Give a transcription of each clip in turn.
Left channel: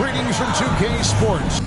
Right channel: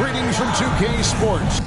Greetings from 2K Sports.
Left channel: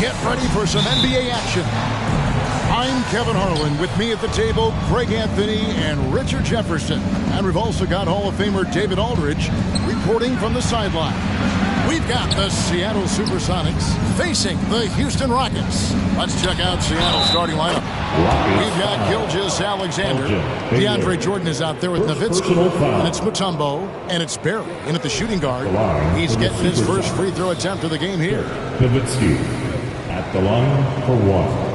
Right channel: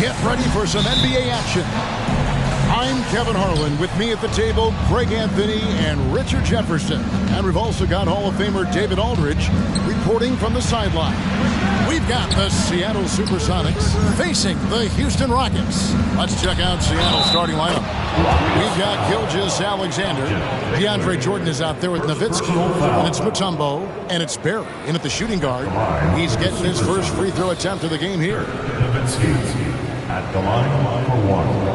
Get ready for some NBA action. I'm Kevin Harlan. With me at the table, Greg Anthony and Richard Jefferson. And we've also got Hall of Famer David Aldridge reporting from the sideline. We've got the Seattle Supersonics facing the Houston Rockets. Let's check out Seattle's starting lineup. We've got Gilgeous-Alexander. DeAndre Jordan is out there with Nowitzki. And it's Mutombo. And it's Barry in at the shooting guard. He's getting his first free throw attempt of the game here. Nowitzki at the line for one.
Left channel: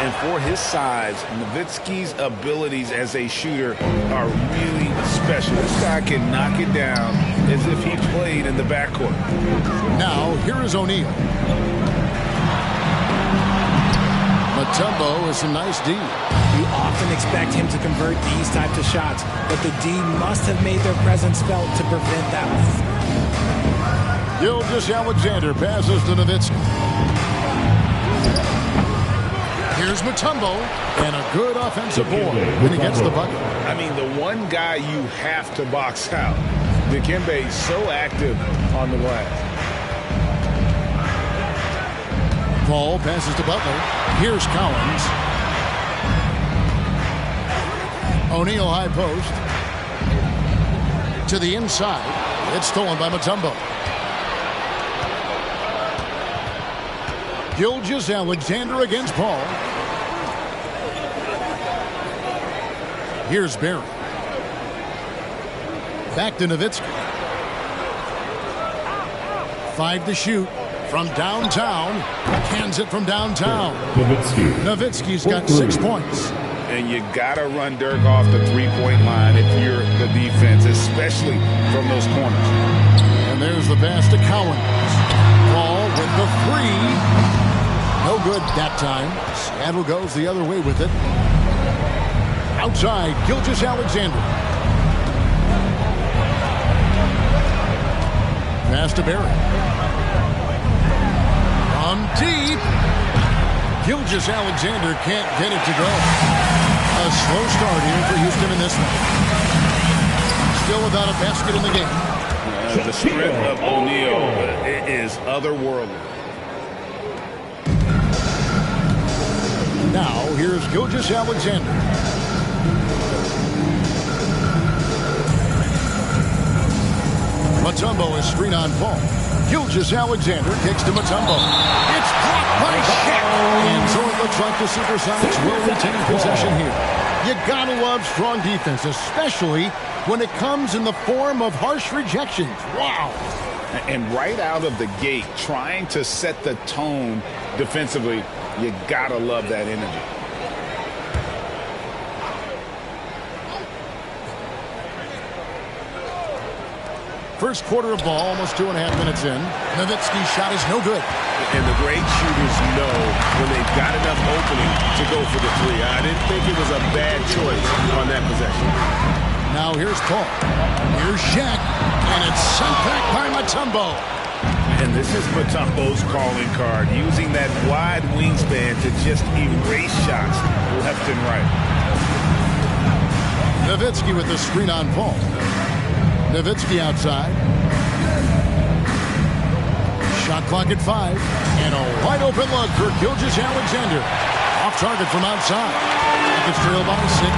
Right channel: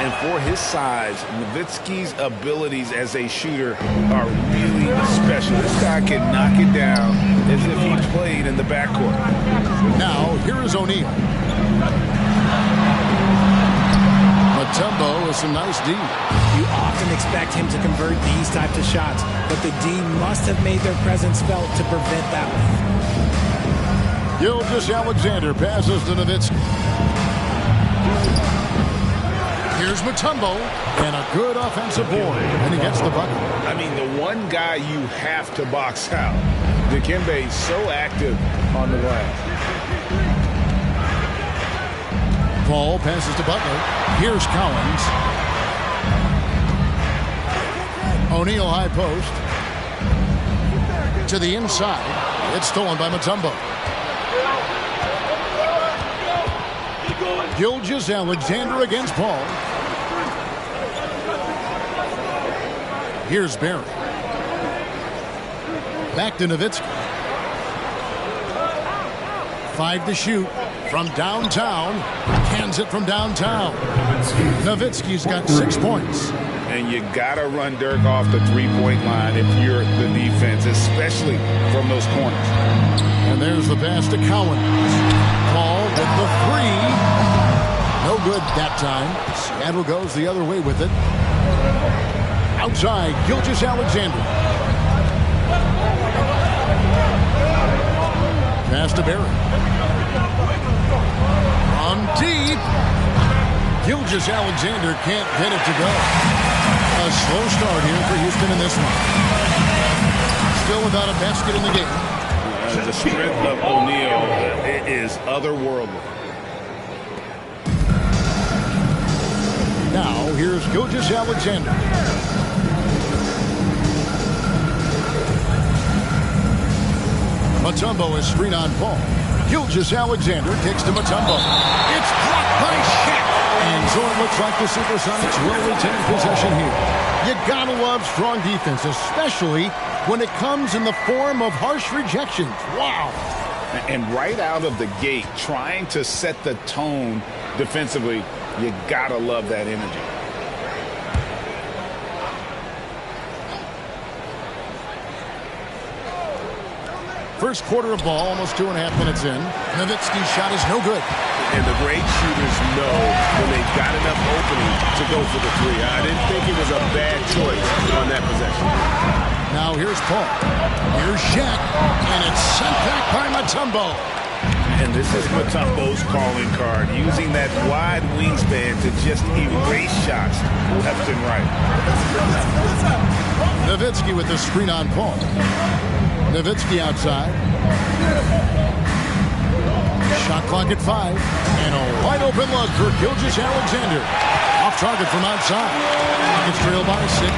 And for his size, Nowitzki's abilities as a shooter are really special. This guy can knock it down as if he played in the backcourt. Now, here is O'Neal. Mutombo with some nice D. You often expect him to convert these types of shots, but the D must have made their presence felt to prevent that one. Gilgeous-Alexander passes to Nowitzki. Here's Mutombo, and a good offensive board, and he gets the bucket. I mean, the one guy you have to box out. Dikembe is so active on the glass. Paul passes to Butler. Here's Collins. O'Neal high post. To the inside. It's stolen by Mutombo. Gilgeous-Alexander against Paul. Here's Barry. Back to Nowitzki. 5 to shoot from downtown. Cans it from downtown. Nowitzki's got 6 points. And you got to run Dirk off the three-point line if you're the defense, especially from those corners. And there's the pass to Collins. Paul with the 3. No good that time. Seattle goes the other way with it. Outside, Gilgeous-Alexander. Pass to Barry. From deep. Gilgeous-Alexander can't get it to go. A slow start here for Houston in this one. Still without a basket in the game. The strength of O'Neal is otherworldly. Now, here's Gilgeous-Alexander. Mutombo is screen on Paul. Gilgeous-Alexander kicks to Mutombo. It's blocked by Shaq. And so it looks like the Supersonics will retain possession here. You gotta love strong defense, especially when it comes in the form of harsh rejections. Wow. And right out of the gate, trying to set the tone defensively, you gotta love that energy. First quarter of ball, almost 2.5 minutes in. Nowitzki's shot is no good. And the great shooters know when they've got enough opening to go for the 3. I didn't think it was a bad choice on that possession. Now here's Paul. Here's Shaq. And it's sent back by Mutombo. And this is Mutombo's calling card, using that wide wingspan to just erase shots left and right. Nowitzki with the screen on Paul. Nowitzki outside. Shot clock at 5. And a wide open look for Gilgeous-Alexander. Off target from outside. Rockets trail by 6.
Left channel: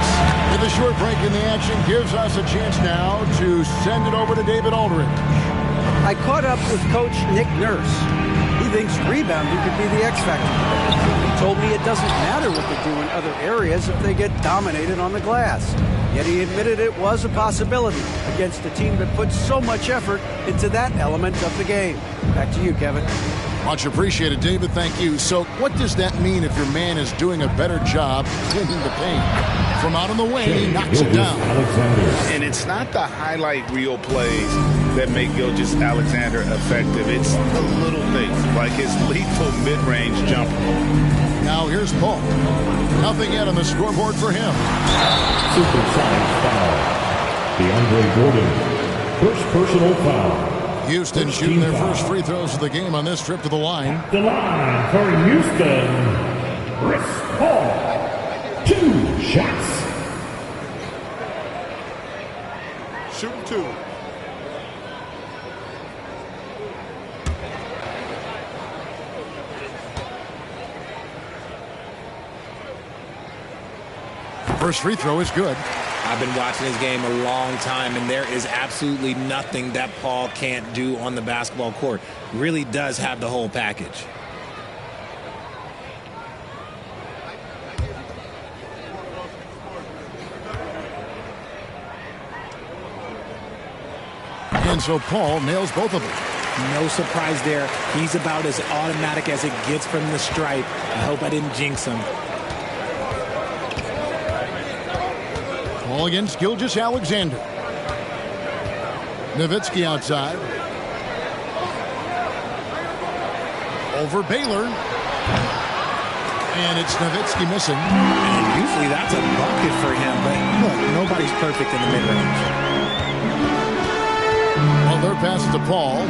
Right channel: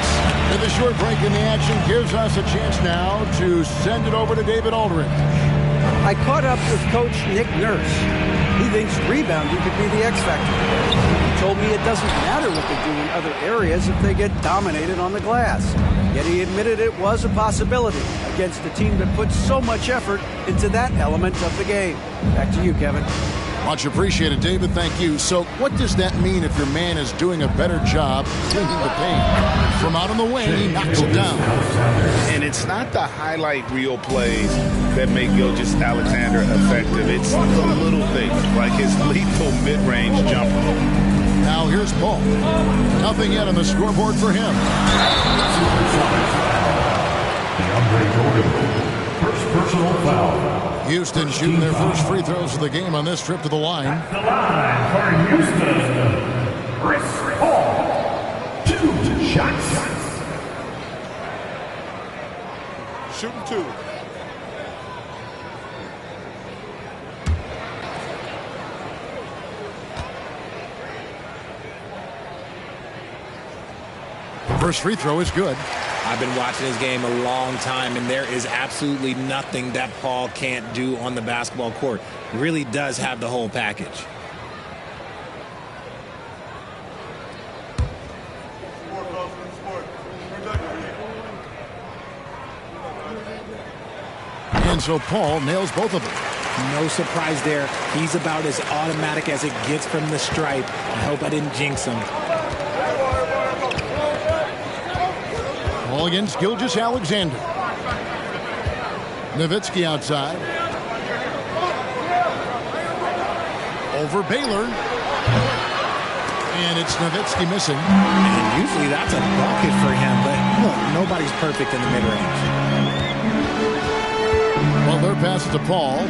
And the short break in the action gives us a chance now to send it over to David Aldridge. I caught up with Coach Nick Nurse. He thinks rebounding could be the X factor today. told me it doesn't matter what they do in other areas if they get dominated on the glass. Yet he admitted it was a possibility against a team that puts so much effort into that element of the game. Back to you, Kevin. Much appreciated, David. Thank you. So what does that mean if your man is doing a better job cleaning the paint? From out on the wing, he knocks it down. And it's not the highlight reel plays that make Gilgeous-Alexander effective. It's the little things, like his lethal mid-range jumper. Now here's Paul. Nothing yet on the scoreboard for him. Supersonics foul. DeAndre Jordan. First personal foul. Houston shooting their first free throws of the game on this trip to the line. At the line for Houston, Chris Paul. 2 shots. Shooting 2. First free throw is good. I've been watching this game a long time, and there is absolutely nothing that Paul can't do on the basketball court. Really does have the whole package. And so Paul nails both of them. No surprise there. He's about as automatic as it gets from the stripe. I hope I didn't jinx him. Ball against Gilgeous-Alexander. Nowitzki outside. Over Baylor. And it's Nowitzki missing. And usually that's a bucket for him, but look, nobody's perfect in the mid-range. Well, their pass to Paul.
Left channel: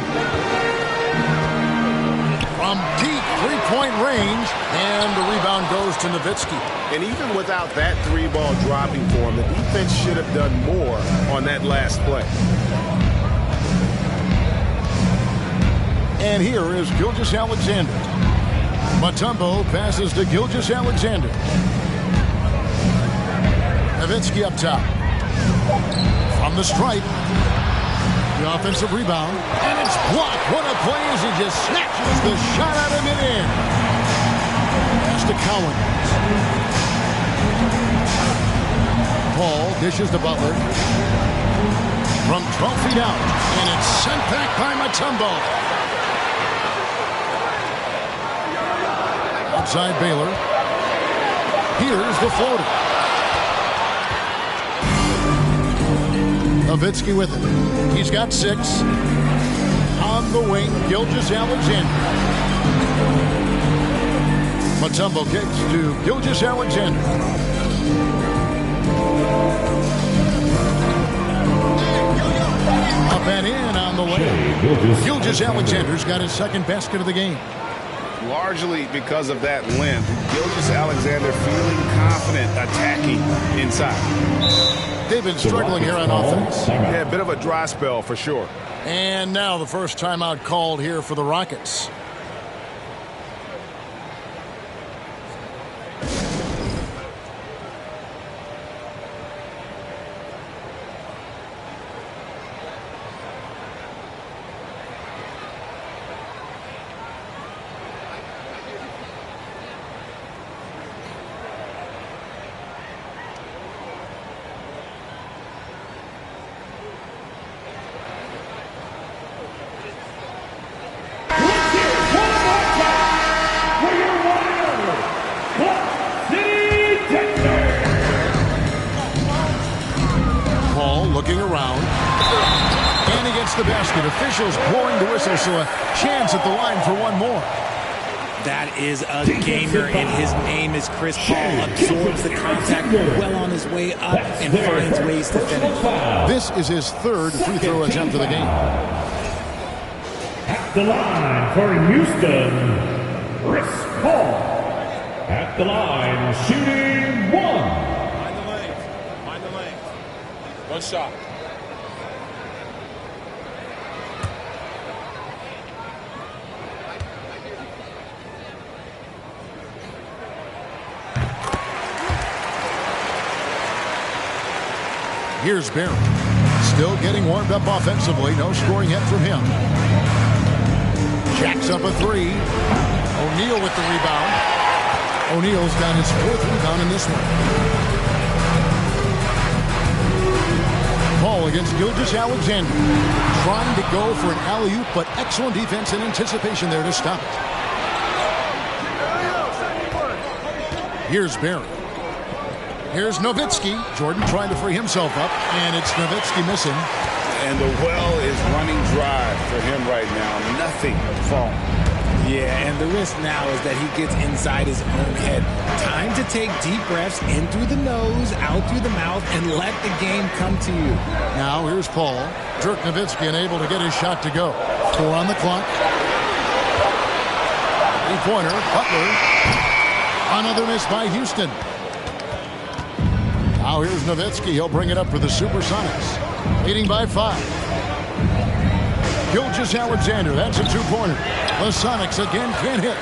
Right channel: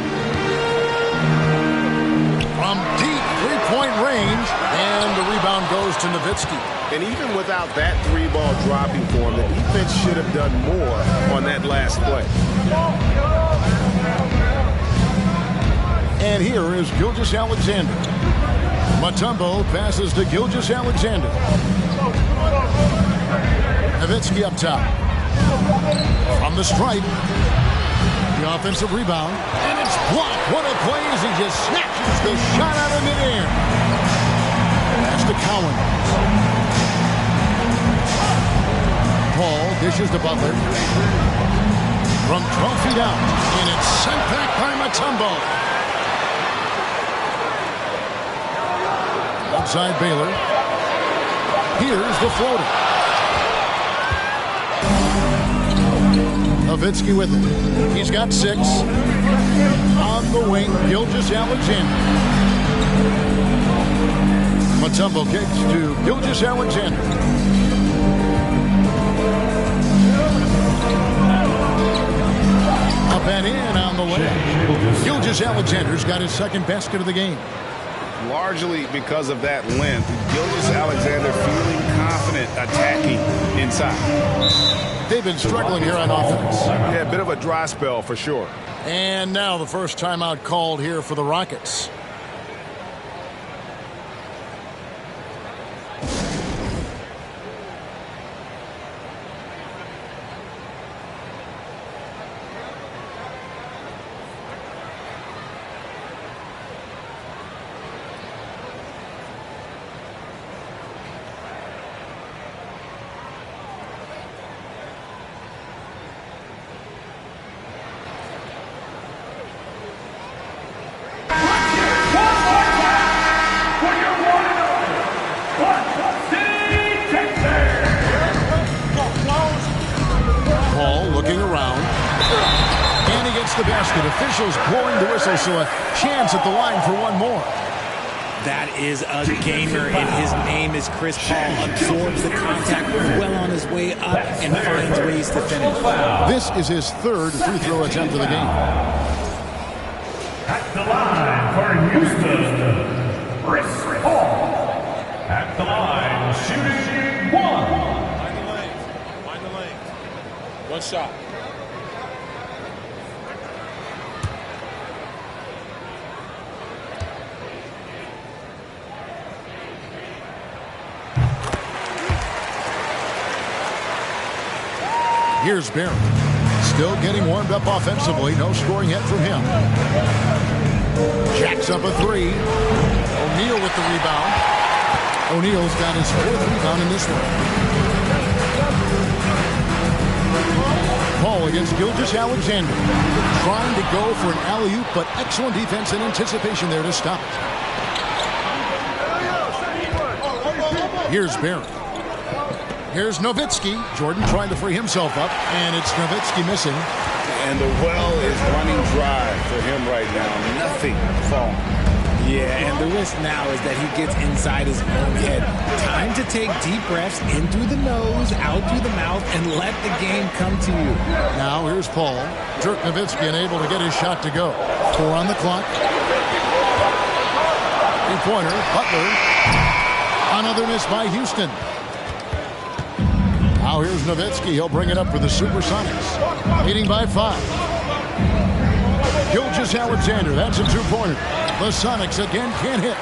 From deep three-point range. And the rebound goes to Nowitzki. And even without that 3-ball dropping for him, the defense should have done more on that last play. And here is Gilgeous-Alexander. Mutombo passes to Gilgeous-Alexander. Nowitzki up top. From the stripe. The offensive rebound. And it's blocked. What a play as he just snatches the shot out of midair. Pass to Cowan. Paul dishes to Butler. From 12 feet out. And it's sent back by Mutombo. Outside Baylor. Here's the floater. Nowitzki with it. He's got 6. On the wing, Gilgeous-Alexander. Mutombo kicks to Gilgeous-Alexander. Up and in on the way. Gilgeous-Alexander's got his second basket of the game. Largely because of that length, Gilgeous-Alexander feeling confident attacking inside. They've been struggling here on offense. Yeah, a bit of a dry spell for sure. And now the first timeout called here for the Rockets. Looking around. And he gets the basket. Officials blowing the whistle, so a chance at the line for one more. That is a gamer, and his name is Chris Paul. Absorbs the contact well on his way up and finds ways to finish. This is his third free throw attempt of the game. At the line for Houston, Chris Paul. At the line, shooting 1. Mind the lanes. Mind the lanes. One shot. Here's Barry. Still getting warmed up offensively. No scoring yet from him. Jacks up a 3. O'Neal with the rebound. O'Neal's got his 4th rebound in this one. Paul against Gilgeous-Alexander. Trying to go for an alley-oop, but excellent defense and anticipation there to stop it. Here's Barry. Here's Nowitzki. Jordan trying to free himself up, and it's Nowitzki missing. And the well is running dry for him right now. Nothing falling. Yeah, and the risk now is that he gets inside his own head. Time to take deep breaths in through the nose, out through the mouth, and let the game come to you. Now here's Paul. Dirk Nowitzki unable to get his shot to go. 4 on the clock. 3-pointer. Butler. Another miss by Houston. Now here's Nowitzki. He'll bring it up for the Supersonics. Leading by 5. Gilgeous-Alexander. That's a 2-pointer. The Sonics again can't hit.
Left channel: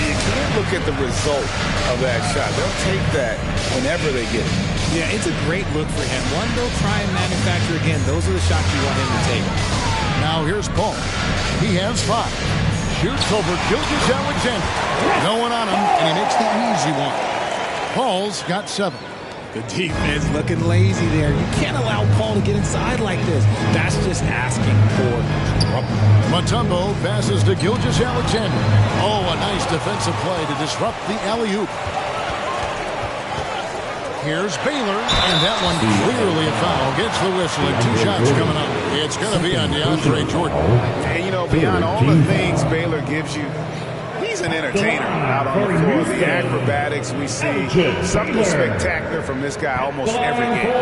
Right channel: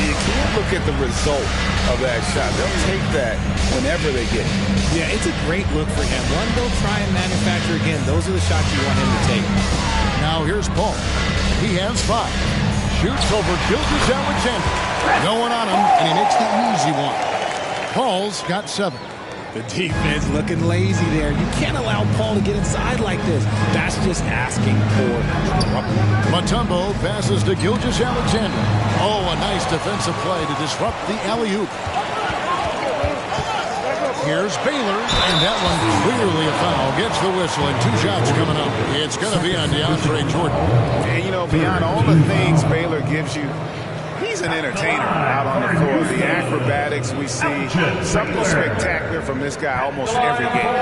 You can't look at the result of that shot. They'll take that whenever they get it. Yeah, it's a great look for him. One they'll try and manufacture again. Those are the shots you want him to take. Now here's Paul. He has 5. Shoots over Gilgeous-Alexander. No one on him, and he makes the easy one. Paul's got 7. The defense looking lazy there. You can't allow Paul to get inside like this. That's just asking for trouble. Mutombo passes to Gilgeous-Alexander. Oh, a nice defensive play to disrupt the alley-oop. Here's Baylor, and that one clearly a foul. Gets the whistle, and 2 shots coming up. It's going to be on DeAndre Jordan. And, you know, beyond all the things Baylor gives you, he's an entertainer out on the floor. The acrobatics we see, something spectacular from this guy almost every game.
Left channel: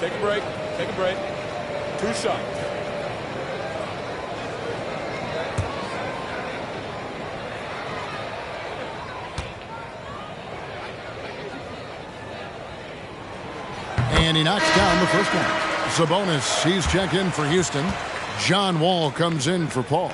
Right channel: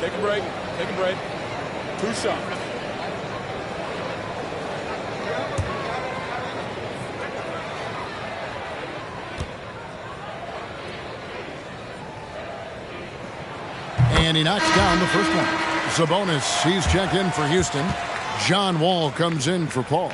Take a break. Take a break. 2 shots. And he knocks down the first one. Sabonis, he's checked in for Houston. John Wall comes in for Paul.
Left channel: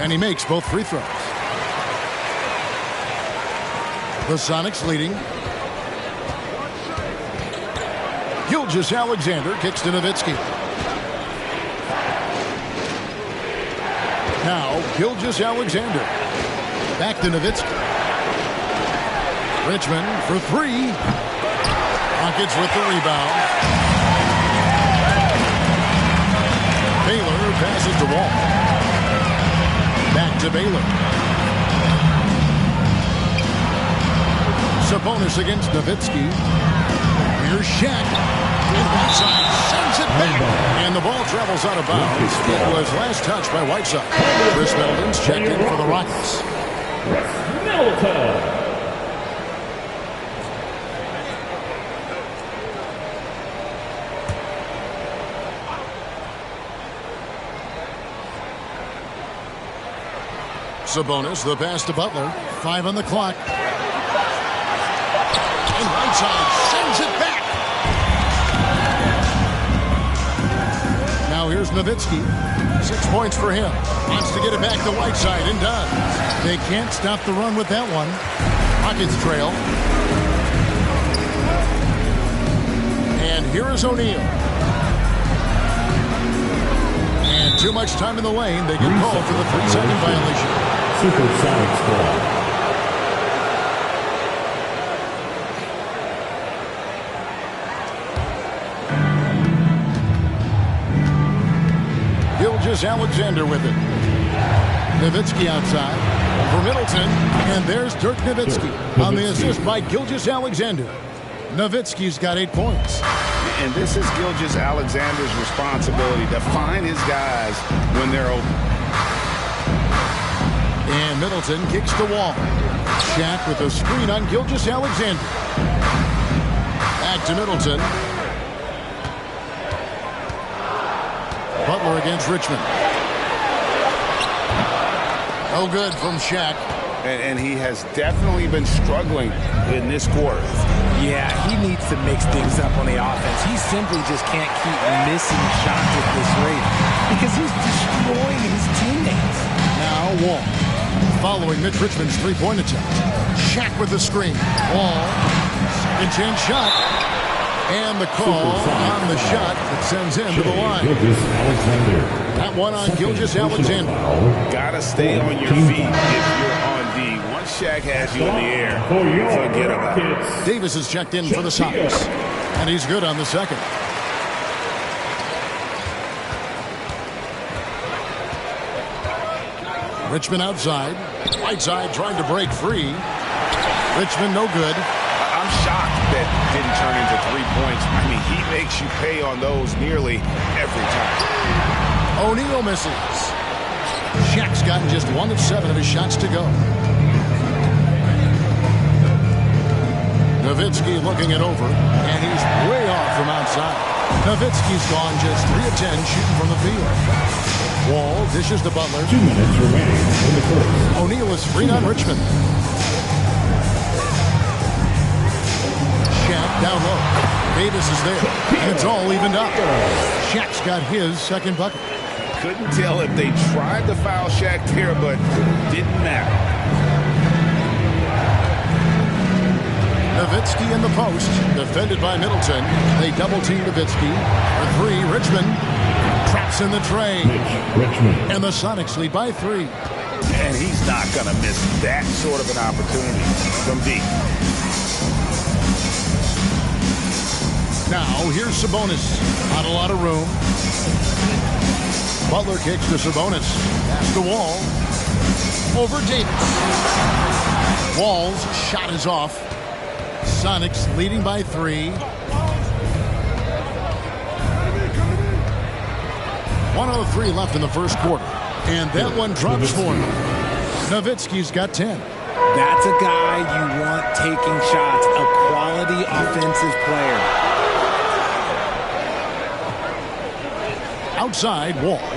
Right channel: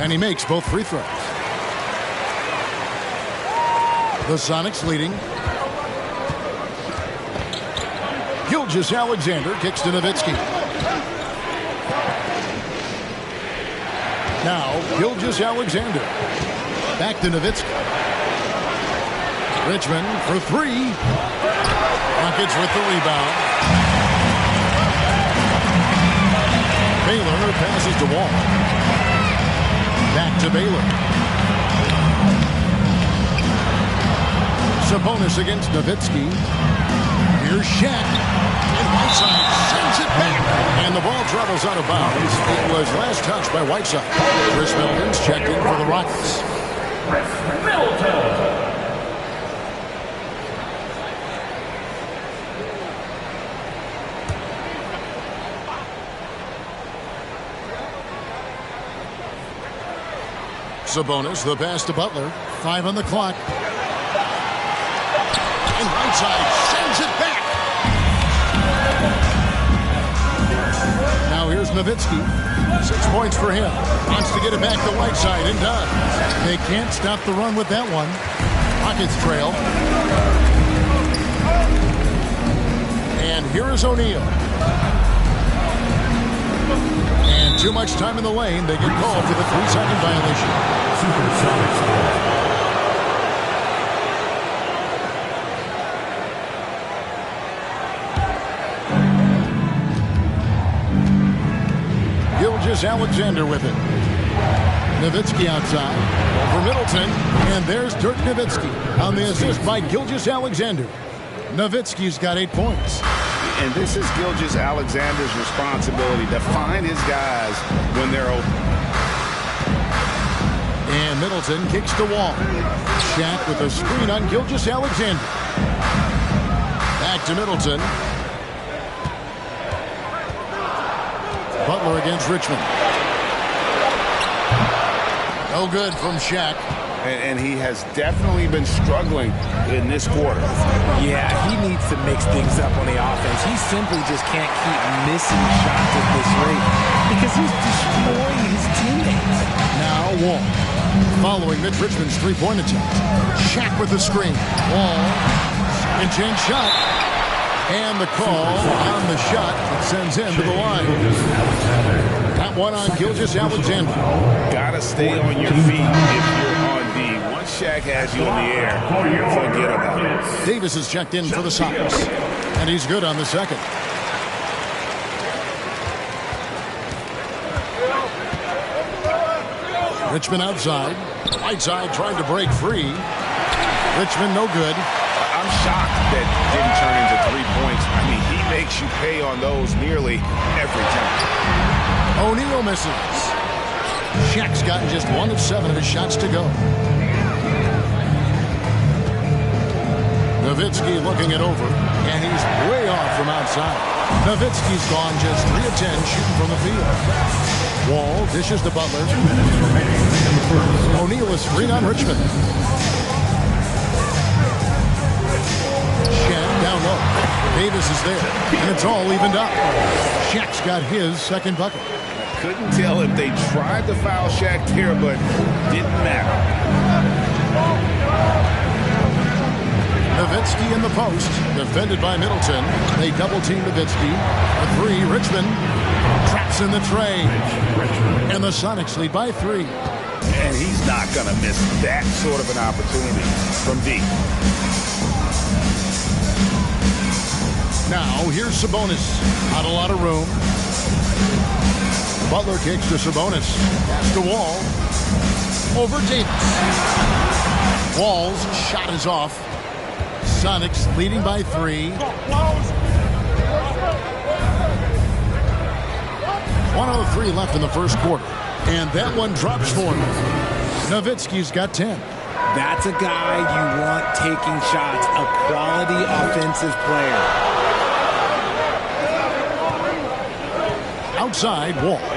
And he makes both free throws. The Sonics leading. Gilgeous-Alexander kicks to Nowitzki. Now Gilgeous-Alexander. Back to Nowitzki. Richmond for 3. Rockets with the rebound. Baylor passes to Wall. Back to Baylor. Sabonis against Nowitzki. Here's Shaq. And Whiteside sends it back. And the ball travels out of bounds. It was last touched by Whiteside. Chris Middleton's checked in for the Rockets. Chris Middleton. Sabonis, the pass to Butler. 5 on the clock. And Whiteside sends it back. Now here's Nowitzki. 6 points for him. Wants to get it back to Whiteside and does. They can't stop the run with that one. Rockets trail. And here is O'Neal. And too much time in the lane. They get called for the 3-second violation. Supersonics ball. Gilgeous-Alexander with it. Nowitzki outside for Middleton. And there's Dirk Nowitzki on the assist by Gilgeous-Alexander. Nowitzki's got 8 points. And this is Gilgeous-Alexander's responsibility to find his guys when they're open. And Middleton kicks the Wall. Shaq with a screen on Gilgeous-Alexander. Back to Middleton. Butler against Richmond. No good from Shaq. And he has definitely been struggling in this quarter. Yeah, he needs to mix things up on the offense. He simply just can't keep missing shots at this rate because he's destroying his teammates. Now Wall. Following Mitch Richmond's three-point attempt. Shaq with the screen. Wall. Second chance shot. And the call on the shot that sends him to the line. That one on Gilgeous-Alexander. Gotta stay on your feet if you're on D. Once Shaq has you in the air, forget about it. Davis is checked in for the Sox. And he's good on the second. Richmond outside. Whiteside trying to break free. Richmond no good. I'm shocked that didn't turn into 3 points. I mean, he makes you pay on those nearly every time. O'Neal misses. Shaq's gotten just 1 of 7 of his shots to go. Nowitzki looking it over, and he's way off from outside. Nowitzki's gone just 3 of 10 shooting from the field. Wall dishes to Butler. 2 minutes remaining in the first. O'Neal is free on Richmond. Shaq down low. Davis is there, and it's all evened up. Shaq's got his second bucket. I couldn't tell if they tried to foul Shaq there, but didn't matter. Nowitzki in the post, defended by Middleton. They double-team Nowitzki. For 3, Richmond traps in the tray. And the Sonics lead by 3. And he's not going to miss that sort of an opportunity from D. Now, here's Sabonis. Not a lot of room. Butler kicks to Sabonis. Pass to Wall. Over Davis. Wall's shot is off. Sonics leading by 3. 1:03 left in the first quarter. And that one drops for him. Nowitzki's got 10. That's a guy you want taking shots, a quality offensive player. Outside, Wall.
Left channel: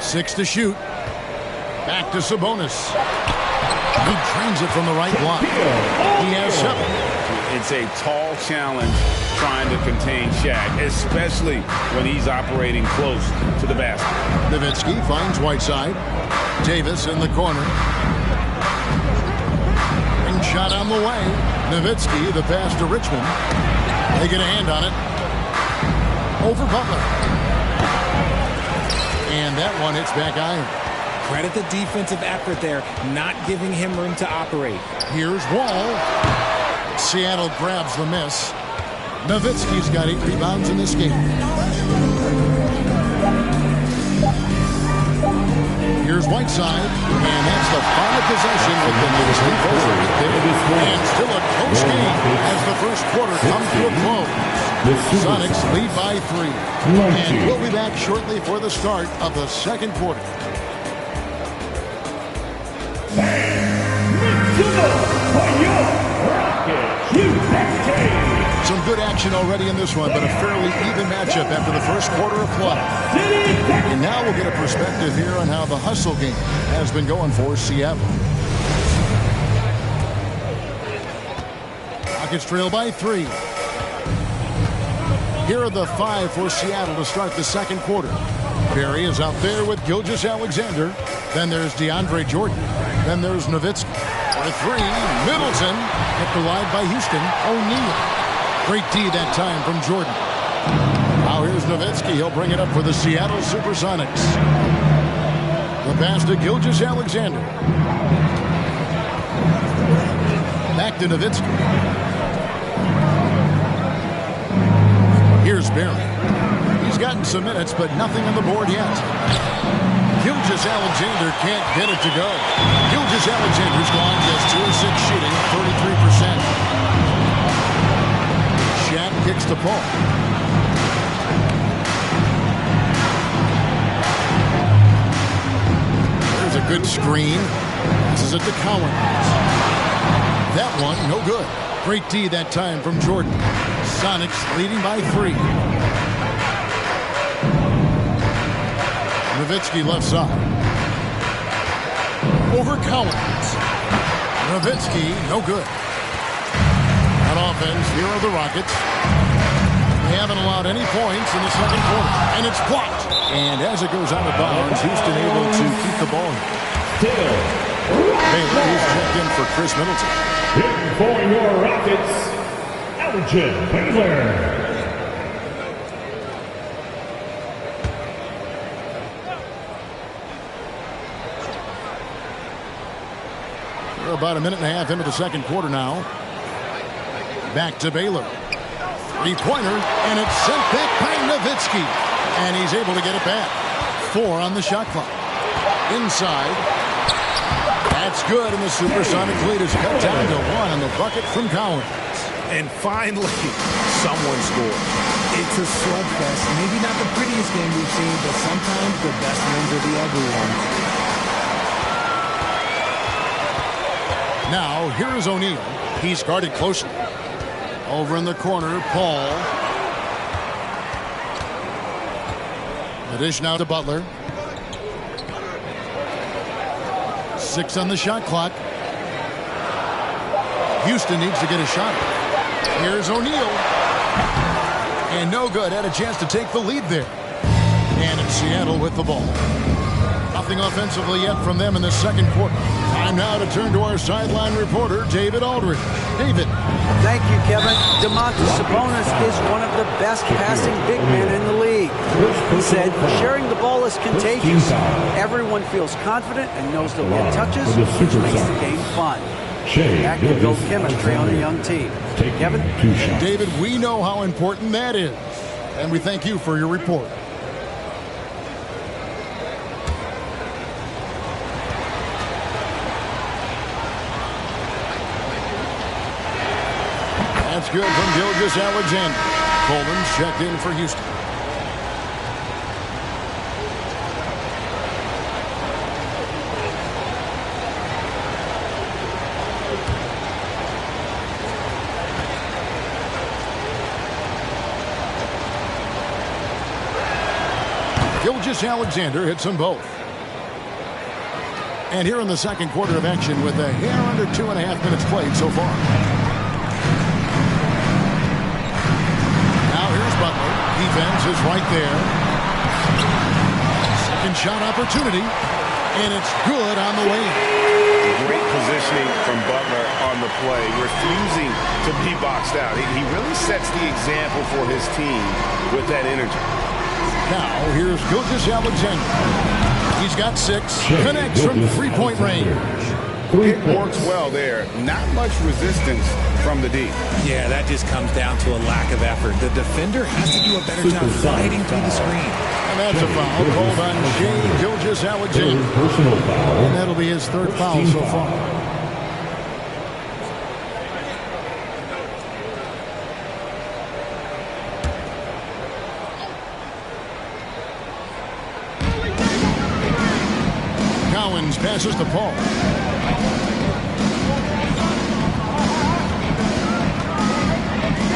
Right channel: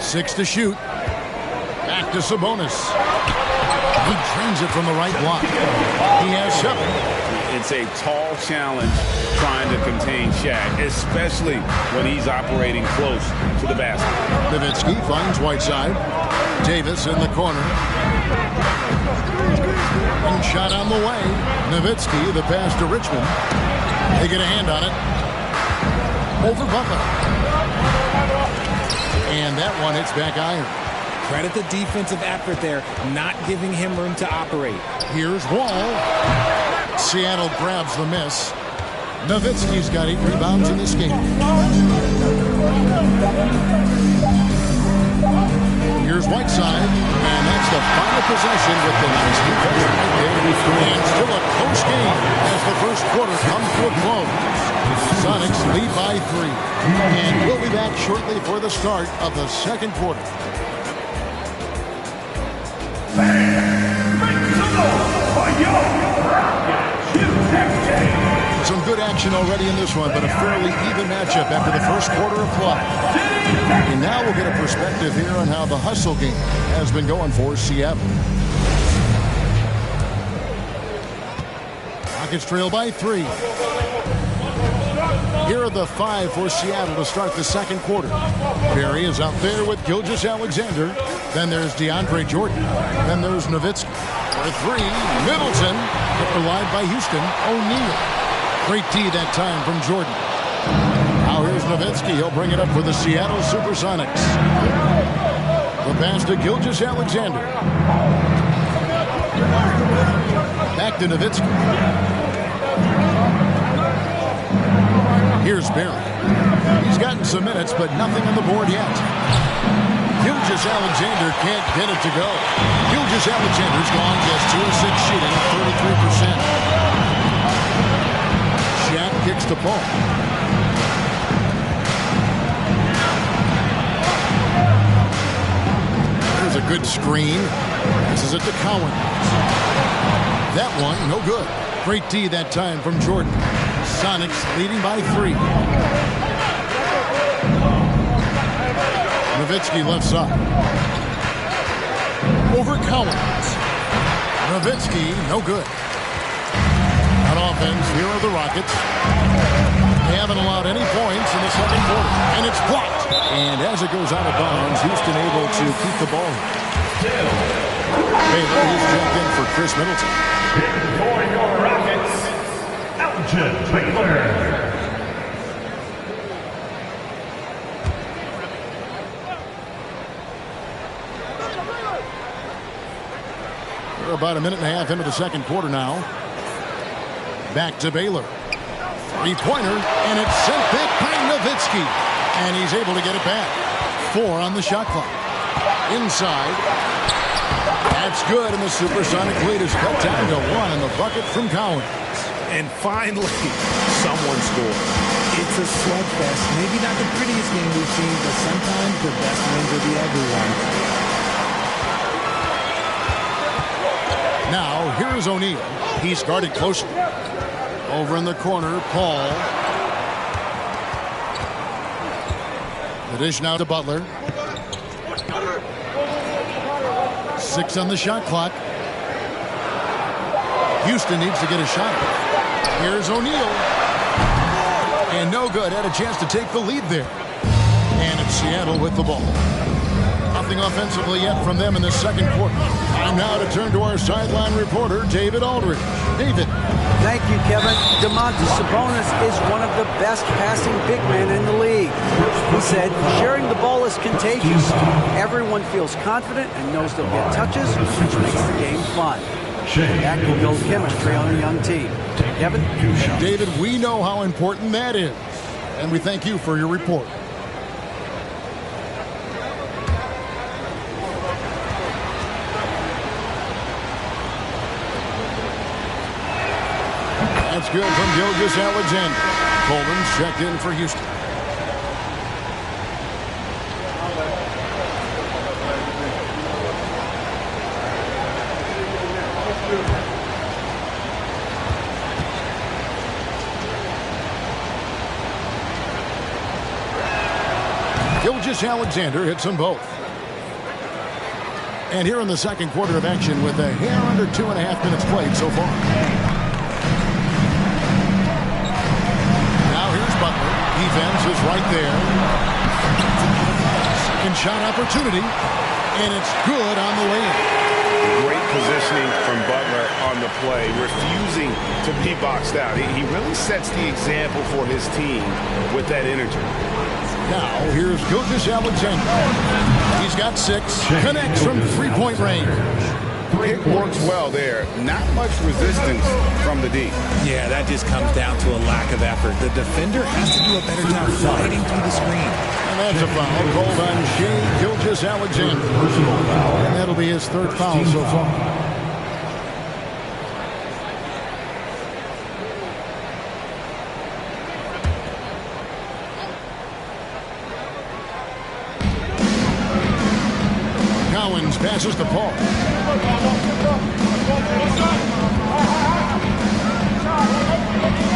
Six to shoot. Back to Sabonis. He drains it from the right block. He has 7. It's a tall challenge trying to contain Shaq, especially when he's operating close to the basket. Nowitzki finds Whiteside. Davis in the corner. And shot on the way. Nowitzki, the pass to Richmond. They get a hand on it. Over Butler. And that one hits back iron. Credit the defensive effort there, not giving him room to operate. Here's Wall. Seattle grabs the miss. Nowitzki's got 8 rebounds in this game. Here's Whiteside, and that's the final possession with the nice defense right there. And still a close game as the first quarter comes to a close. Sonics lead by 3. And we'll be back shortly for the start of the second quarter. Some good action already in this one, but a fairly even matchup after the first quarter of play. And now we'll get a perspective here on how the hustle game has been going for Seattle. Rockets trail by 3. Here are the 5 for Seattle to start the second quarter. Barry is out there with Gilgeous-Alexander. Then there's DeAndre Jordan. Then there's Nowitzki. For 3, Middleton. Kept alive by Houston. O'Neal. Great D that time from Jordan. Now here's Nowitzki. He'll bring it up for the Seattle Supersonics. The pass to Gilgeous-Alexander. Back to Nowitzki. Here's Barry. He's gotten some minutes, but nothing on the board yet. Gilgeous-Alexander can't get it to go. Gilgeous-Alexander's gone just 2 of 6 shooting, 33%. Shaq kicks to Paul. There's a good screen. Passes it to Cowan. That one, no good. Great D that time from Jordan. Sonics leading by 3. Nowitzki left side. Over Collins. Nowitzki, no good. On offense, here are the Rockets. They haven't allowed any points in the second quarter. And it's blocked. And as it goes out of bounds, Houston able to keep the ball. Baylor, he's checked in for Chris Middleton. Here for your Rockets, Elgin Baylor. We're about a minute and a half into the second quarter now. Back to Baylor. Three-pointer, and it's sent back by Nowitzki. And he's able to get it back. 4 on the shot clock. Inside. That's good, and the supersonic lead is cut down to 1 on the bucket from Collins. And finally, someone scored. It's a slugfest. Maybe not the prettiest game we've seen, but sometimes the best wins are the ugly ones. Now, here is O'Neal. He's guarded closely. Over in the corner, Paul. The dish now to Butler. 6 on the shot clock. Houston needs to get a shot. Here's O'Neal. And no good. Had a chance to take the lead there. And it's Seattle with the ball. Nothing offensively yet from them in the second quarter. Time now to turn to our sideline reporter, David Aldridge. David. Thank you, Kevin. Domantas Sabonis is one of the best passing big men in the league. He said, sharing the ball is contagious. Everyone feels confident and knows they'll get touches, which makes the game fun. That can build chemistry on a young team. Kevin? And David, we know how important that is. And we thank you for your report. That's good from Gilgeous-Alexander. Coleman's checked in for Houston. Gilgeous-Alexander hits them both. And here in the second quarter of action with a hair under 2.5 minutes played so far. Now here's Butler. Defense is right there. Second shot opportunity. And it's good on the way in. Great positioning from Butler on the play, refusing to be boxed out. He really sets the example for his team with that energy. Now here's Gilgeous-Alexander. He's got 6. Connects from three-point range. It works well there. Not much resistance from the D. Yeah, that just comes down to a lack of effort. The defender has to do a better job fighting through the screen. And that's a foul called on Shai Gilgeous-Alexander. And that'll be his 3rd foul so far. Collins passes to Paul.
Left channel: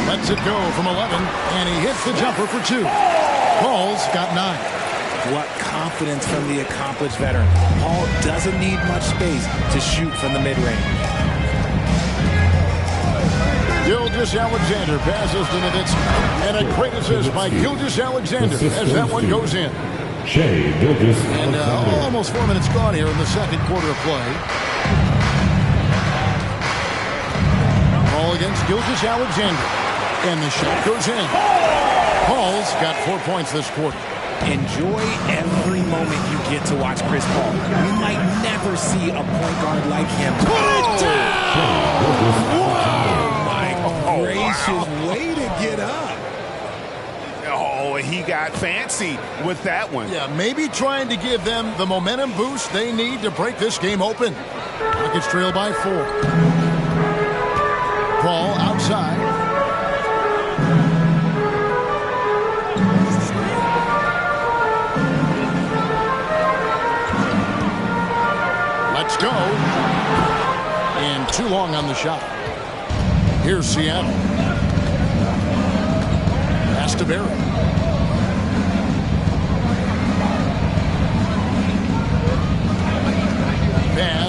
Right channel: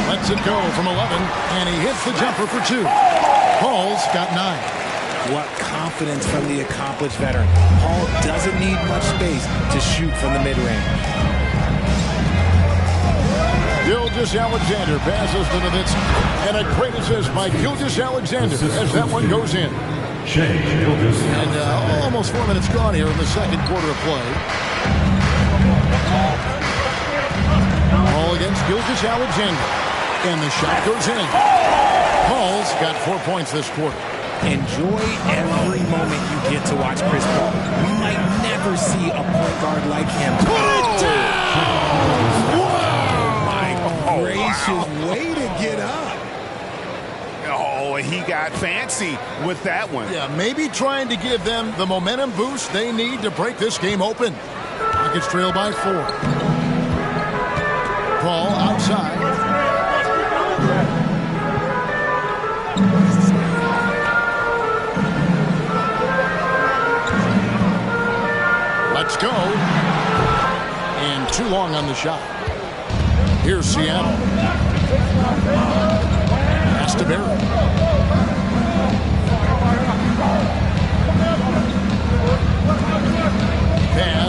Lets it go from 11, and he hits the jumper for 2. Paul's got 9. What confidence from the accomplished veteran. Paul doesn't need much space to shoot from the mid-range. Gilgeous-Alexander passes to Nowitzki. And a great assist by Gilgeous-Alexander as that one goes in. And almost 4 minutes gone here in the second quarter of play. Ball against Gilgeous-Alexander. And the shot goes in. Paul's got 4 points this quarter. Enjoy every moment you get to watch Chris Paul. We might never see a point guard like him. Put it down! Wow! My gracious, way to get up. Oh, he got fancy with that one. Yeah, maybe trying to give them the momentum boost they need to break this game open. Rockets trail by 4. Paul outside. Let's go. And too long on the shot. Here's Seattle. Pass to Barry.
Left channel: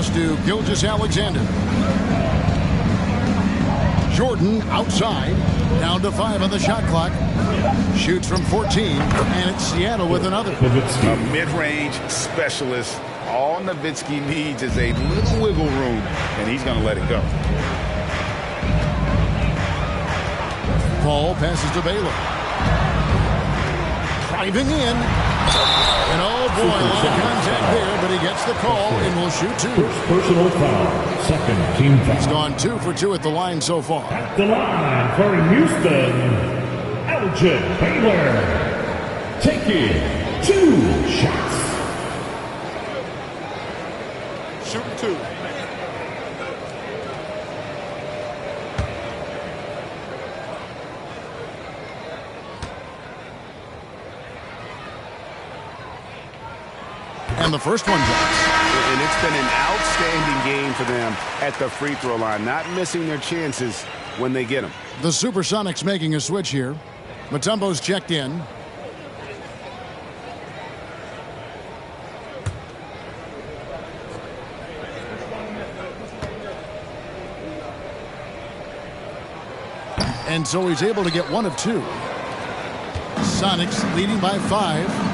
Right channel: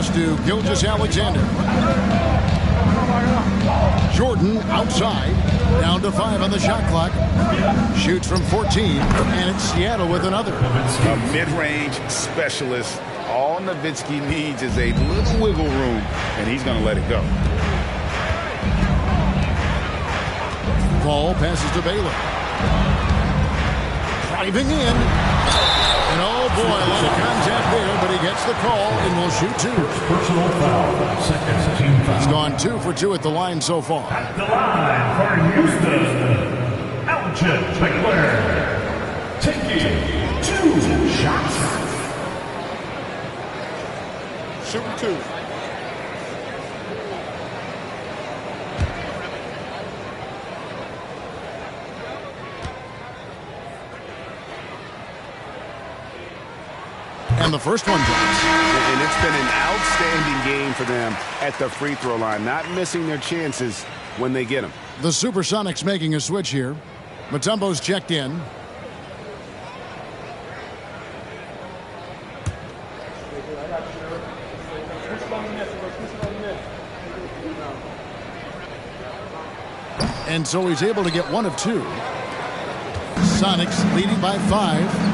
pass to Gilgeous-Alexander. Jordan outside. Down to 5 on the shot clock. Shoots from 14, and it's Seattle with another. A mid-range specialist. All Nowitzki needs is a little wiggle room, and he's going to let it go. Paul passes to Baylor. Driving in. And oh boy, a lot of contact there, but he gets the call and will shoot 2. First personal foul. Second team foul. He's gone 2 for 2 at the line so far. At the line for Houston, Elgin Baylor. Taking 2 shots. Shooting 2. And the first one drops. And it's been an outstanding game for them at the free throw line, not missing their chances when they get them. The Supersonics making a switch here. Mutombo's checked in. And so he's able to get 1 of 2. Sonics leading by 5.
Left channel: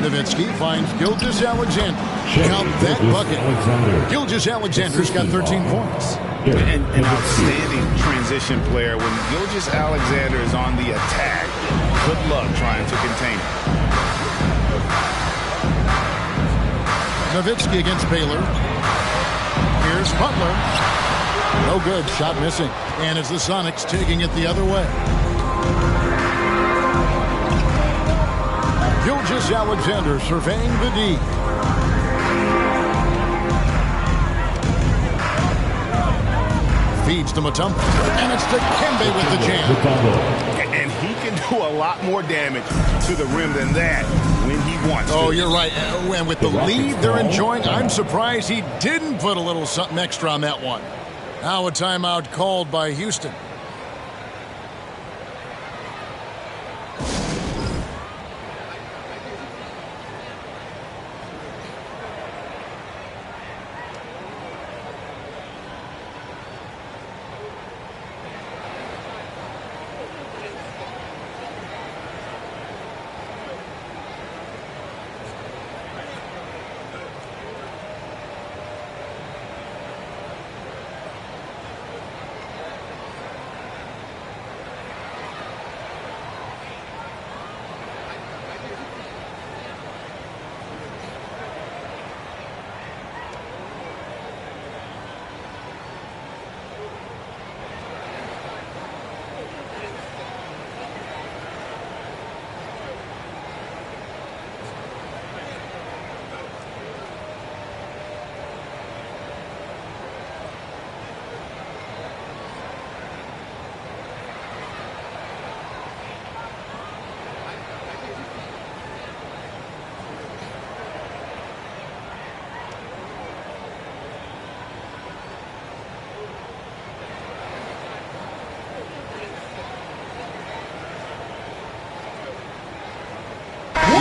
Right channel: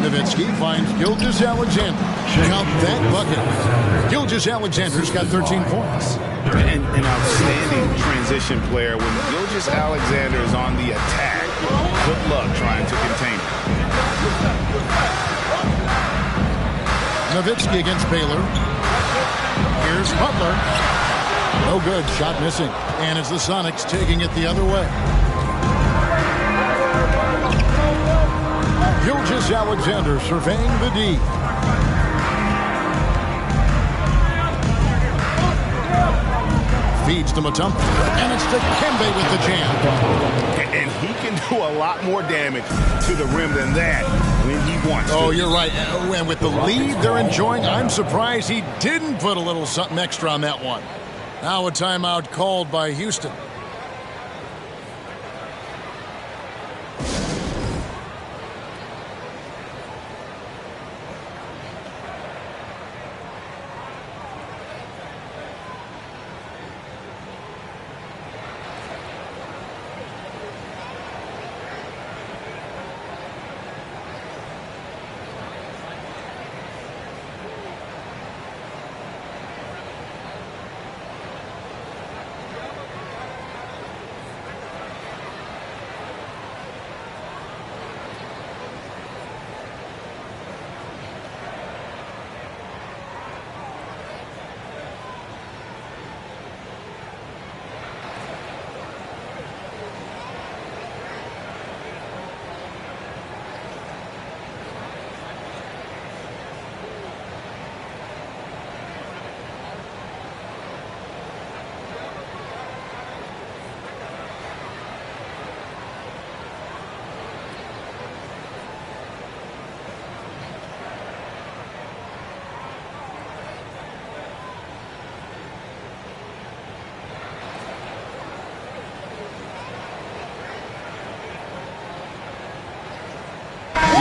Nowitzki finds Gilgeous-Alexander. Count that bucket. Gilgeous-Alexander's got 13 points. An outstanding transition player. When Gilgeous-Alexander is on the attack, good luck trying to contain him. Nowitzki against Baylor. Here's Butler. No good. Shot missing. And it's the Sonics taking it the other way. Gilgeous-Alexander surveying the D. Feeds to Mutombo. And it's to Kembe with the jam. And he can do a lot more damage to the rim than that when he wants to. Oh, you're right. And with the lead they're enjoying, I'm surprised he didn't put a little something extra on that one. Now a timeout called by Houston.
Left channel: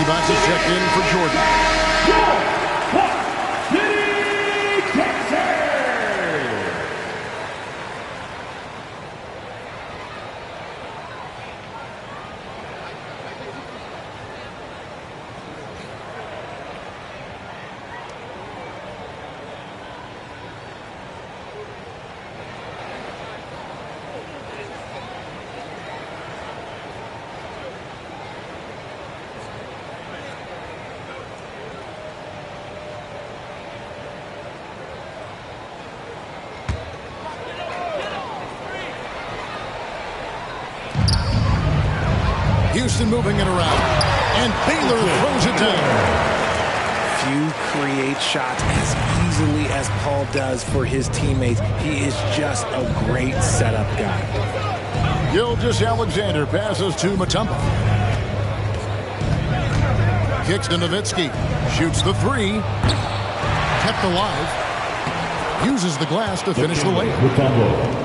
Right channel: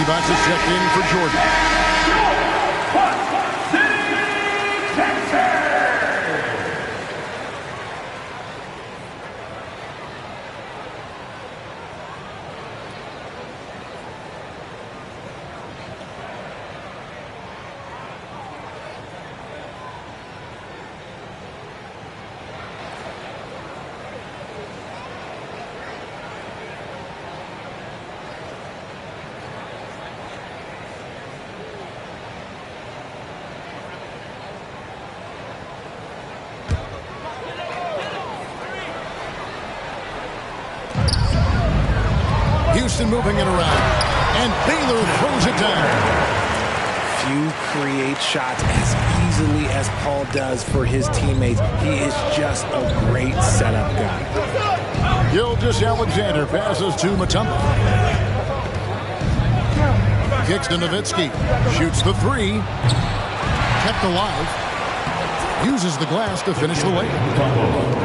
Box is checked in for Jordan. Houston moving it around. And Baylor throws it down. Few create shots as easily as Paul does for his teammates. He is just a great setup guy. Gilgeous-Alexander passes to Mutombo. Kicks to Nowitzki. Shoots the 3. Kept alive. Uses the glass to finish the layup.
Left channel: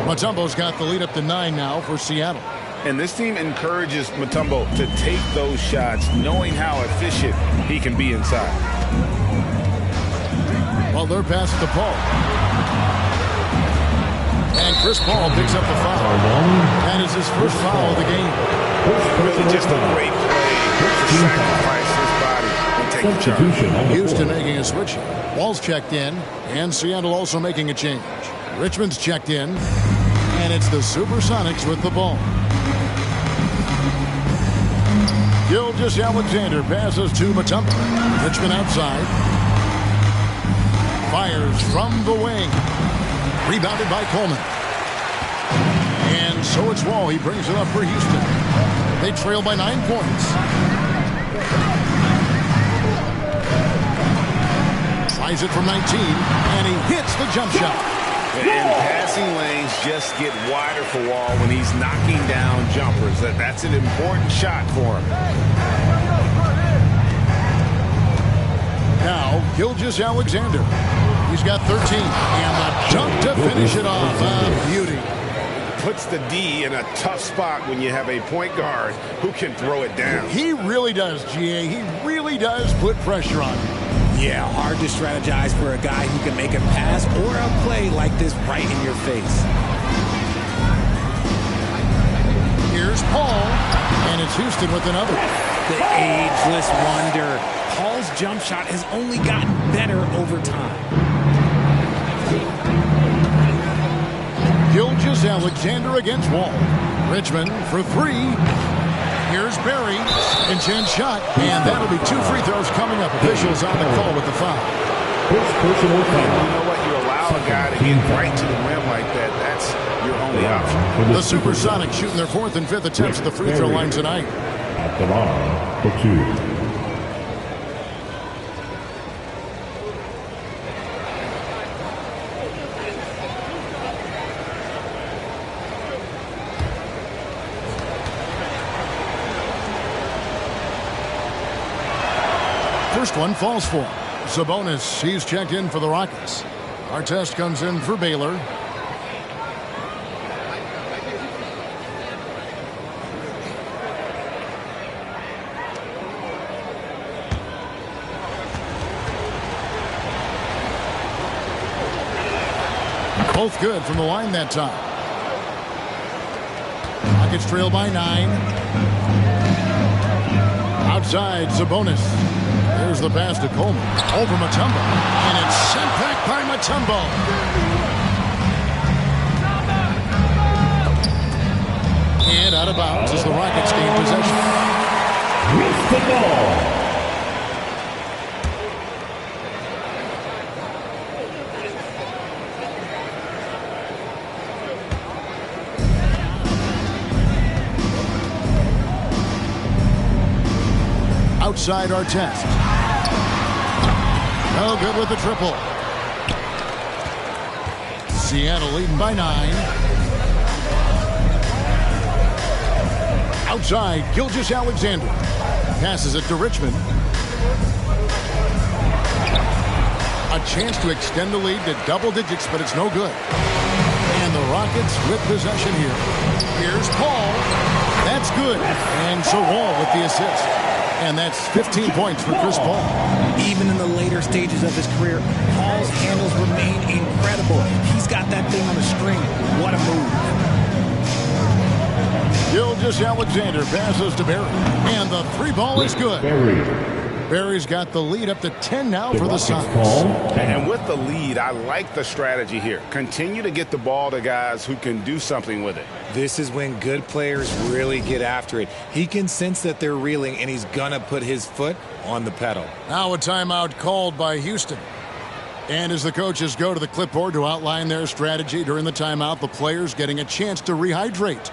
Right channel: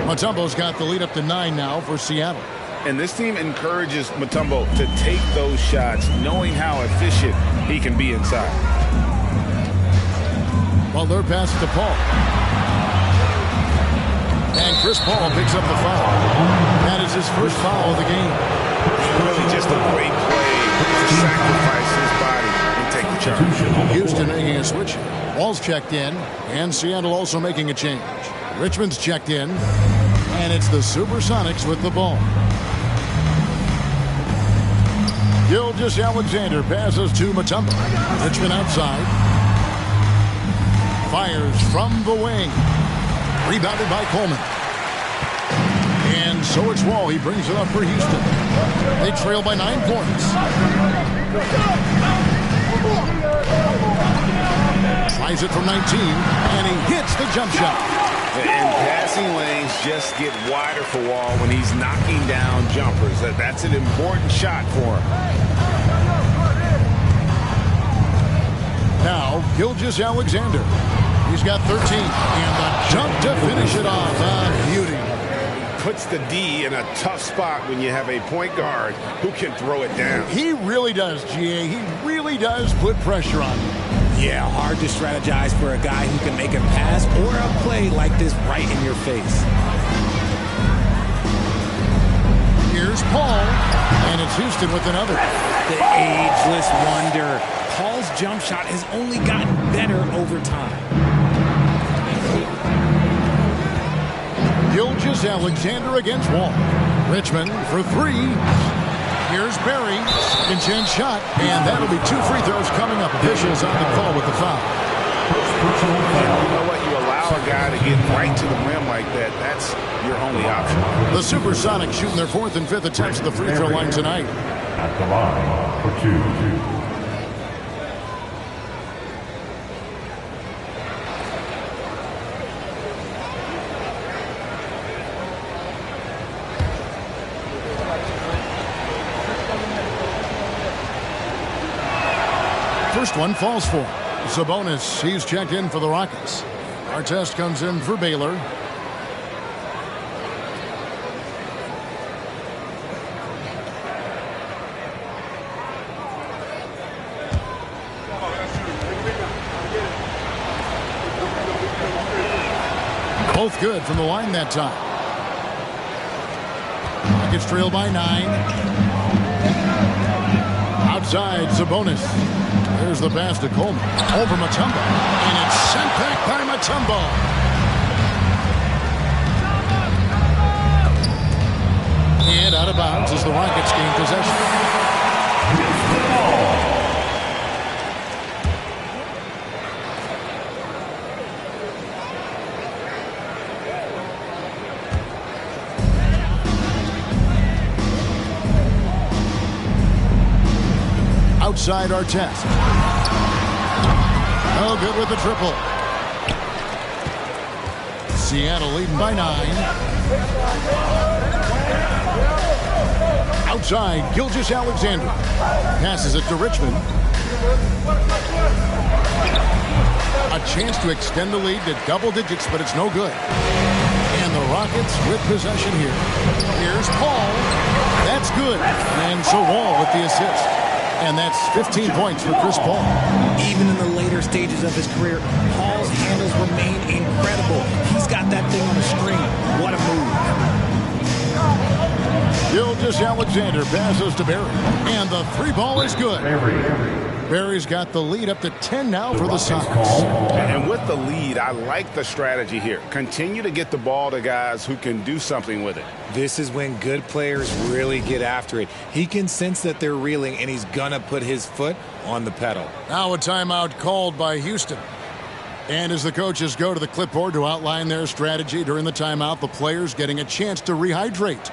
Mutombo's got the lead up to 9 now for Seattle. And this team encourages Mutombo to take those shots, knowing how efficient he can be inside. Well, their pass to Paul. And Chris Paul picks up the foul. That is his first foul of the game. Really just a great play to sacrifice his body and take the charge. Houston making a switch here. Wall's checked in, and Seattle also making a change. Richmond's checked in, and it's the Supersonics with the ball. Gilgeous-Alexander passes to Mutombo. Richmond outside. Fires from the wing. Rebounded by Coleman. And so it's Wall. He brings it up for Houston. They trail by 9 points. Tries it from 19, and he hits the jump shot. And passing lanes just get wider for Wall when he's knocking down jumpers. That's an important shot for him. Now, Gilgeous-Alexander. He's got 13, and the jump to finish it off. A beauty. Puts the D in a tough spot when you have a point guard who can throw it down. He really does, GA. He really does put pressure on him. Yeah, hard to strategize for a guy who can make a pass or a play like this right in your face. Here's Paul, and it's Houston with another. The ageless wonder. Paul's jump shot has only gotten better over time. Gilgeous-Alexander against Wall. Richmond for 3. Here's Barry. Second chance shot. And that'll be 2 free throws coming up. Officials on the call with the foul. And you know what? You allow a guy to get right to the rim like that. That's your only option. The Supersonics shooting their 4th and 5th attempts at the free throw line tonight. At the line for 2. First one falls for him. Sabonis, he's checked in for the Rockets. Artest comes in for Baylor. Both good from the line that time. Rockets trail by 9. Outside, Sabonis. There's the pass to Coleman. Over Mutombo. And it's sent back by Mutombo. And out of bounds as the Rockets gain possession. With the ball. Outside Artest. No good with the triple. Seattle leading by 9. Outside, Gilgeous-Alexander. Passes it to Richmond. A chance to extend the lead to double digits, but it's no good. And the Rockets with possession here. Here's Paul. That's good. And so Wall with the assist. And that's 15 points for Chris Paul. Even in the later stages of his career, Paul's handles remain incredible. He's got that thing on a string. What a move. Gilgeous-Alexander passes to Barry. And the 3 ball is good. Barry's got the lead up to 10 now for the Sox. And with the lead, I like the strategy here. Continue to get the ball to guys who can do something with it. This is when good players really get after it. He can sense that they're reeling, and he's going to put his foot on the pedal. Now a timeout called by Houston. And as the coaches go to the clipboard to outline their strategy during the timeout, the players getting a chance to rehydrate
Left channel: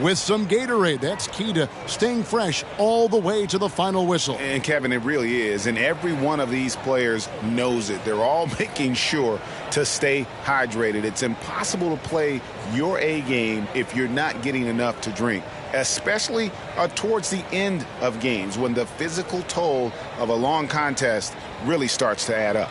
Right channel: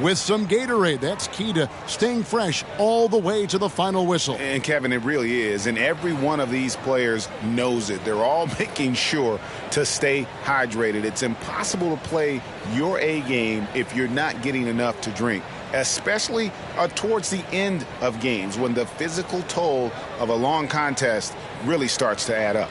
with some Gatorade. That's key to staying fresh all the way to the final whistle. And Kevin, it really is. And every one of these players knows it. They're all making sure to stay hydrated. It's impossible to play your A game if you're not getting enough to drink, especially towards the end of games when the physical toll of a long contest really starts to add up.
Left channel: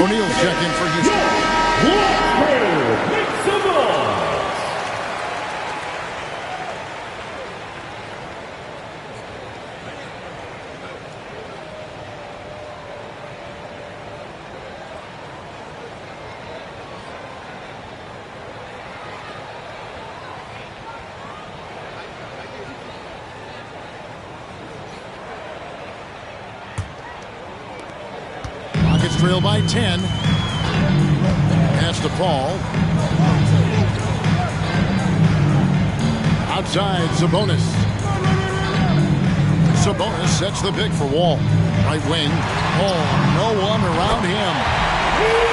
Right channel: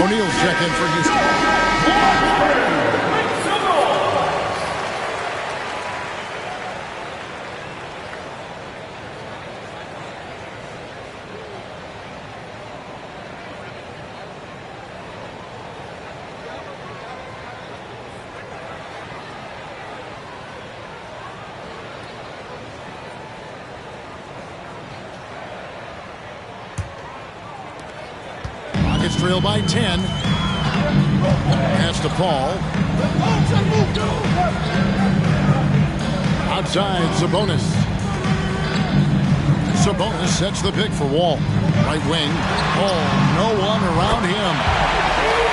O'Neal's check in for Houston. Rockets trail by 10. Pass to Paul. Outside, Sabonis. Sabonis sets the pick for Wall. Right wing. Paul, no one around him.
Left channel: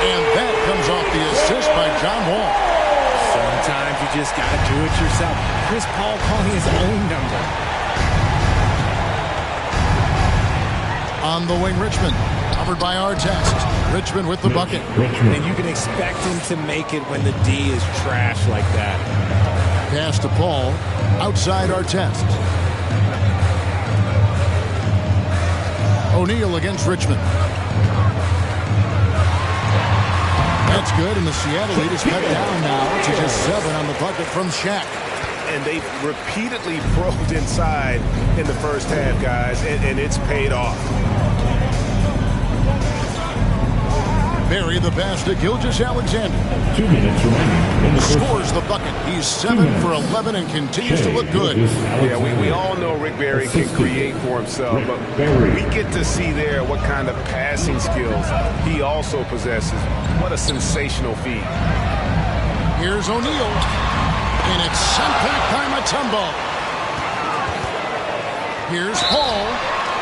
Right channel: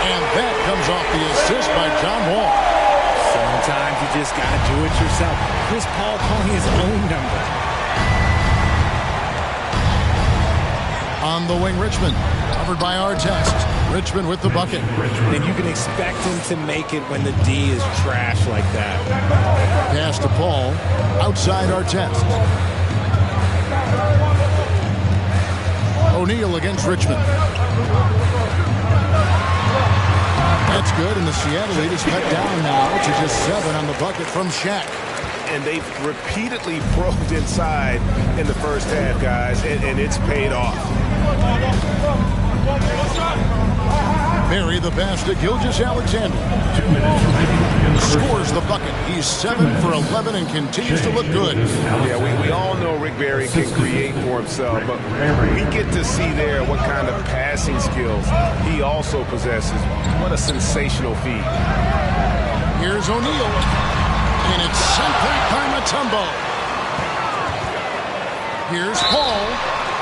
And that comes off the assist by John Wall. Sometimes you just got to do it yourself. Chris Paul calling his own number. On the wing, Richmond. Covered by Artest. Richmond with the bucket. And you can expect him to make it when the D is trash like that. Pass to Paul. Outside Artest. O'Neal against Richmond. That's good, and the Seattle lead is cut down now to just 7 on the bucket from Shaq. And they've repeatedly probed inside in the first half, guys, and it's paid off. Barry the pass to Gilgeous-Alexander. 2 minutes remaining in the first. Scores the bucket. He's 7 for 11 and continues to look good. Yeah, we all know Rick Barry can create for himself, but we get to see there what kind of passing skills he also possesses. What a sensational feat. Here's O'Neal, and it's sent back by Mutombo. Here's Paul,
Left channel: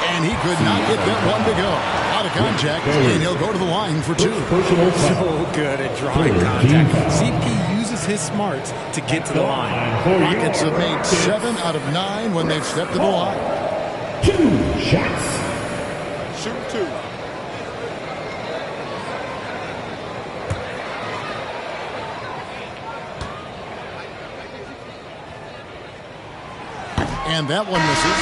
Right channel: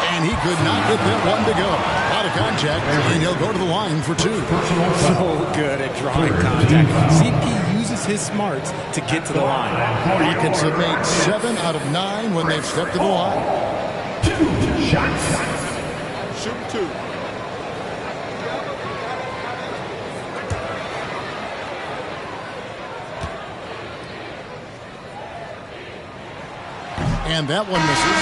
and he could not get that one to go. A lot of contact, and he'll go to the line for 2. So good at drawing contact. CP uses his smarts to get to the line. Rockets have made 7 out of 9 when they've stepped to the line. 2 shots. Shoot 2. And that one misses.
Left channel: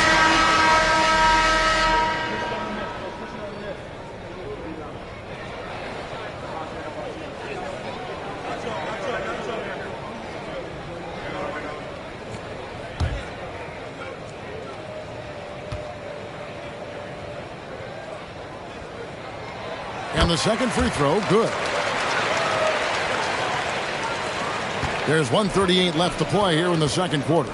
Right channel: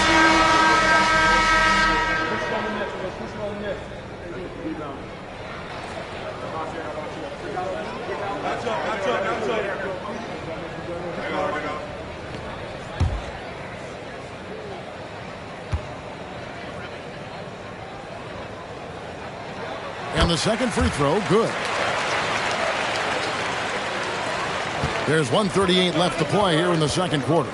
And the second free throw, good. There's 1:38 left to play here in the second quarter.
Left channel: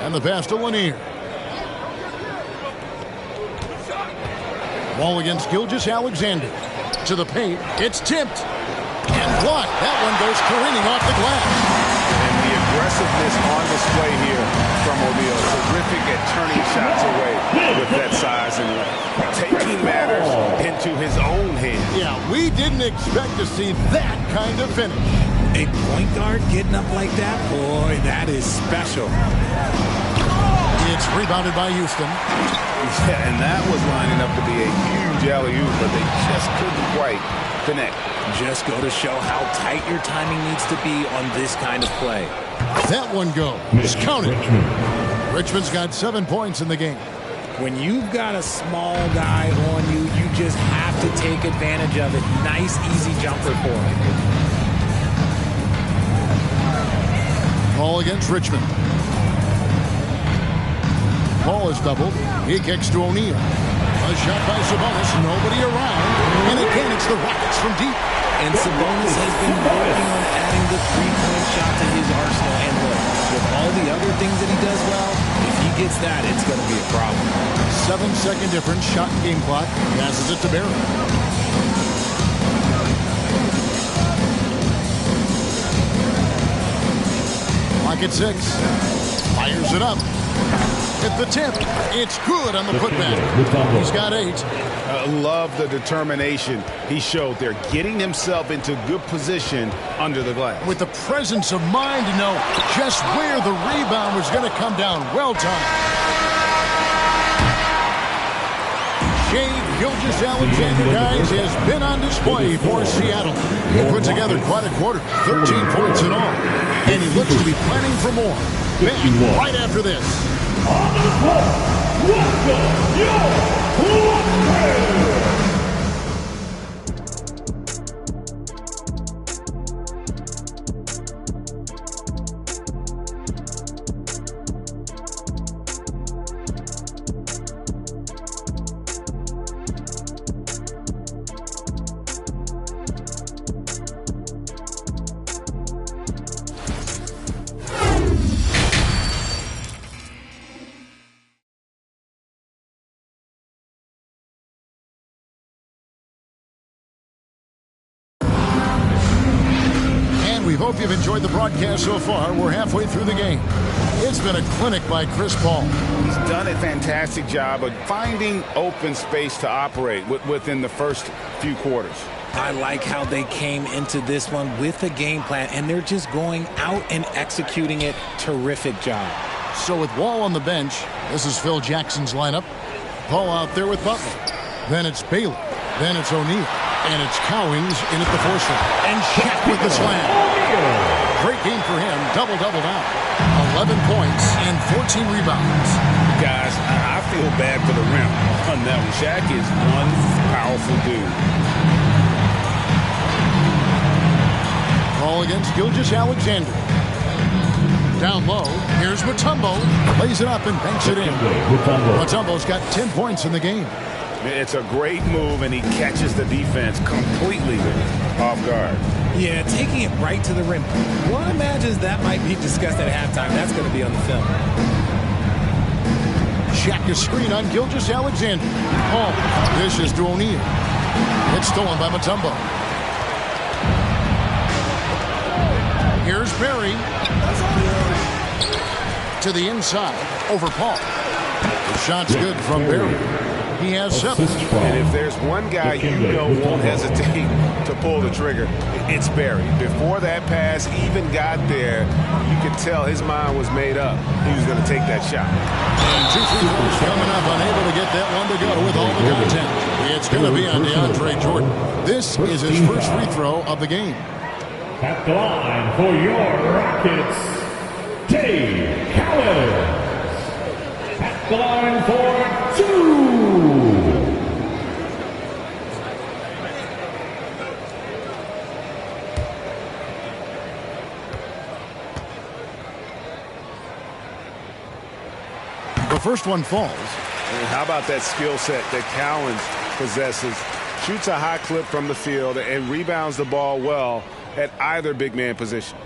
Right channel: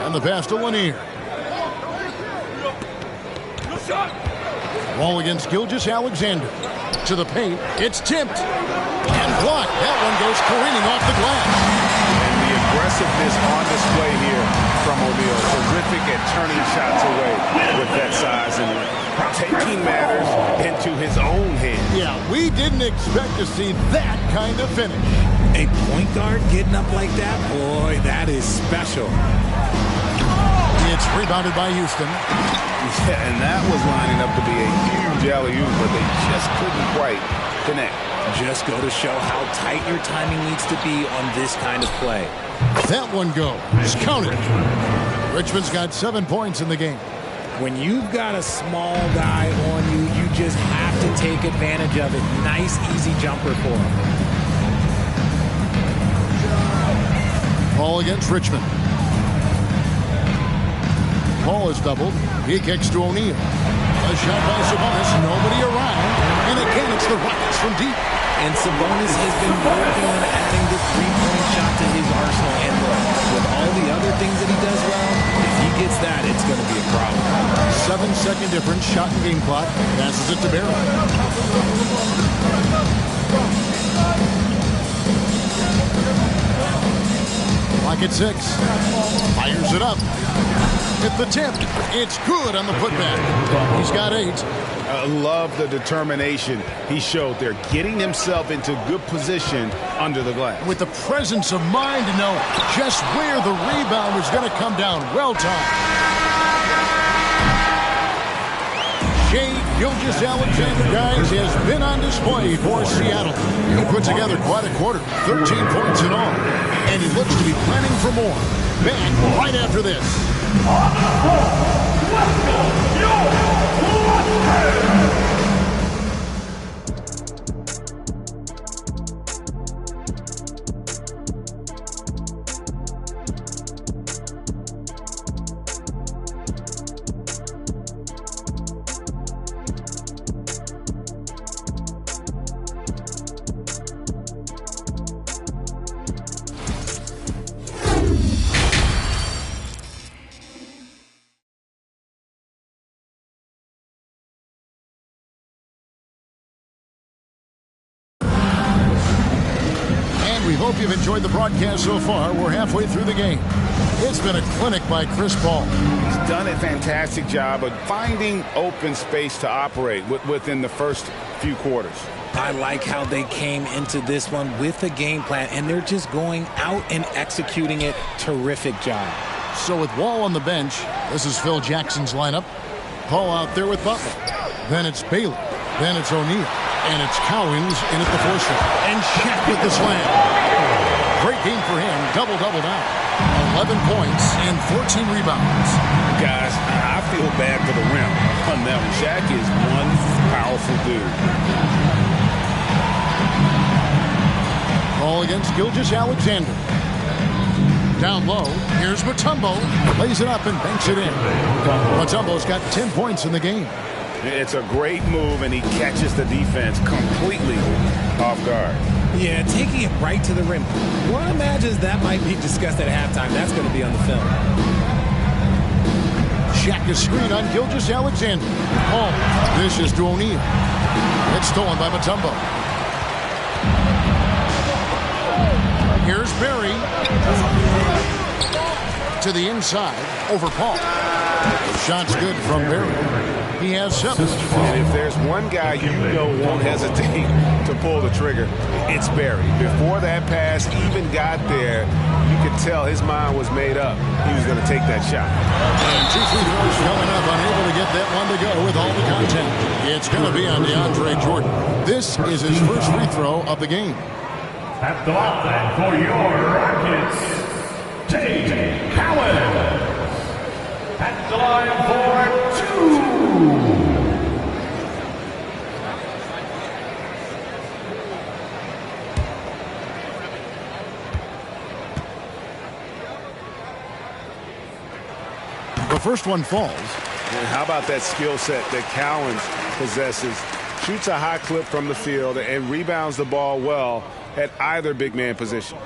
And the pass to Lanier. Wall against Gilgeous-Alexander. To the paint. It's tipped. And blocked. That one goes careening off the glass. And the aggressiveness on display here from O'Neal. Terrific at turning shots away with that size and length. Taking matters into his own hands. Yeah, we didn't expect to see that kind of finish. A point guard getting up like that? Boy, that is special. It's rebounded by Houston. Yeah, and that was lining up to be a huge alley-oop, but they just couldn't quite connect. Just go to show how tight your timing needs to be on this kind of play. That one goes. Count it. Richmond's got 7 points in the game. When you've got a small guy on you, you just have to take advantage of it. Nice, easy jumper for him. Paul against Richmond. Paul is doubled. He kicks to O'Neal. A shot by Sabonis. Nobody around. And again, it's the Rockets from deep. And Sabonis has been working on adding the three-point shot to his arsenal. And look, with all the other things that he does well, if he gets that, it's going to be a problem. 7-second difference. Shot and game clock. Passes it to Barry. Clock at 6. Fires it up. At the tip. It's good on the putback. He's got 8. Love the determination he showed there, getting himself into good position under the glass. With the presence of mind to know just where the rebound was going to come down. Well timed. Shai Gilgeous-Alexander, guys, has been on display for Seattle. He put together quite a quarter, 13 points in all. And he looks to be planning for more. Back right after this. On the floor, welcome your We hope you've enjoyed the broadcast so far. We're halfway through the game. It's been a clinic by Chris Paul. He's done a fantastic job of finding open space to operate within the first few quarters. I like how they came into this one with a game plan, and they're just going out and executing it. Terrific job. So with Wall on the bench, this is Phil Jackson's lineup. Paul out there with Butler. Then it's Bailey. Then it's O'Neal. And it's Cowens in at the force. And Shaq with the slam. Great game for him. Double-double now. 11 points and 14 rebounds. Guys, I feel bad for the rim on that one. Shaq is one powerful dude. Ball against Gilgeous-Alexander. Down low, here's Mutombo. Lays it up and banks it in. Mutombo's got 10 points in the game. It's a great move, and he catches the defense completely off guard. Yeah, taking it right to the rim. One imagines that might be discussed at halftime. That's going to be on the film. Shaq is screen on Gilgeous-Alexander. Paul dishes to O'Neal. It's stolen by Mutombo. Here's Barry. To the inside, over Paul. The shot's good from Barry. He has 7. And if there's one guy you know won't hesitate to pull the trigger, it's Barry. Before that pass even got there, you could tell his mind was made up. He was going to take that shot. And 2 free throws coming up, unable to get that one to go with all the contact. It's going to be on DeAndre Jordan. This is his first free throw of the game. At the line for your Rockets, Jay Cowens. At the line for 2. The first one falls. And how about that skill set that Cowens possesses? Shoots a high clip from the field and rebounds the ball well at either big man position.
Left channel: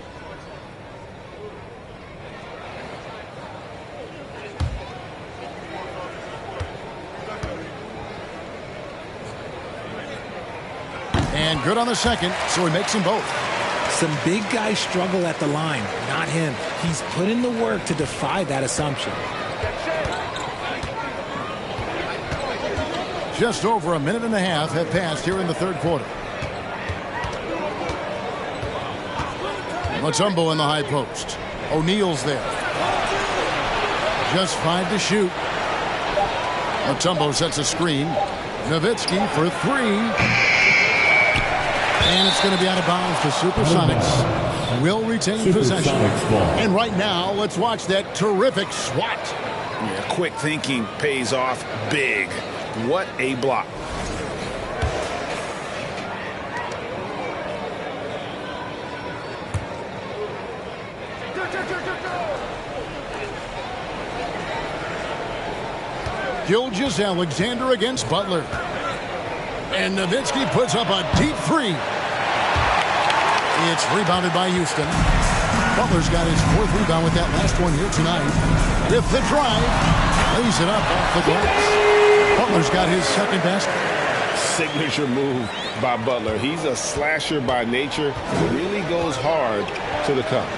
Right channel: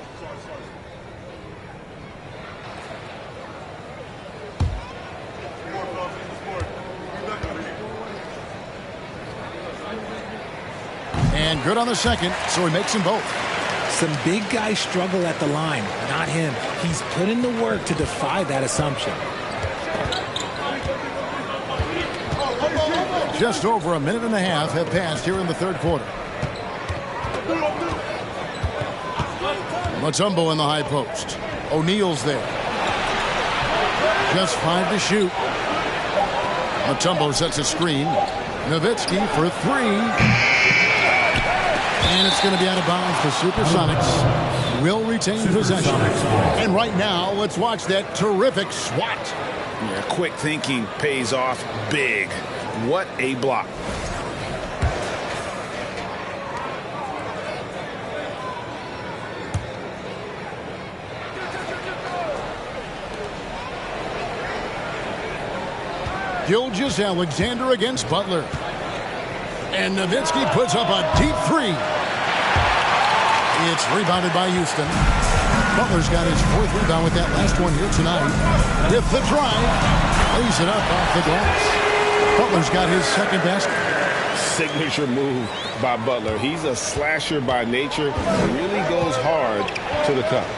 And good on the second, so he makes them both. Some big guys struggle at the line. Not him. He's put in the work to defy that assumption. Just over a minute and a half have passed here in the third quarter. Mutombo in the high post. O'Neal's there. Just 5 to shoot. Mutombo sets a screen. Nowitzki for 3. And it's going to be out of bounds. The Supersonics will retain possession. And right now, let's watch that terrific swat. Yeah, quick thinking pays off big. What a block. Gilgeous-Alexander against Butler. And Nowitzki puts up a deep 3. It's rebounded by Houston. Butler's got his 4th rebound with that last one here tonight. With the drive, lays it up off the glass. Butler's got his 2nd basket. Signature move by Butler. He's a slasher by nature. Really goes hard to the cup.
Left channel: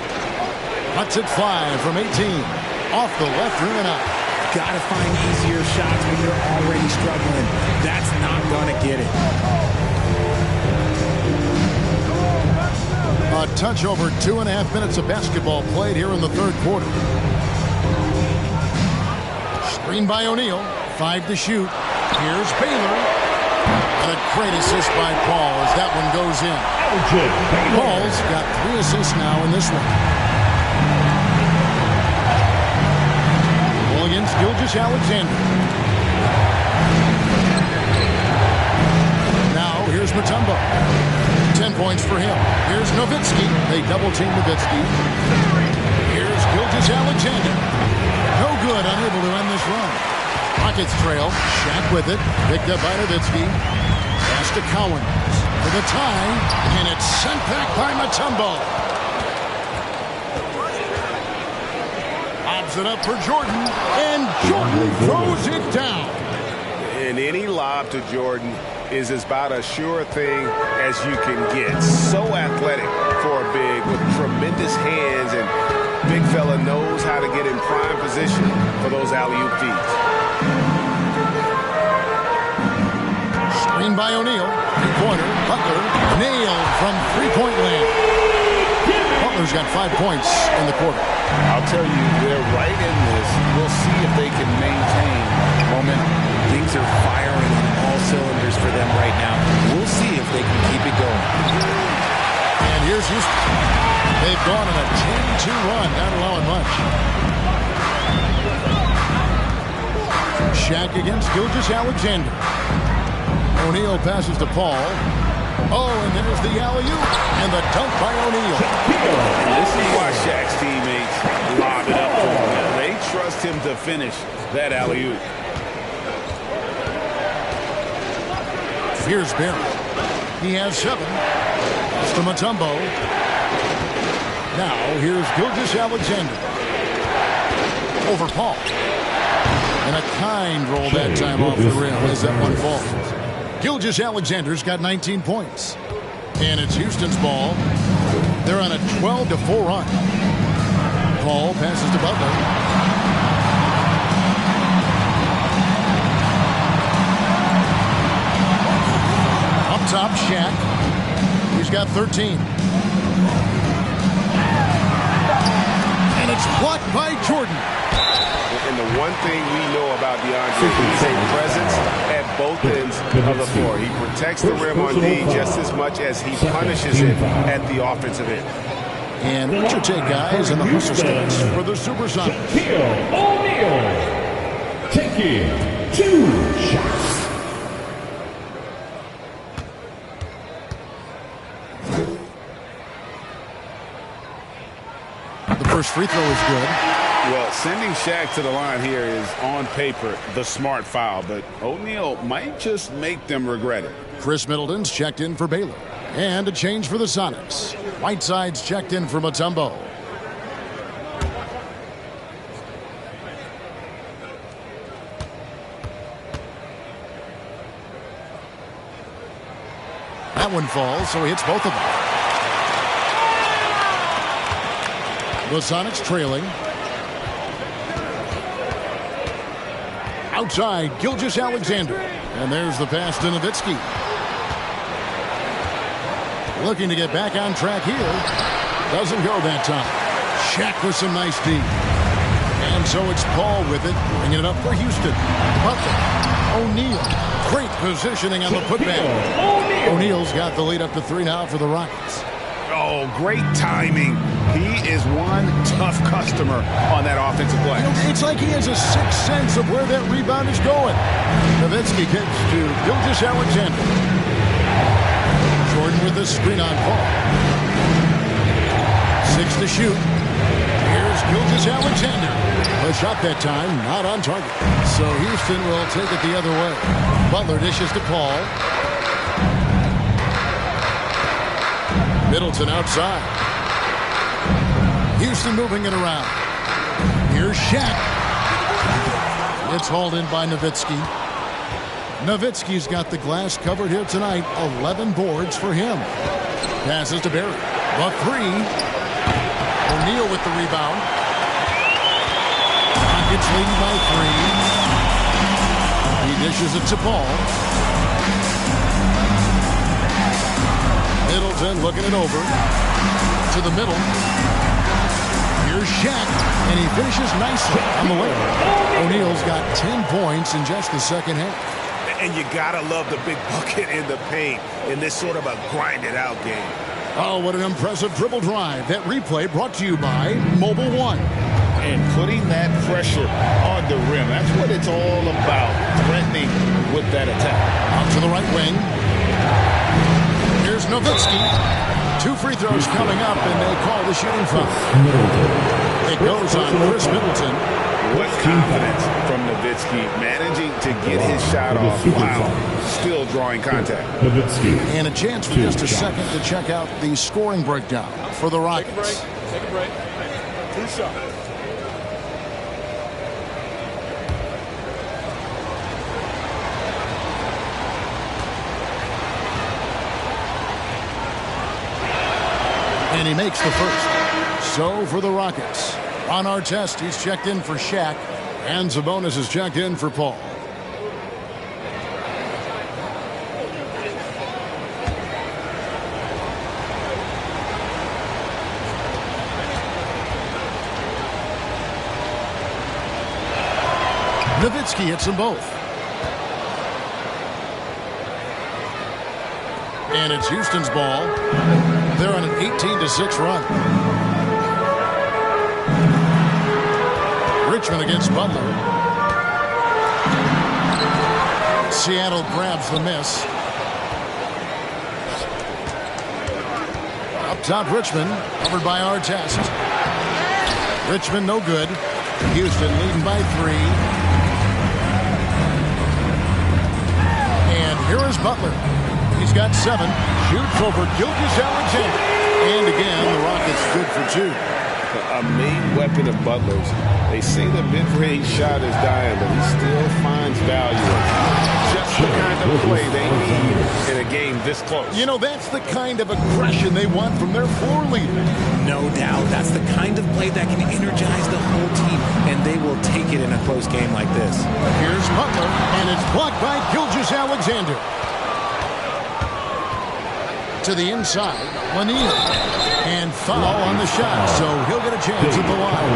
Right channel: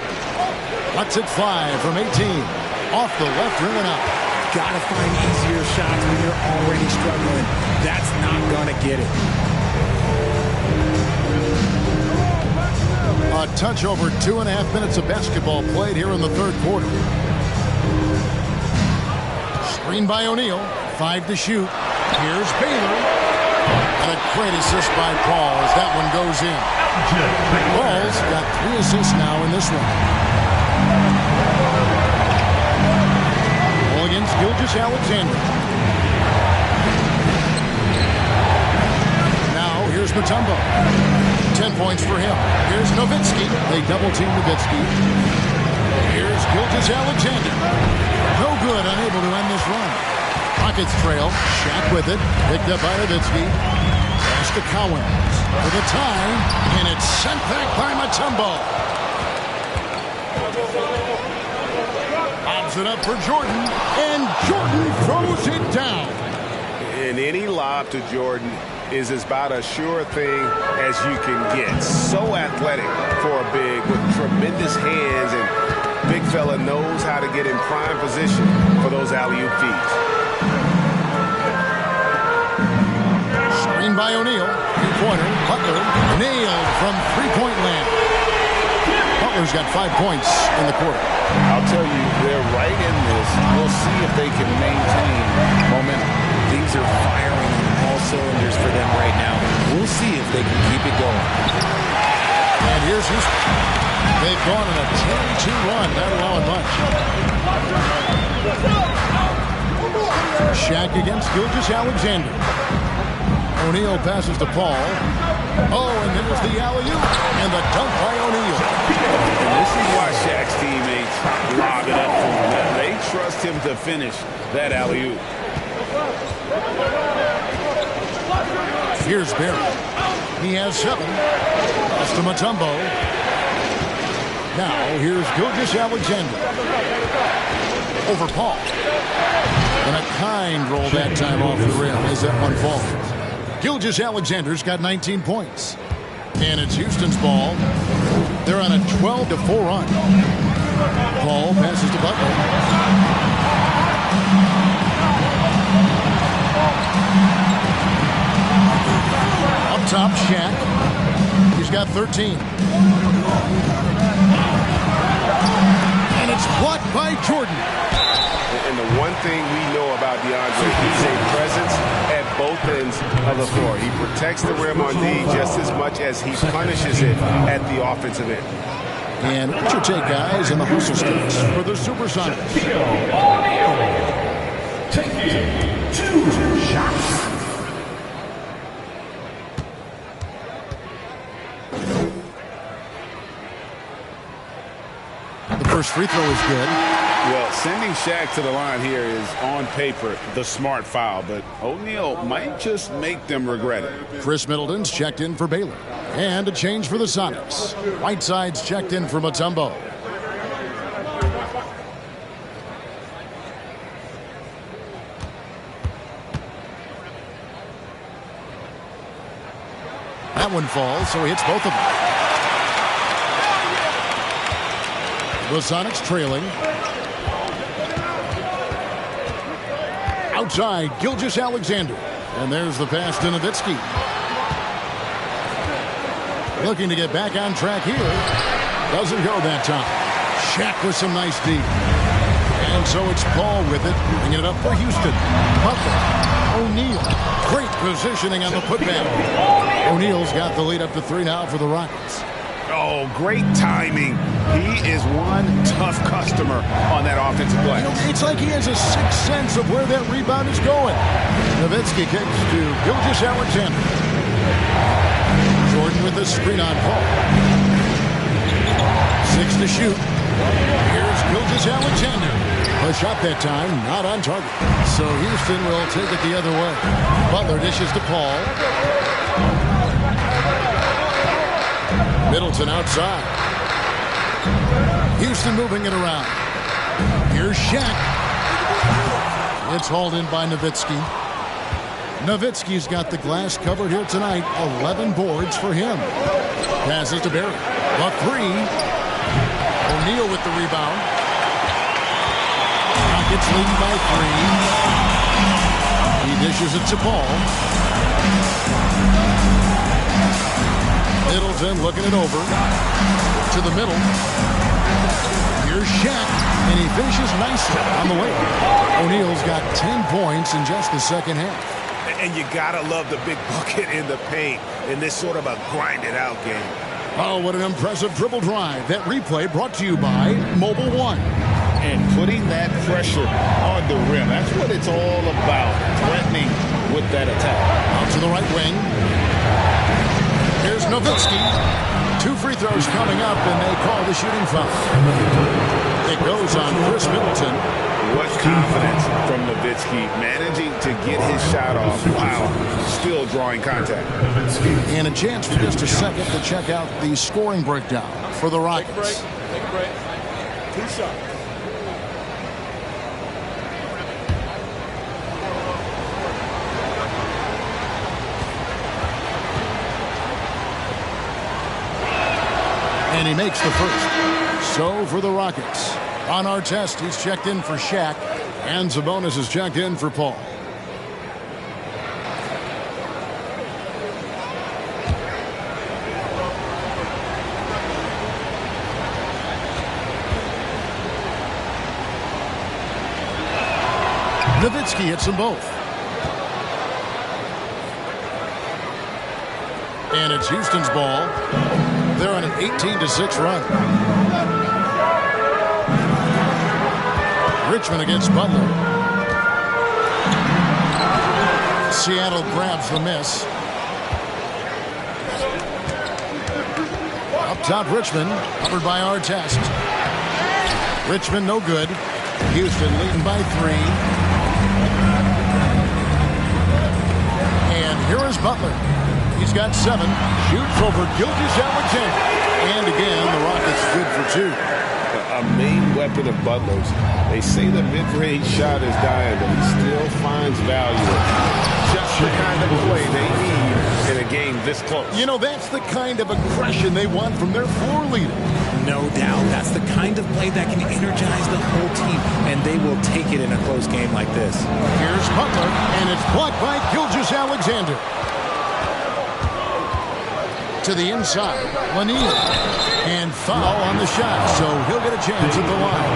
Lets it fly from 18. Off the left rim and out. Gotta find easier shots when you're already struggling. That's not gonna get it. A touch over 2.5 minutes of basketball played here in the third quarter. Screen by O'Neal. 5 to shoot. Here's Baylor. And a great assist by Paul as that one goes in. Paul's got 3 assists now in this one. Ball against Gilgeous-Alexander. Now here's Mutombo. 10 points for him. Here's Nowitzki. They double-team Nowitzki. Here's Gilgeous-Alexander. No good, unable to end this run. Rockets trail. Shaq with it. Picked up by Nowitzki. Pass to Cowens for the tie. And it's sent back by Mutombo. Lobs it up for Jordan. And Jordan throws it down. And any lob to Jordan is about as sure a thing as you can get. So athletic for a big with tremendous hands, and big fella knows how to get in prime position for those alley-oop feeds. Screen by O'Neal. Three-pointer. Butler nailed from three-point land. Butler's got 5 points in the quarter. I'll tell you, they're right in this. We'll see if they can maintain momentum. Things are firing on all cylinders for them right now. We'll see if they can keep it going. And here's Houston. They've gone on a 10-2 run, not allowing much. Shaq against Gilgeous-Alexander. O'Neal passes to Paul. Oh, and there's the alley-oop and the dunk by O'Neal. And this is why Shaq's teammates lob it up for him. They trust him to finish that alley-oop. Here's Barry. He has 7. Pass to Mutombo. Now here's Gilgeous-Alexander. Over Paul. And a kind roll that time off the rim as that one falls. Gilgeous-Alexander's got 19 points. And it's Houston's ball. They're on a 12-4 run. Paul passes to Butler. Up top, Shaq. He's got 13. And it's blocked by Jordan. And the one thing we know about DeAndre, he's a presence at both ends of the floor. He protects the rim on D just as much as he punishes it at the offensive end. And what's your take, guys, in the hustle sticks for the Supersonics? O'Neal taking 2 shots. The first free throw is good. Well, sending Shaq to the line here is, on paper, the smart foul, but O'Neal might just make them regret it. Chris Middleton's checked in for Baylor. And a change for the Sonics. Whiteside's checked in for Mutombo. That one falls, so he hits both of them. The Sonics trailing. Outside, Gilgeous-Alexander. And there's the pass to Nowitzki. Looking to get back on track here. Doesn't go that time. Shaq with some nice D. And so it's Paul with it, bringing it up for Houston. Butler. O'Neal. Great positioning on the putback. O'Neal's got the lead up to 3 now for the Rockets. Oh, great timing. He is one tough customer on that offensive glass. You know, it's like he has a sixth sense of where that rebound is going. Nowitzki kicks to Gilgeous-Alexander. Jordan with the screen on Paul. 6 to shoot. Here's Gilgeous-Alexander. A shot that time, not on target. So Houston will take it the other way. Butler dishes to Paul. Middleton outside. Houston moving it around. Here's Shaq. It's hauled in by Nowitzki. Nowitzki's got the glass covered here tonight. 11 boards for him. Passes to Barry. The 3. O'Neal with the rebound. Rockets leading by 3. He dishes it to Paul. Middleton looking it over to the middle. Here's Shaq, and he finishes nicely on the way. O'Neal's got 10 points in just the second half. And you gotta love the big bucket in the paint in this sort of a grinded-out game. Oh, what an impressive dribble drive. That replay brought to you by Mobile One. And putting that pressure on the rim, that's what it's all about, threatening with that attack. Out to the right wing. Here's Nowitzki. 2 free throws coming up, and they call the shooting foul. It goes on Chris Middleton. What confidence from Nowitzki, managing to get his shot off while still drawing contact. And a chance for just a second to check out the scoring breakdown for the Rockets. Take a break. 2 shots. And he makes the first. So for the Rockets, on our test, he's checked in for Shaq, and Sabonis is checked in for Paul. Nowitzki hits them both. And it's Houston's ball. They're on an 18-6 run. Richmond against Butler. Seattle grabs the miss. Up top, Richmond, covered by Artest. Richmond no good. Houston leading by 3. And here is Butler. He's got 7. Shoots over Gilgeous-Alexander. And again, the Rockets good for 2. A main weapon of Butler's. They say the mid-range shot is dying, but he still finds value in it. Just the kind of play they need in a game this close. You know, that's the kind of aggression they want from their floor leader. No doubt. That's the kind of play that can energize the whole team, and they will take it in a close game like this. Here's Butler, and it's blocked by Gilgeous-Alexander. To the inside, Lanier. And foul on the shot, so he'll get a chance at the line.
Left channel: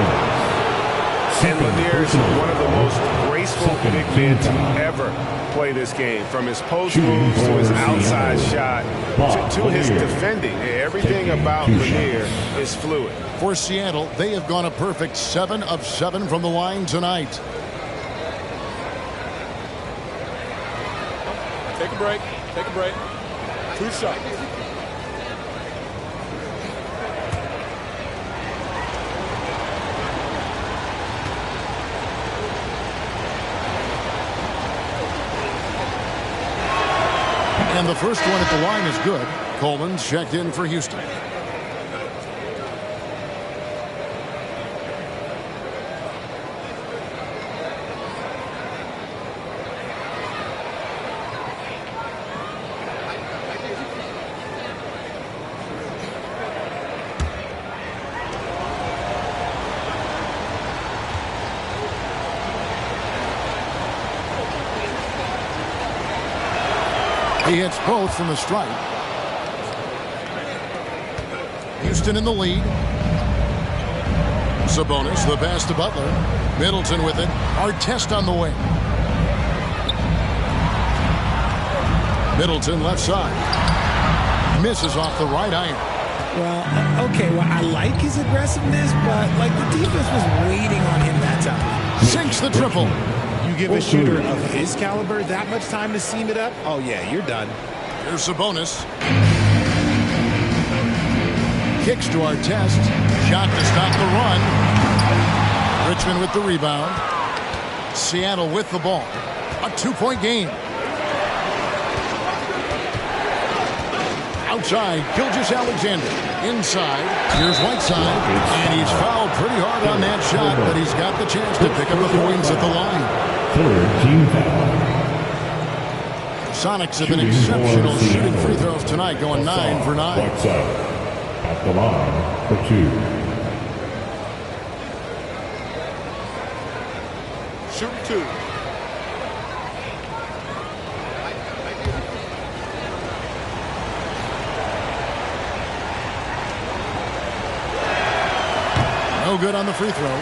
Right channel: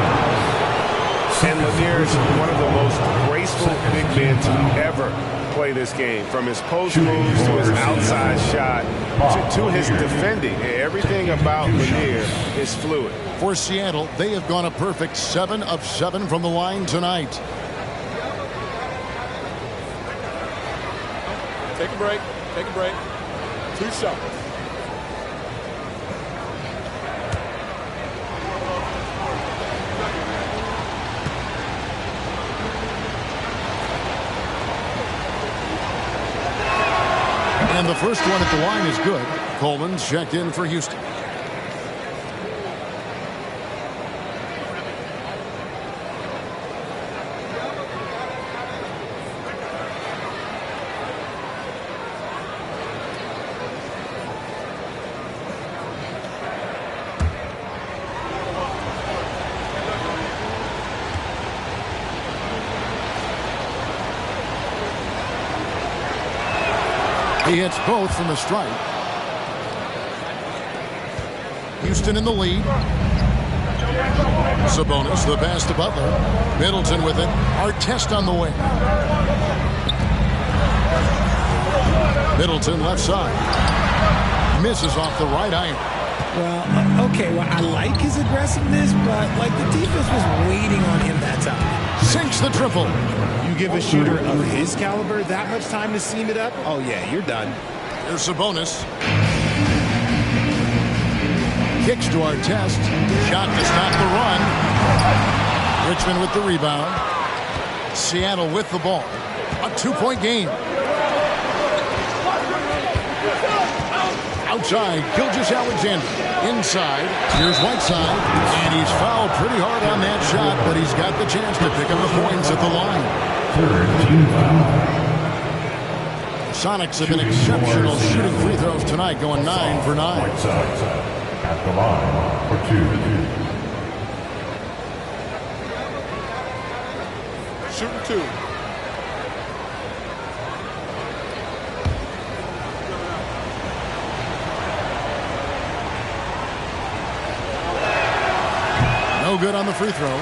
And Lanier is one of the most graceful big men to ever play this game. From his post moves to his outside shot to his defending. Everything about Lanier is fluid. For Seattle, they have gone a perfect 7 of 7 from the line tonight. Take a break. Take a break. 2 shots. And the first one at the line is good. Coleman's checked in for Houston. He hits both from the stripe. Houston in the lead. Sabonis, the pass to Butler. Middleton with it. Artest on the way. Middleton left side. Misses off the right iron. Well, okay, well, I like his aggressiveness, but like the defense was waiting on him that time. Sinks the triple. You give a shooter of his caliber that much time to seam it up, oh yeah, you're done. Here's Sabonis. Kicks to Artest. Shot to stop the run. Richmond with the rebound. Seattle with the ball. A 2-point game. Outside, Gilgeous-Alexander. Inside, here's Whiteside. And he's fouled pretty hard on that shot, but he's got the chance to pick up the points at the line. Team foul. Sonics have been exceptional shooting free throws tonight, going 9 for 9. Whiteside at the line for 2. Shooting 2. No good on the free throw.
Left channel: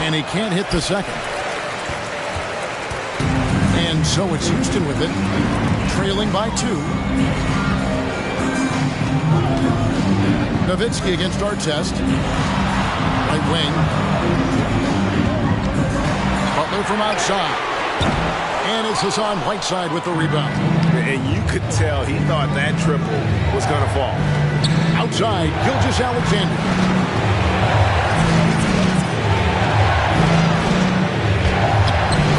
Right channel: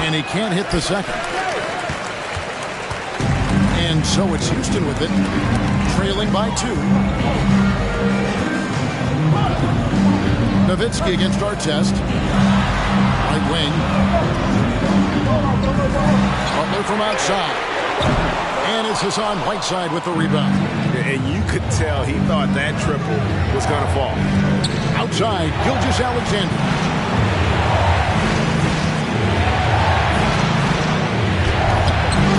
And he can't hit the second. And so it's Houston with it, trailing by 2. Nowitzki against Artest. Right wing. Butler from outside. And it's Hassan Whiteside with the rebound. And you could tell he thought that triple was going to fall. Outside, Gilgeous-Alexander.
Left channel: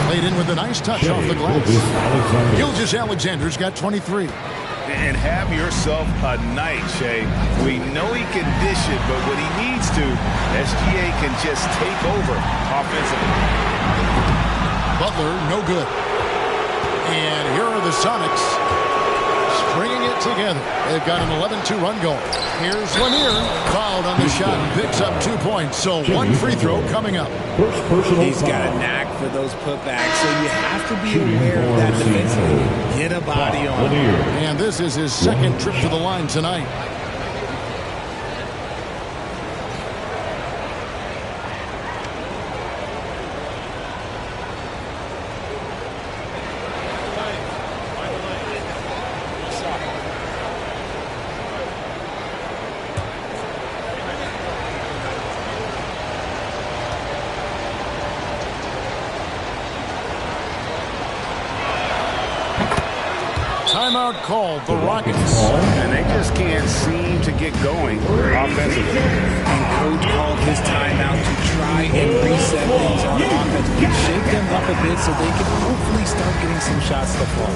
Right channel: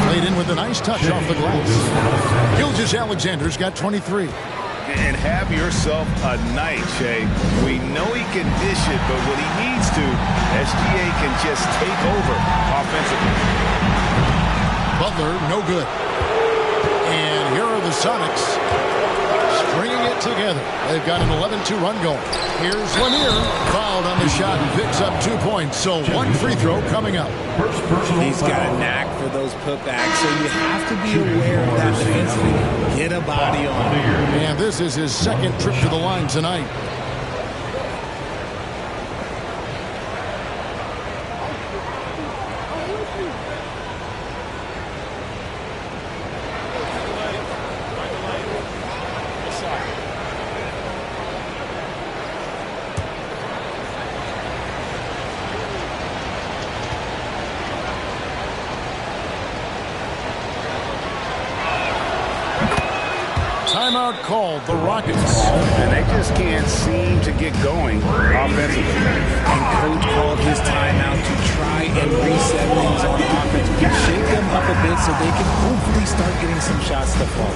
Played in with a nice touch off the glass. Gilgeous-Alexander's got 23. And have yourself a night, Shea. We know he can dish it, but when he needs to, SGA can just take over offensively. Butler, no good. And here are the Sonics stringing it together. They've got an 11-2 run going. Here's Lanier, fouled on the shot and picks up 2 points. So one free throw coming up. He's got a knack for those putbacks, so you have to be aware of that defensively. Get a body on him. And this is his second trip to the line tonight. Timeout called, the Rockets. And they just can't seem to get going offensively. And Coach called his timeout to try and reset things on offense. Shake them up a bit so they can hopefully start getting some shots to fall.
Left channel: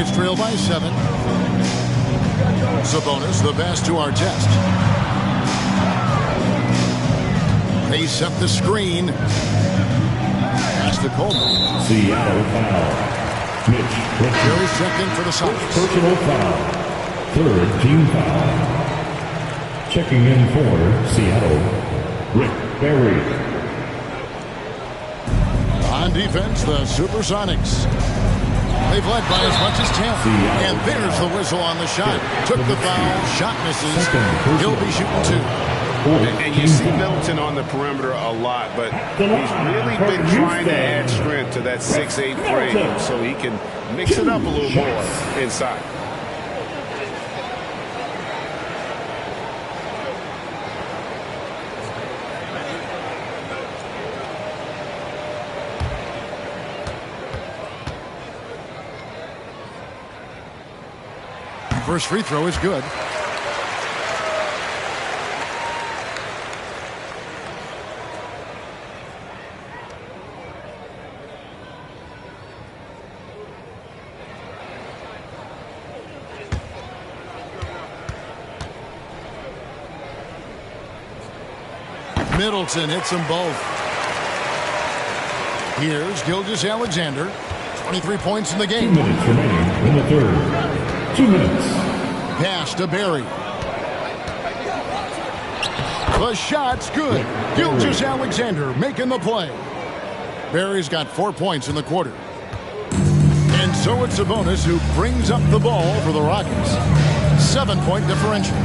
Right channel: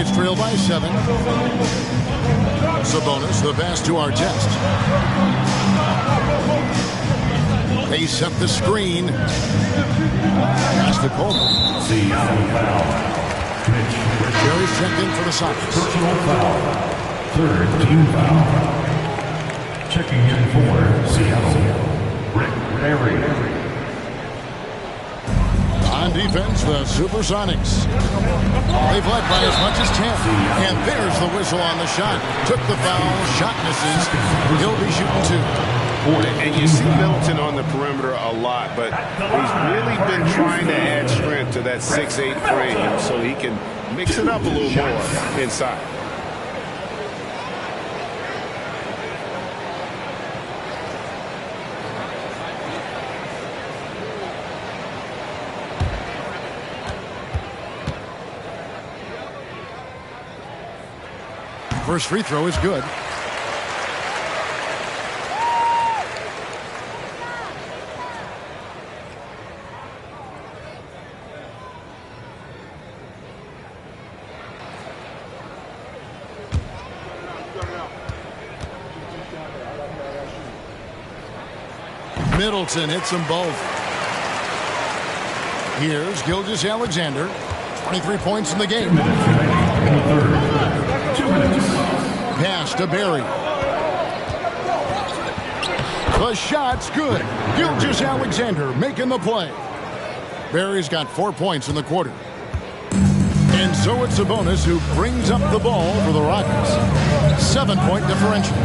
Rockets trail by 7. Sabonis, the pass to Artest. They set the screen. Pass to Coleman. Seattle foul. Mitch. Barry's checked in for the Sonics. Personal foul. Third team foul. Checking in for Seattle, Rick Barry. On defense, the Supersonics. They've led by as much as 10. And there's the whistle on the shot. Took the foul. Shot misses. He'll be shooting 2. And you see Middleton on the perimeter a lot, but he's really been trying to add strength to that 6'8" frame so he can mix it up a little more inside. First free throw is good. Middleton hits them both. Here's Gilgeous-Alexander. 23 points in the game. 2 minutes remaining in the third. 2 minutes. Pass to Barry. The shot's good. Gilgeous-Alexander making the play. Barry's got 4 points in the quarter. And so it's Sabonis who brings up the ball for the Rockets. 7-point differential.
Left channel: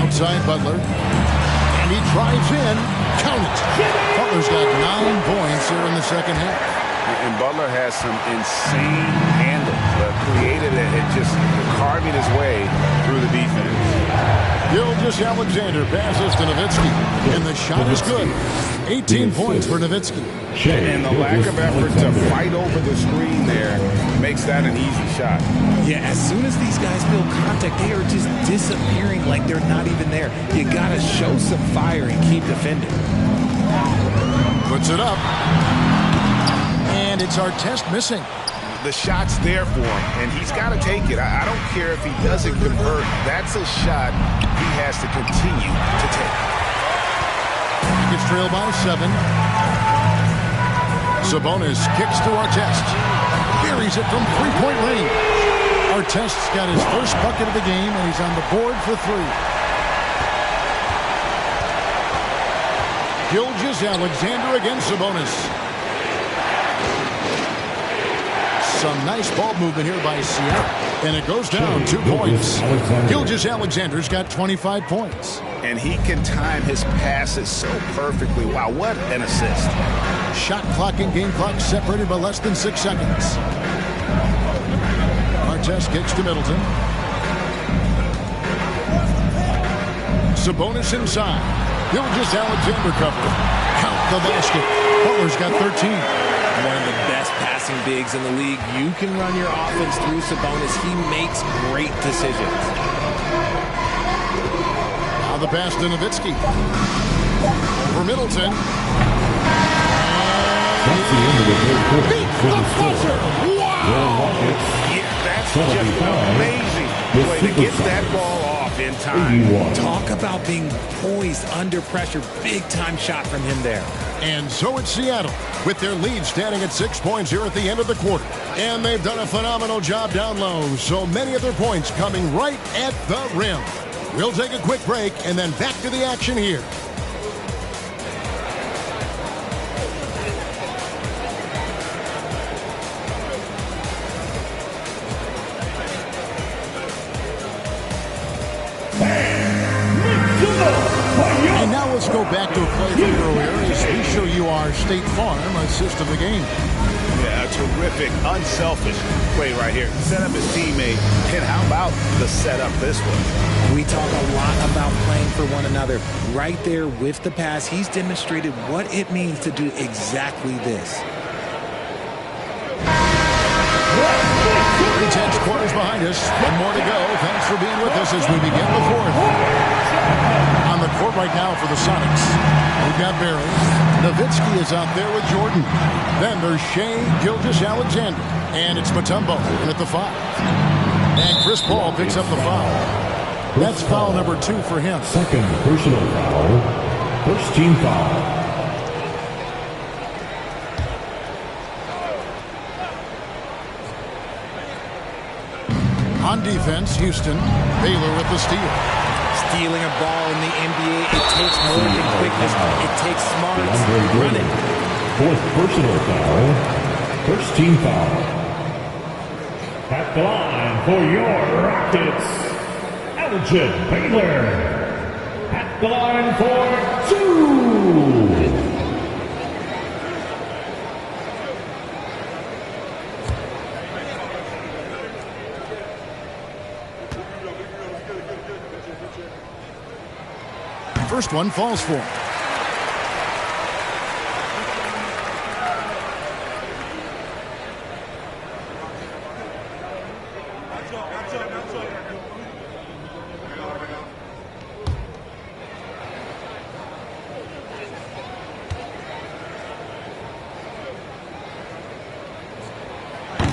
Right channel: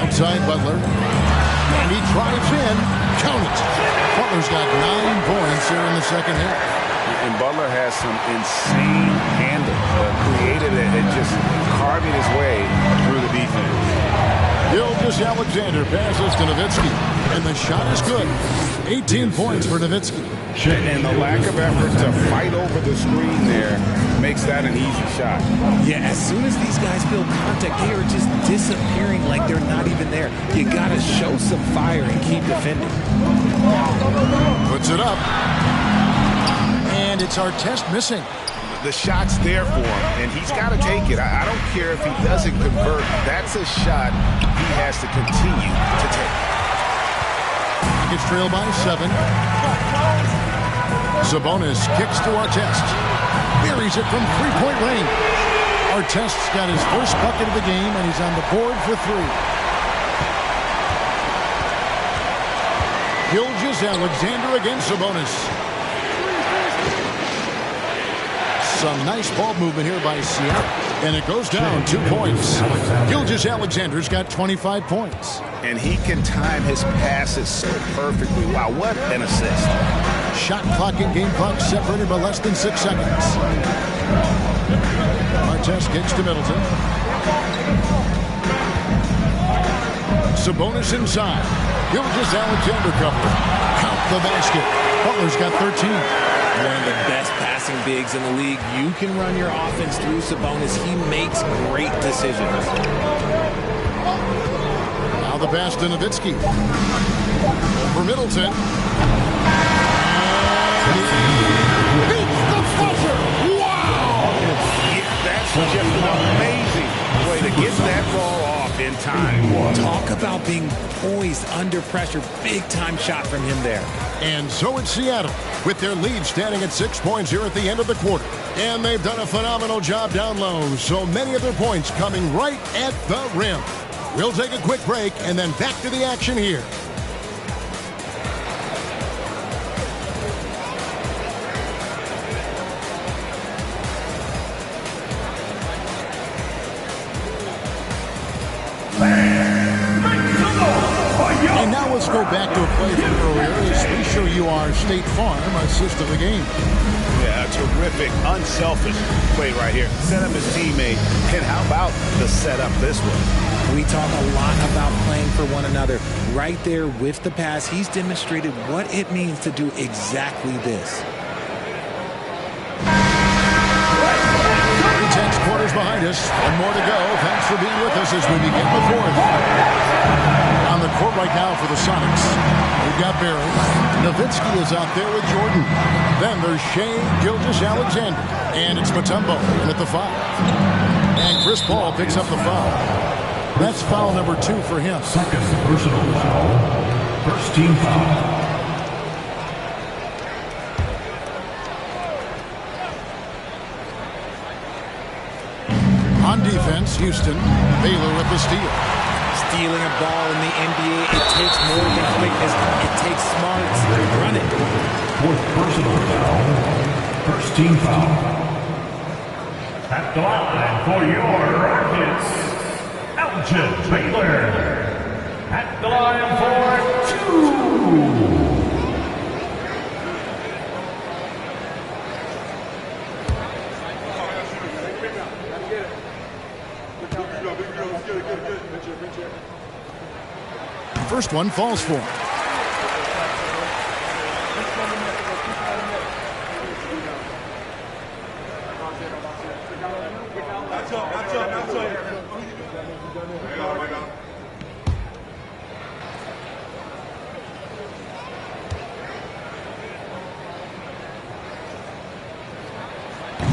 Outside Butler. And he drives in. Count it. Butler's got 9 points here in the second half. And Butler has some insane handles, creative at just carving his way through the defense. Gilgeous-Alexander passes to Nowitzki, and the shot is good. 18 points for Nowitzki. And the lack of effort to fight over the screen there makes that an easy shot. Yeah, as soon as these guys feel contact, they are just disappearing like they're not even there. You got to show some fire and keep defending. Puts it up. And it's Artest missing. The shot's there for him, and he's got to take it. I don't care if he doesn't convert. That's a shot he has to continue to take. He gets trailed by 7. Sabonis kicks to Artest. Buries it from three-point range. Artest's got his first bucket of the game, and he's on the board for 3. Gilgeous-Alexander against Sabonis. Some nice ball movement here by Seattle. And it goes down 2 points. Gilgeous-Alexander's got 25 points. And he can time his passes so perfectly. Wow, what an assist. Shot clock and game clock separated by less than 6 seconds. Artest kicks to Middleton. Sabonis inside. Gilgeous-Alexander cover. Count the basket. Butler's got 13. One of the best passing bigs in the league. You can run your offense through Sabonis. He makes great decisions. Now the pass to Nowitzki. Over Middleton. And he beats the buzzer. Wow! Yeah, that's just an amazing play to get that ball off in time. Talk about being poised under pressure. Big time shot from him there. And so it's Seattle, with their lead standing at 6 points here at the end of the quarter. And they've done a phenomenal job down low, so many of their points coming right at the rim. We'll take a quick break and then back to the action here. And now let's go back to a play from earlier as we show you our State Farm assist of the game. Yeah, a terrific, unselfish play right here. Set up his teammate, and how about the setup this way? We talk a lot about playing for one another. Right there with the pass, he's demonstrated what it means to do exactly this. 3/10 quarters behind us. One more to go. Thanks for being with us as we begin the fourth. On the court right now for the Sonics, we've got Barry. Nowitzki is out there with Jordan. Then there's Shea Gilgeous-Alexander. And it's Mutombo in at the 5. And Chris Paul picks up the foul. That's foul number 2 for him. Second personal foul. First team foul. On defense, Houston. Baylor with the steal. Stealing a ball in the NBA, it takes more than quickness. It takes smarts. Run it. Fourth personal foul. First team foul. At the line for your Rockets, Elgin Baylor. At the line for 2. First one falls for him.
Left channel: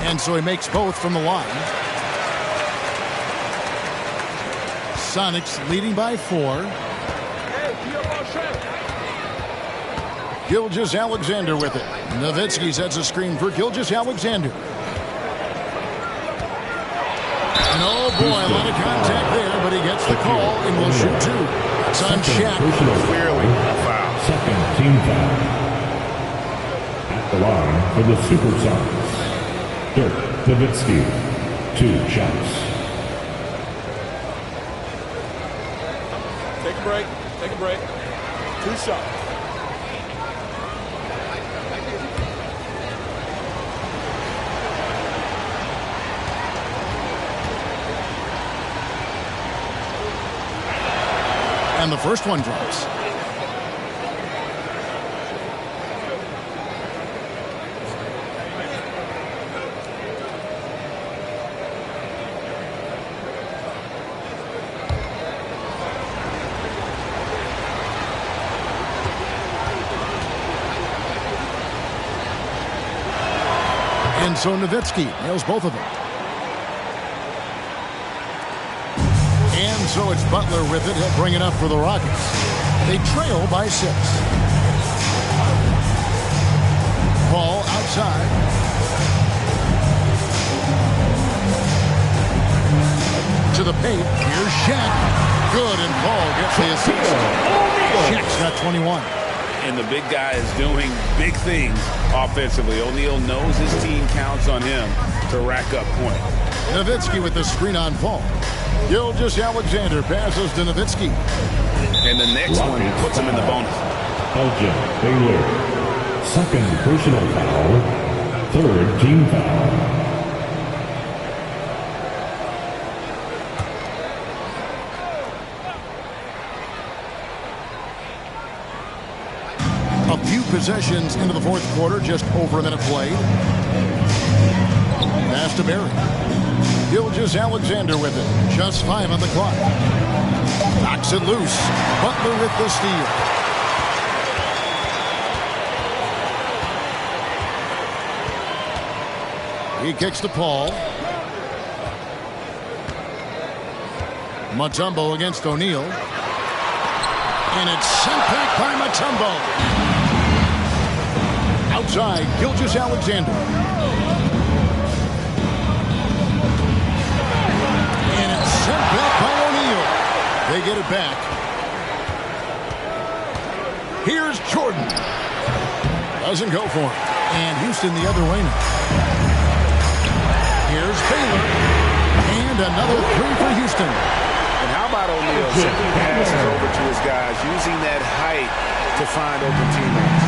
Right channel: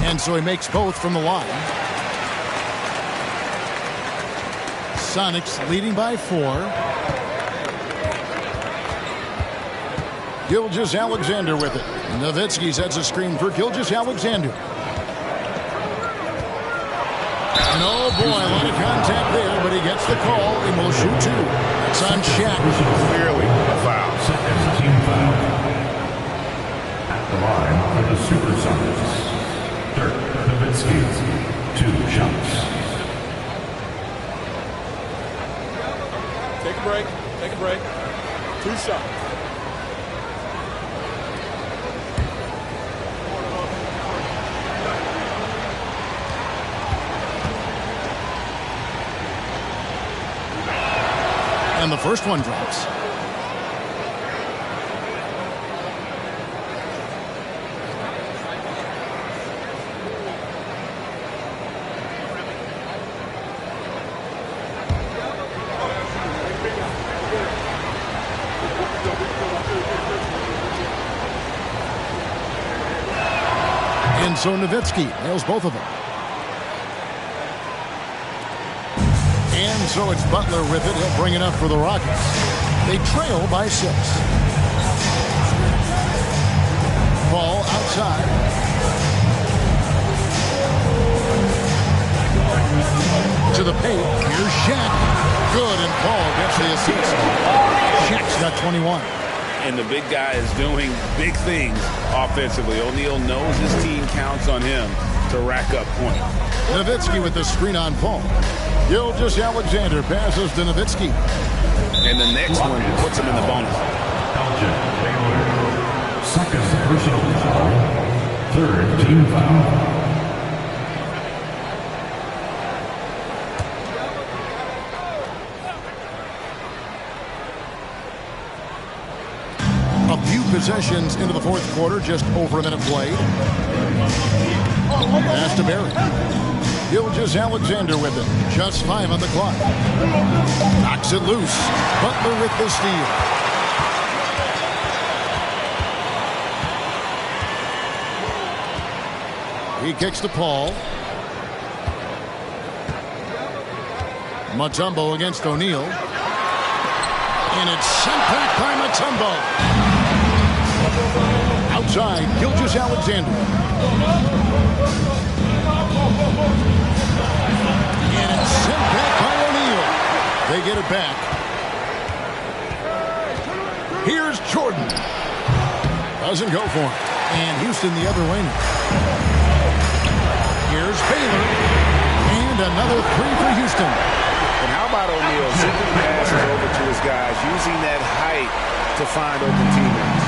And so he makes both from the line. Sonics leading by 4. Gilgeous-Alexander with it. Nowitzki sets a screen for Gilgeous-Alexander. And oh boy, a lot of contact there, but he gets the call and will shoot 2. That's on Shaq. Clearly a foul. Second team foul. At the line for the Supersonics, Dirk Nowitzki, 2 shots. Take a break. Take a break. 2 shots. And the first one drops. And so Nowitzki nails both of them. And so it's Butler with it. He'll bring it up for the Rockets. They trail by 6. Ball outside. To the paint. Here's Shaq. Good, and Paul gets the assist. Shaq's got 21. And the big guy is doing big things offensively. O'Neal knows his team counts on him to rack up points. Nowitzki with the screen on Paul. Gilgeous-Alexander passes to Nowitzki. And the next one puts him in the bonus. Elgin Baylor. Second personal foul. Third team foul. A few possessions into the fourth quarter, just over a minute played. Pass to Barry. Gilgeous-Alexander with it. Just 5 on the clock. Knocks it loose. Butler with the steal. He kicks to Paul. Mutombo against O'Neal. And it's sent back by Mutombo. Outside, Gilgeous-Alexander. And it's sent back by O'Neal. They get it back. Here's Jordan. Doesn't go for him. And Houston the other way now. Here's Baylor. And another 3 for Houston. And how about O'Neal sending passes over to his guys, using that height to find open teammates?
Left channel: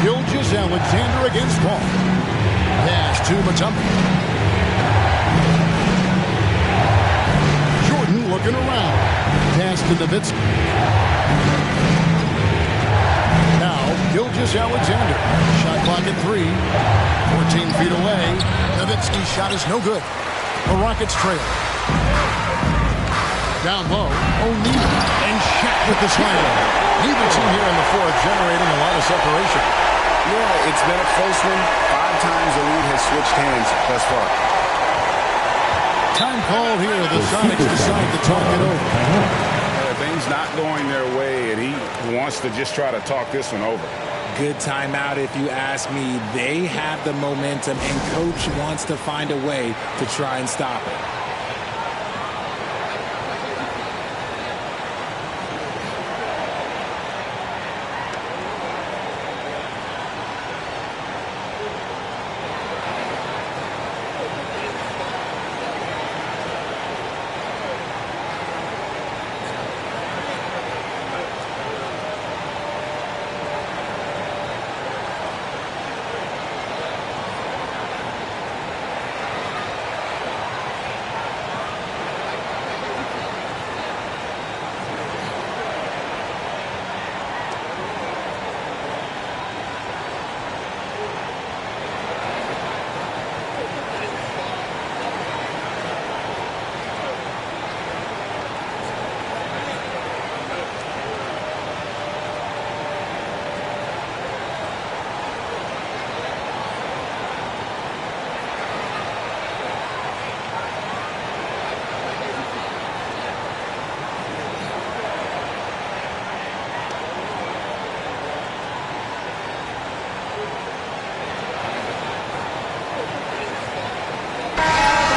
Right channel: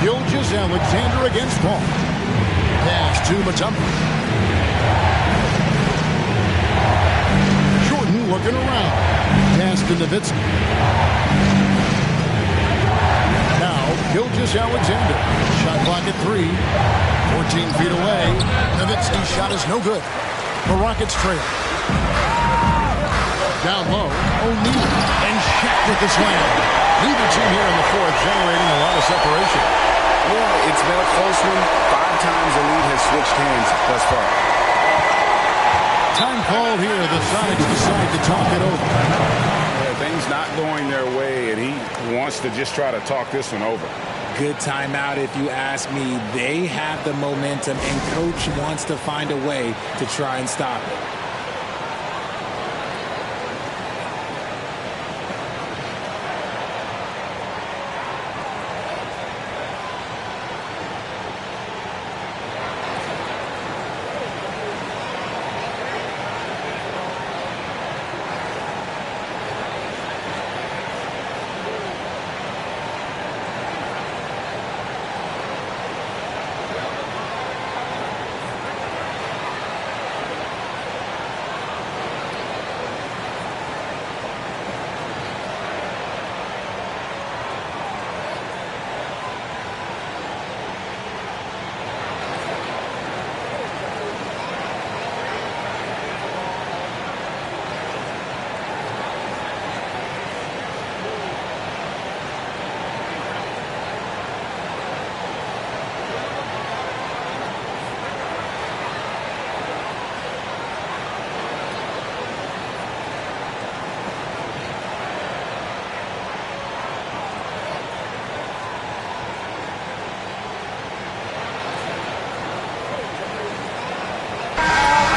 Gilgeous-Alexander against Paul. Pass to Mutombo. Jordan looking around. Pass to Nowitzki. Now Gilgeous-Alexander. Shot clock at 3. 14 feet away. Nowitzki's shot is no good. The Rockets trail. Down low, O'Neal. And Shaq with the slam. Neither team here in the fourth generating a lot of separation. Yeah, it's been a close one. 5 times the lead has switched hands thus far. Time called here. The Sonics decide to talk it over. Yeah, things not going their way, and he wants to just try to talk this one over. Good timeout if you ask me. They have the momentum, and Coach wants to find a way to try and stop it.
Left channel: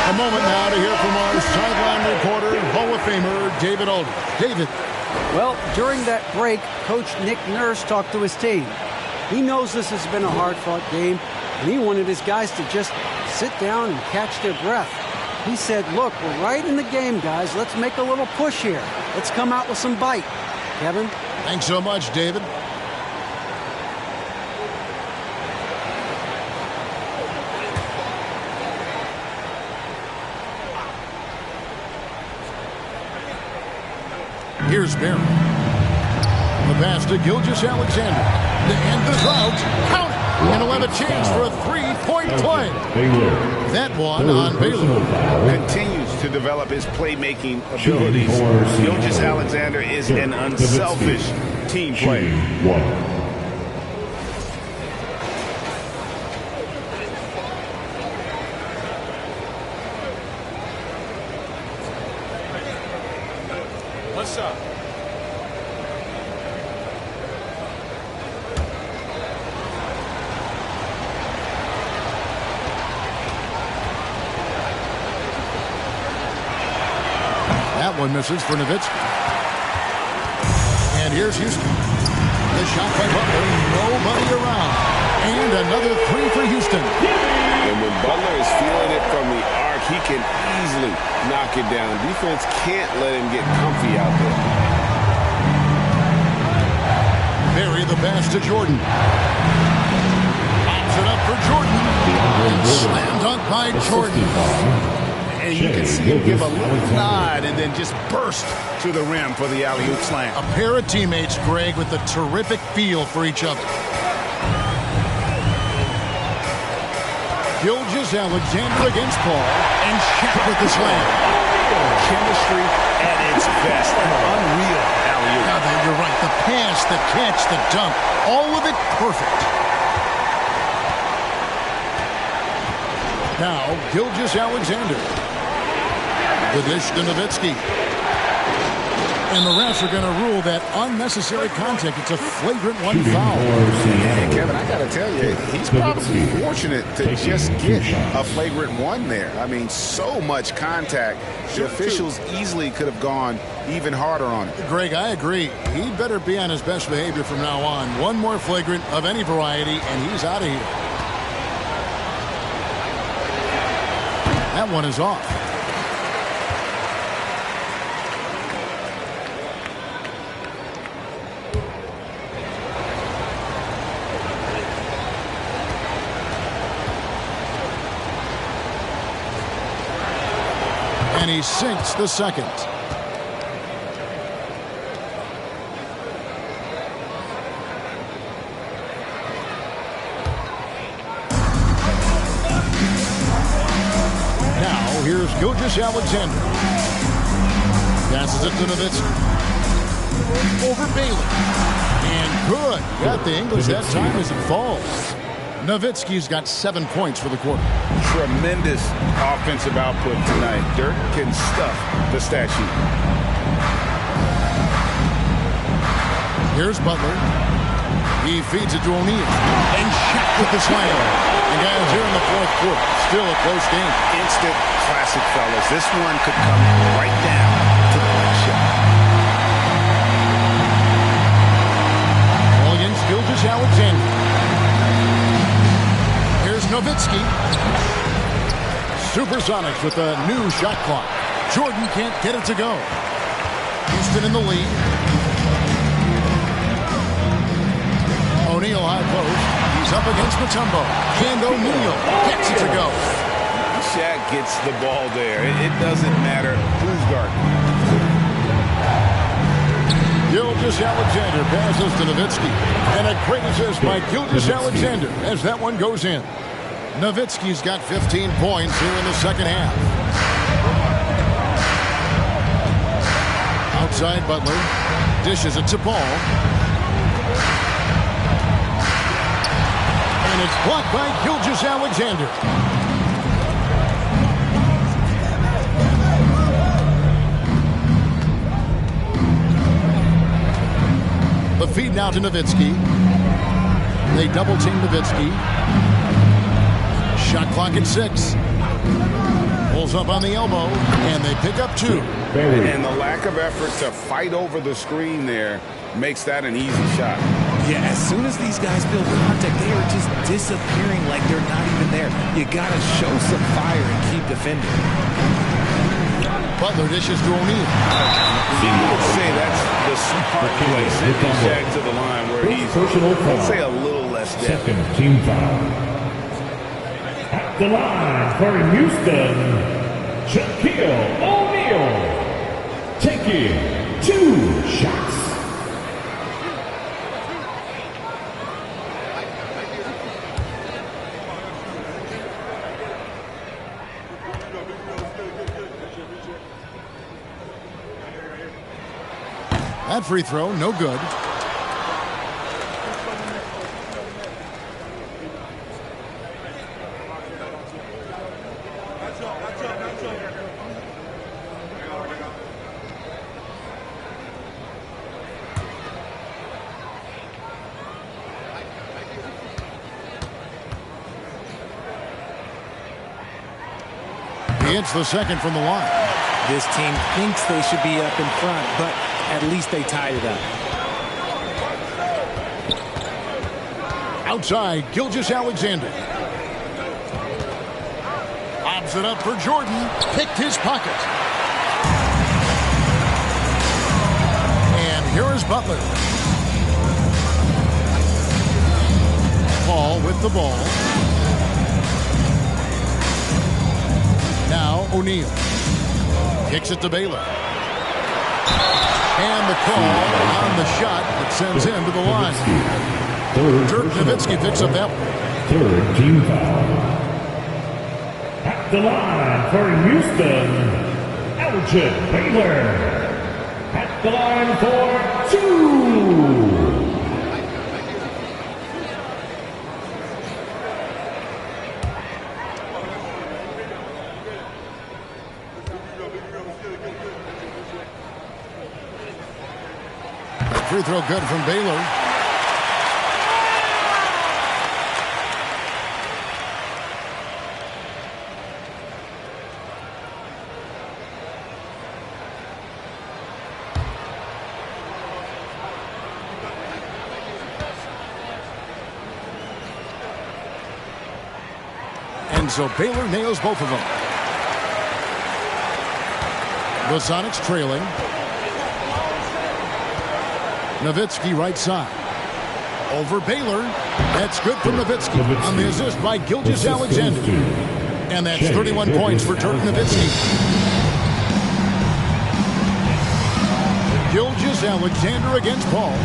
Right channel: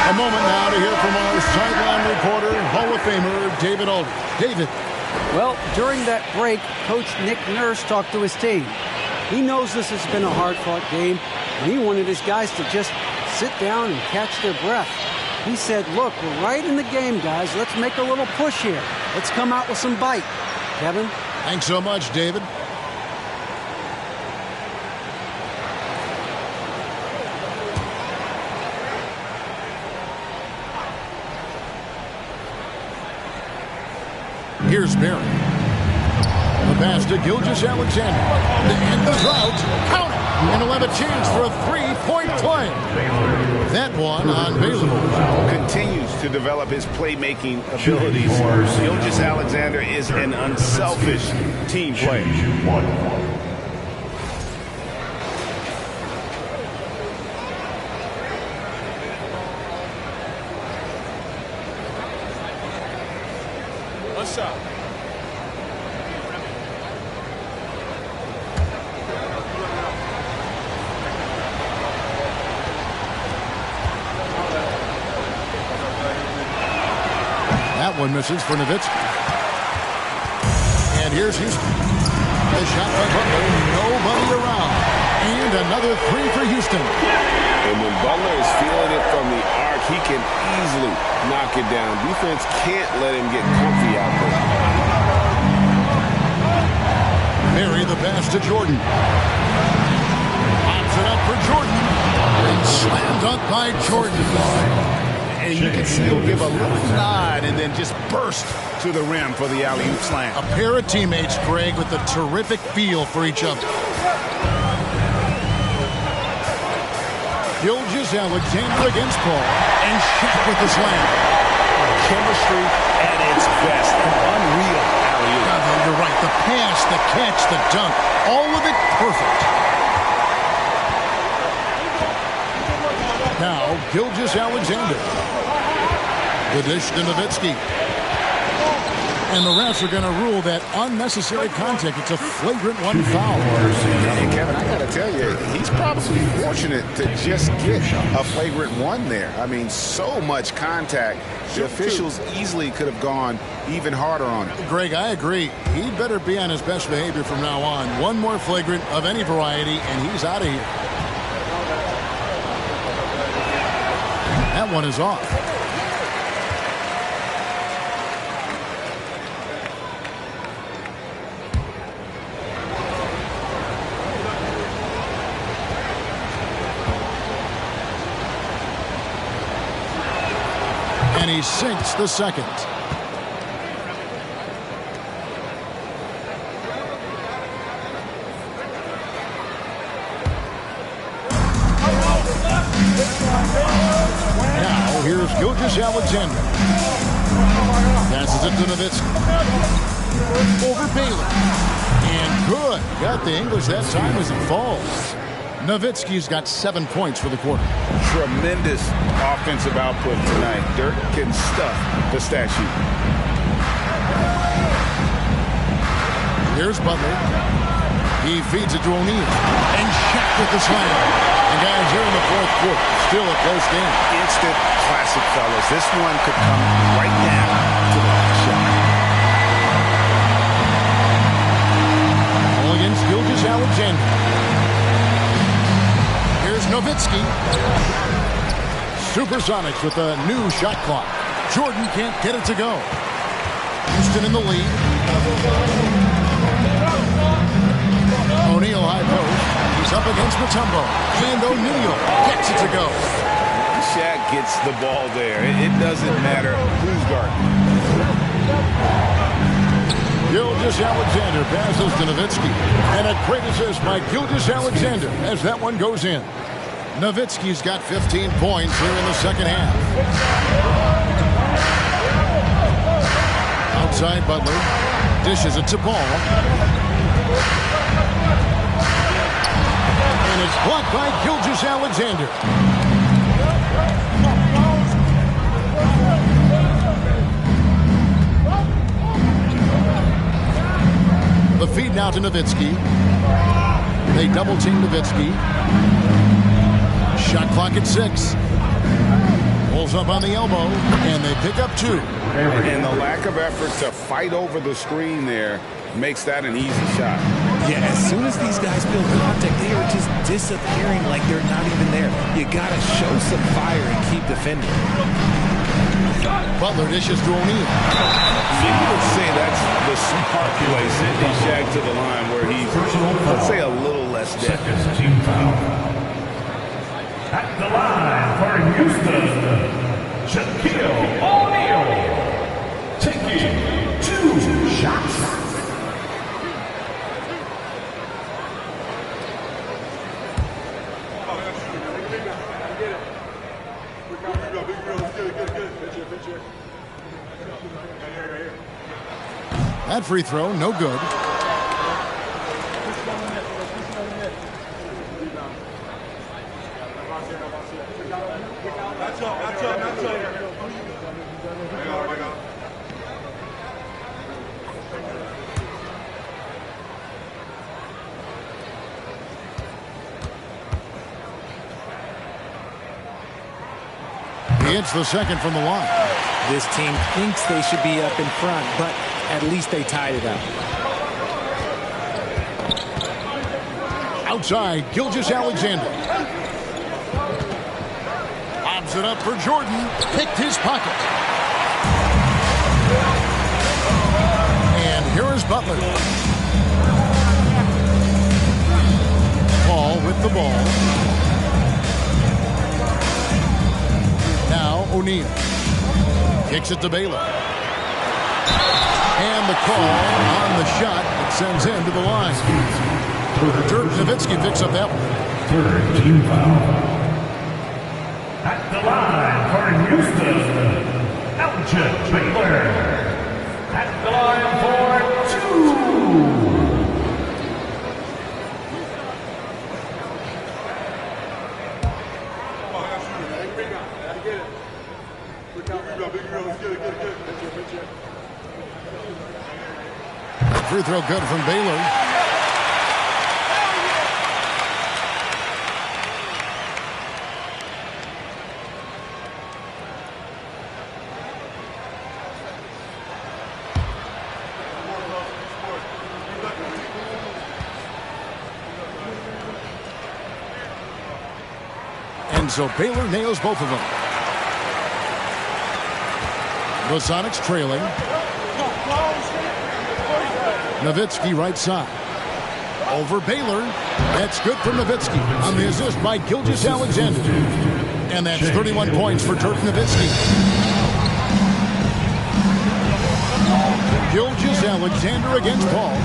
A moment now to hear from our sideline reporter, Hall of Famer David Aldridge. David. Well, during that break, Coach Nick Nurse talked to his team. He knows this has been a hard-fought game, and he wanted his guys to just sit down and catch their breath. He said, look, we're right in the game, guys. Let's make a little push here. Let's come out with some bite. Kevin? Thanks so much, David. Here's Barry. The pass to Gilgeous-Alexander. To end the drought. Count it. And he'll have a chance for a three-point play. That one on Baylor. Continues to develop his playmaking abilities. Gilgeous-Alexander is an unselfish team player. One shot. That one misses for Nowitzki. And here's Houston. The shot by Butler. Nobody around. And another three for Houston. And when Butler is feeling it from the arc, he can easily knock it down. Defense can't let him get comfy out there. Barry the pass to Jordan. Pops it up for Jordan. And slam dunk by Jordan. And you can see him give a little nod and then just burst to the rim for the alley-oop slam. A pair of teammates, Greg, with a terrific feel for each other. Gilgeous-Alexander against Paul, and Shaq with the slam. Chemistry at its best. An unreal alley-oop. No, you're right. The pass, the catch, the dunk, all of it perfect. Now, Gilgeous-Alexander. The dish to Nowitzki. And the refs are going to rule that unnecessary contact. It's a flagrant one foul. And Kevin, I got to tell you, he's probably fortunate to just get a flagrant one there. I mean, so much contact. The officials easily could have gone even harder on it. Greg, I agree. He'd better be on his best behavior from now on. One more flagrant of any variety, and he's out of here. That one is off. And he sinks the second. Now, here's Gilgeous-Alexander. Passes it to Nowitzki. Over Baylor. And good. Got the English that time as it falls. Nowitzki's got 7 points for the quarter. Tremendous offensive output tonight. Dirk can stuff the stat sheet. Here's Butler. He feeds it to O'Neal. And Shaq with the slam. And guys, here in the fourth quarter, still a close game. Instant classic, fellas. This one could come right down to the last shot. All against Gilgeous-Alexander. Here's Nowitzki. Supersonics with a new shot clock. Jordan can't get it to go. Houston in the lead. O'Neal high post. He's up against Mutombo. And O'Neal gets it to go. Shaq gets the ball there. It doesn't matter who's guarding. Gilgeous-Alexander passes to Nowitzki. And a great assist by Gilgeous-Alexander as that one goes in. Nowitzki's got 15 points here in the second half. Outside Butler. Dishes it to Paul. And it's blocked by Gilgeous-Alexander. The feed now to Nowitzki. They double team Nowitzki. Shot clock at 6. Pulls up on the elbow, and they pick up 2. And the lack of effort to fight over the screen there makes that an easy shot. Yeah, as soon as these guys feel contact, they are just disappearing like they're not even there. You got to show some fire and keep defending. Butler dishes to O'Neal. You would say that's the smart play, sending Shaq to the line where he's, let's say, a little less depth. Second team foul. At the line for Houston, Shaquille O'Neal. Taking 2 shots. That free throw, no good. He hits the second from the line. This team thinks they should be up in front, but at least they tied it up. Outside, Gilgeous-Alexander. Lobs it up for Jordan. Picked his pocket. And here is Butler. Paul with the ball. Now O'Neal. Kicks it to Baylor. And the call on the shot that sends him to the line. Dirk Nowitzki picks up that one. Third team foul. At the line for Houston, Elgin Baylor. At the line for 2. Free throw good from Baylor. And so Baylor nails both of them. The Sonics trailing. Nowitzki right side. Over Baylor. That's good for Nowitzki on the assist by Gilgeous-Alexander. And that's 31 points for Dirk Nowitzki. Gilgeous-Alexander against Paul.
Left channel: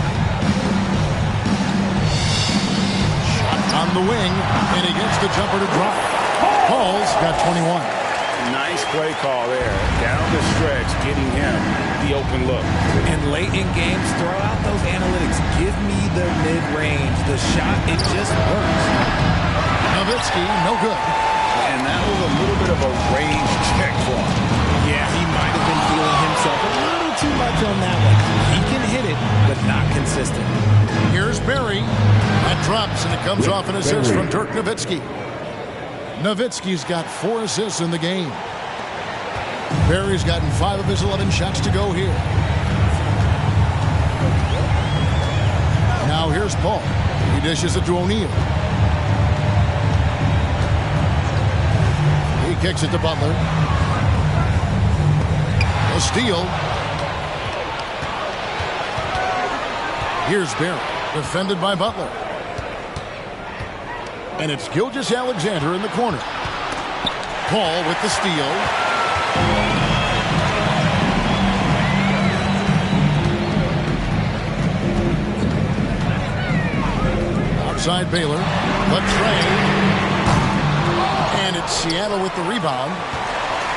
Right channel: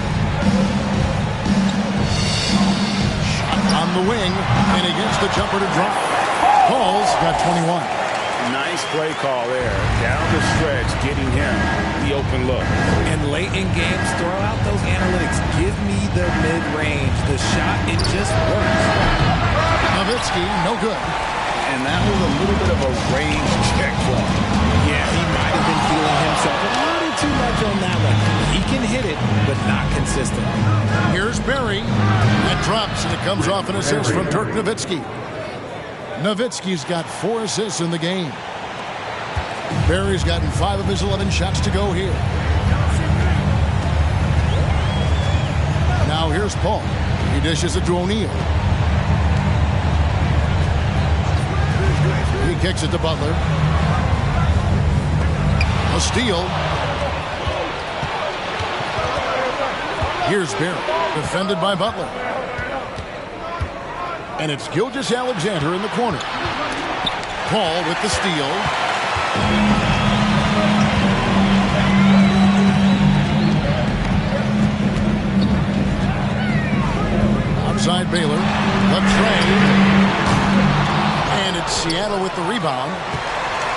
Shot on the wing, and he gets the jumper to drop. Paul's got 21. Nice play call there. Down the stretch, getting him the open look. And late in games, throw out those analytics. Give me the mid-range. The shot, it just works. Nowitzki, no good. And that was a little bit of a range check for him. Yeah, he might have been feeling himself a little too much on that one. He can hit it, but not consistent. Here's Barry. That drops, and it comes off an assist from Dirk Nowitzki. Nowitzki's got 4 assists in the game. Barry's gotten 5 of his 11 shots to go here. Now here's Paul. He dishes it to O'Neal. He kicks it to Butler. A steal. Here's Barry, defended by Butler. And it's Gilgeous-Alexander in the corner. Paul with the steal. Outside Baylor. The train. And it's Seattle with the rebound.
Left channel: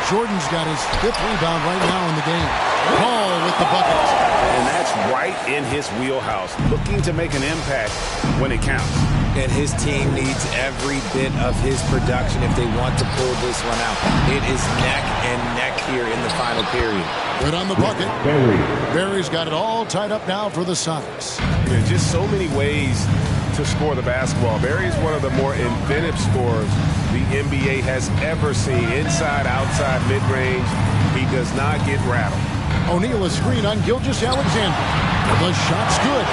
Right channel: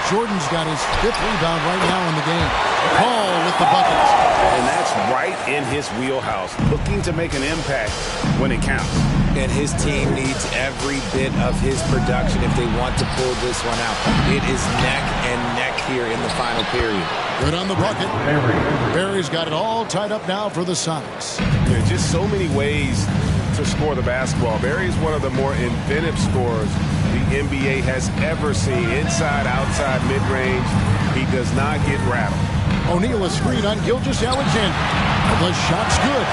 Jordan's got his 5th rebound right now in the game. Paul with the bucket. And that's right in his wheelhouse. Looking to make an impact when it counts. And his team needs every bit of his production if they want to pull this one out. It is neck and neck here in the final period. Good on the bucket. Barry's got it all tied up now for the Sonics. Yeah, just so many ways to score the basketball. Barry's one of the more inventive scorers the NBA has ever seen. Inside, outside, mid-range. He does not get rattled. O'Neal a screen on Gilgeous-Alexander. The shot's good.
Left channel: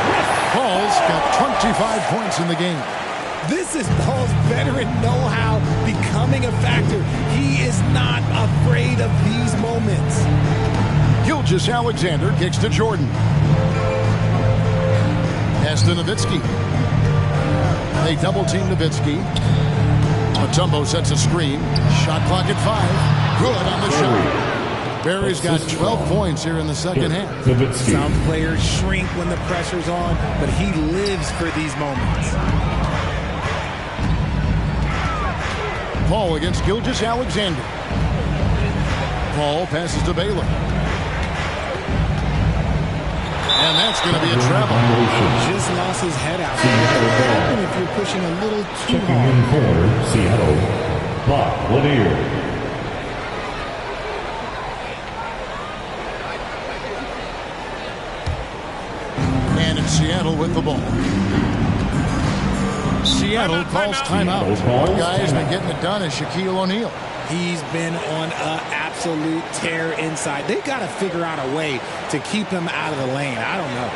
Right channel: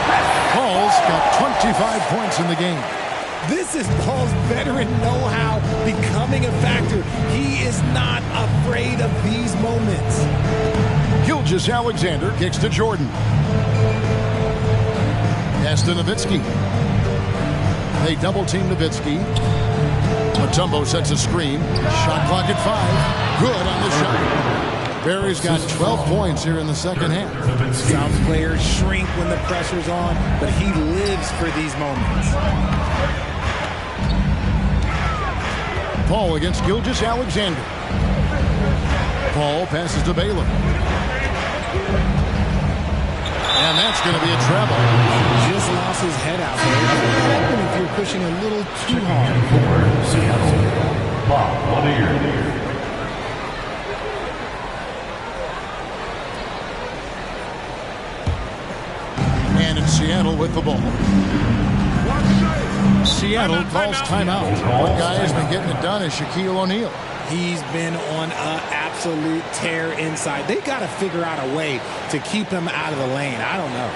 Paul's got 25 points in the game. This is Paul's veteran know-how becoming a factor. He is not afraid of these moments. Gilgeous-Alexander kicks to Jordan. Pass to Nowitzki. They double-team Nowitzki. Mutombo sets a screen. Shot clock at 5. Good on the shot. Barry's got 12 points here in the second half. Some players shrink when the pressure's on, but he lives for these moments. Paul against Gilgeous-Alexander. Paul passes to Baylor. And that's going to be a travel. Just lost his head out there. What would happen if you're pushing a little too hard? For Seattle, Bob Lanier. And it's Seattle with the ball. Seattle calls timeout. One guy has been getting it done is Shaquille O'Neal. He's been on an absolute tear inside. They got to figure out a way to keep him out of the lane. I don't know.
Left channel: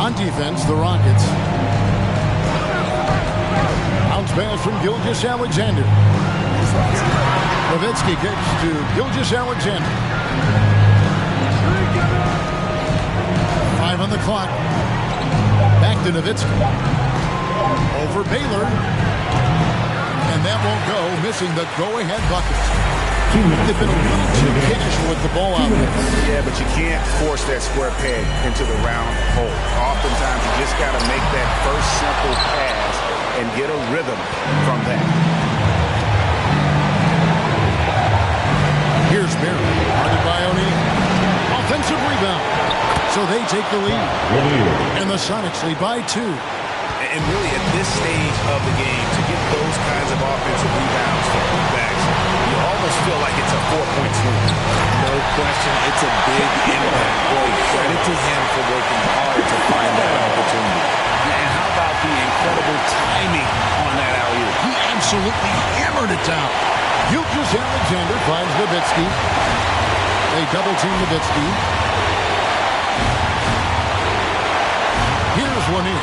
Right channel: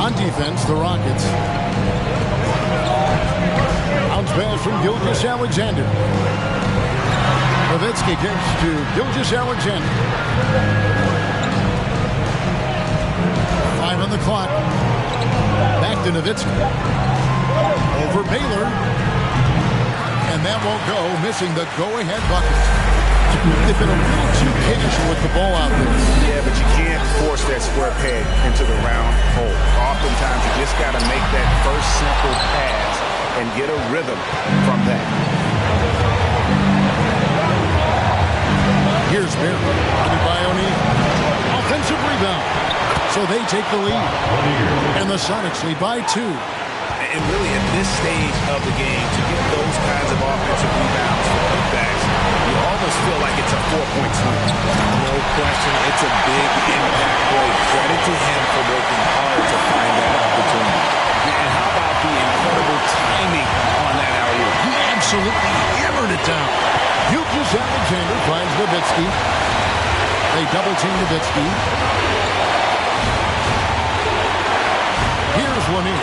On defense, the Rockets. Bounce pass from Gilgeous-Alexander. Nowitzki kicks to Gilgeous-Alexander. 5 on the clock. Back to Nowitzki. Over Baylor. And that won't go, missing the go-ahead bucket. They've been a little too casual with the ball out there. Yeah, but you can't force that square peg into the round hole. Oftentimes, you just got to make that first simple pass and get a rhythm from that. Here's Barry, guarded by O'Neal. Offensive rebound. So they take the lead. And the Sonics lead by 2. And really, at this stage of the game, to get those kinds of offensive rebounds for putbacks, you almost feel like it's a 4-point swing. No question, it's a big impact play. Credit to him for working hard to find that opportunity. And how about the incredible timing on that alley-oop? He absolutely hammered it down. Gilgeous-Alexander finds Nowitzki. They double-team Nowitzki. Here's Lanier.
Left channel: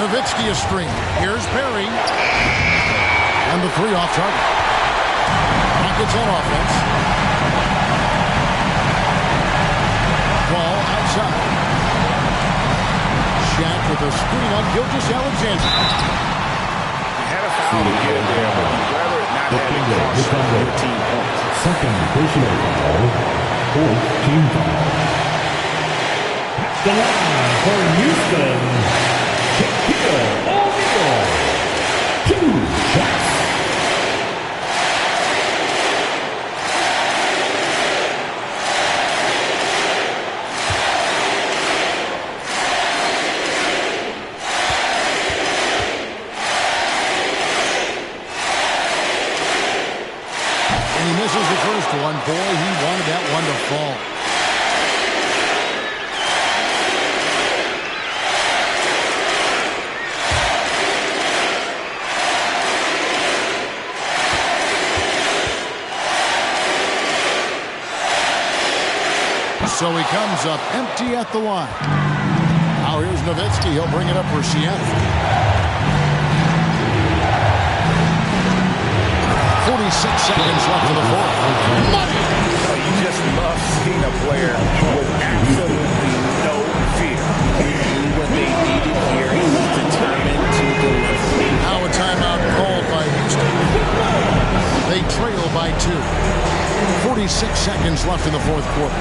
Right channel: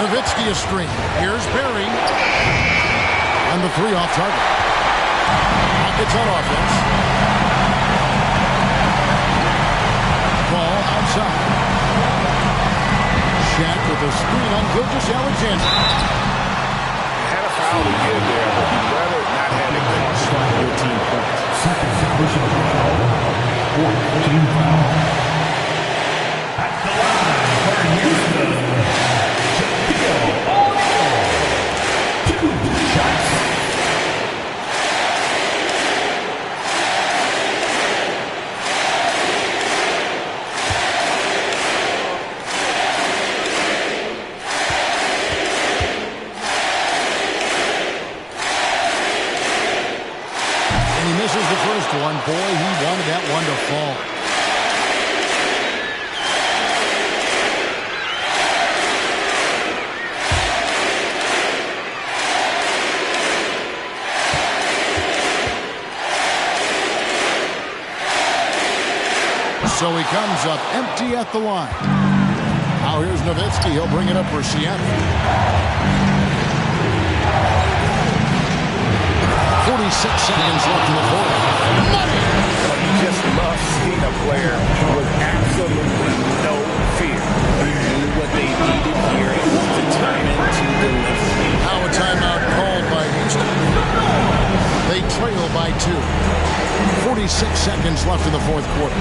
Nowitzki a screen. Here's Barry. And the 3 off target. Rockets on offense. Ball outside. Shaq with a screen on Gilgeous-Alexander. You had a foul to give there, but you'd rather not have it cost your team points. Second personal foul. 4th team foul. At the line for Houston. O'Neal. 2 shots. last one. Boy, he wanted that one to fall. So he comes up empty at the line. Now here's Nowitzki. He'll bring it up for Seattle. 46 seconds left in the fourth. Money! Oh, you just love seeing a player with absolutely no fear. He knew what they needed here and was determined to deliver. Now a timeout called by Houston. They trail by 2. 46 seconds left in the fourth quarter.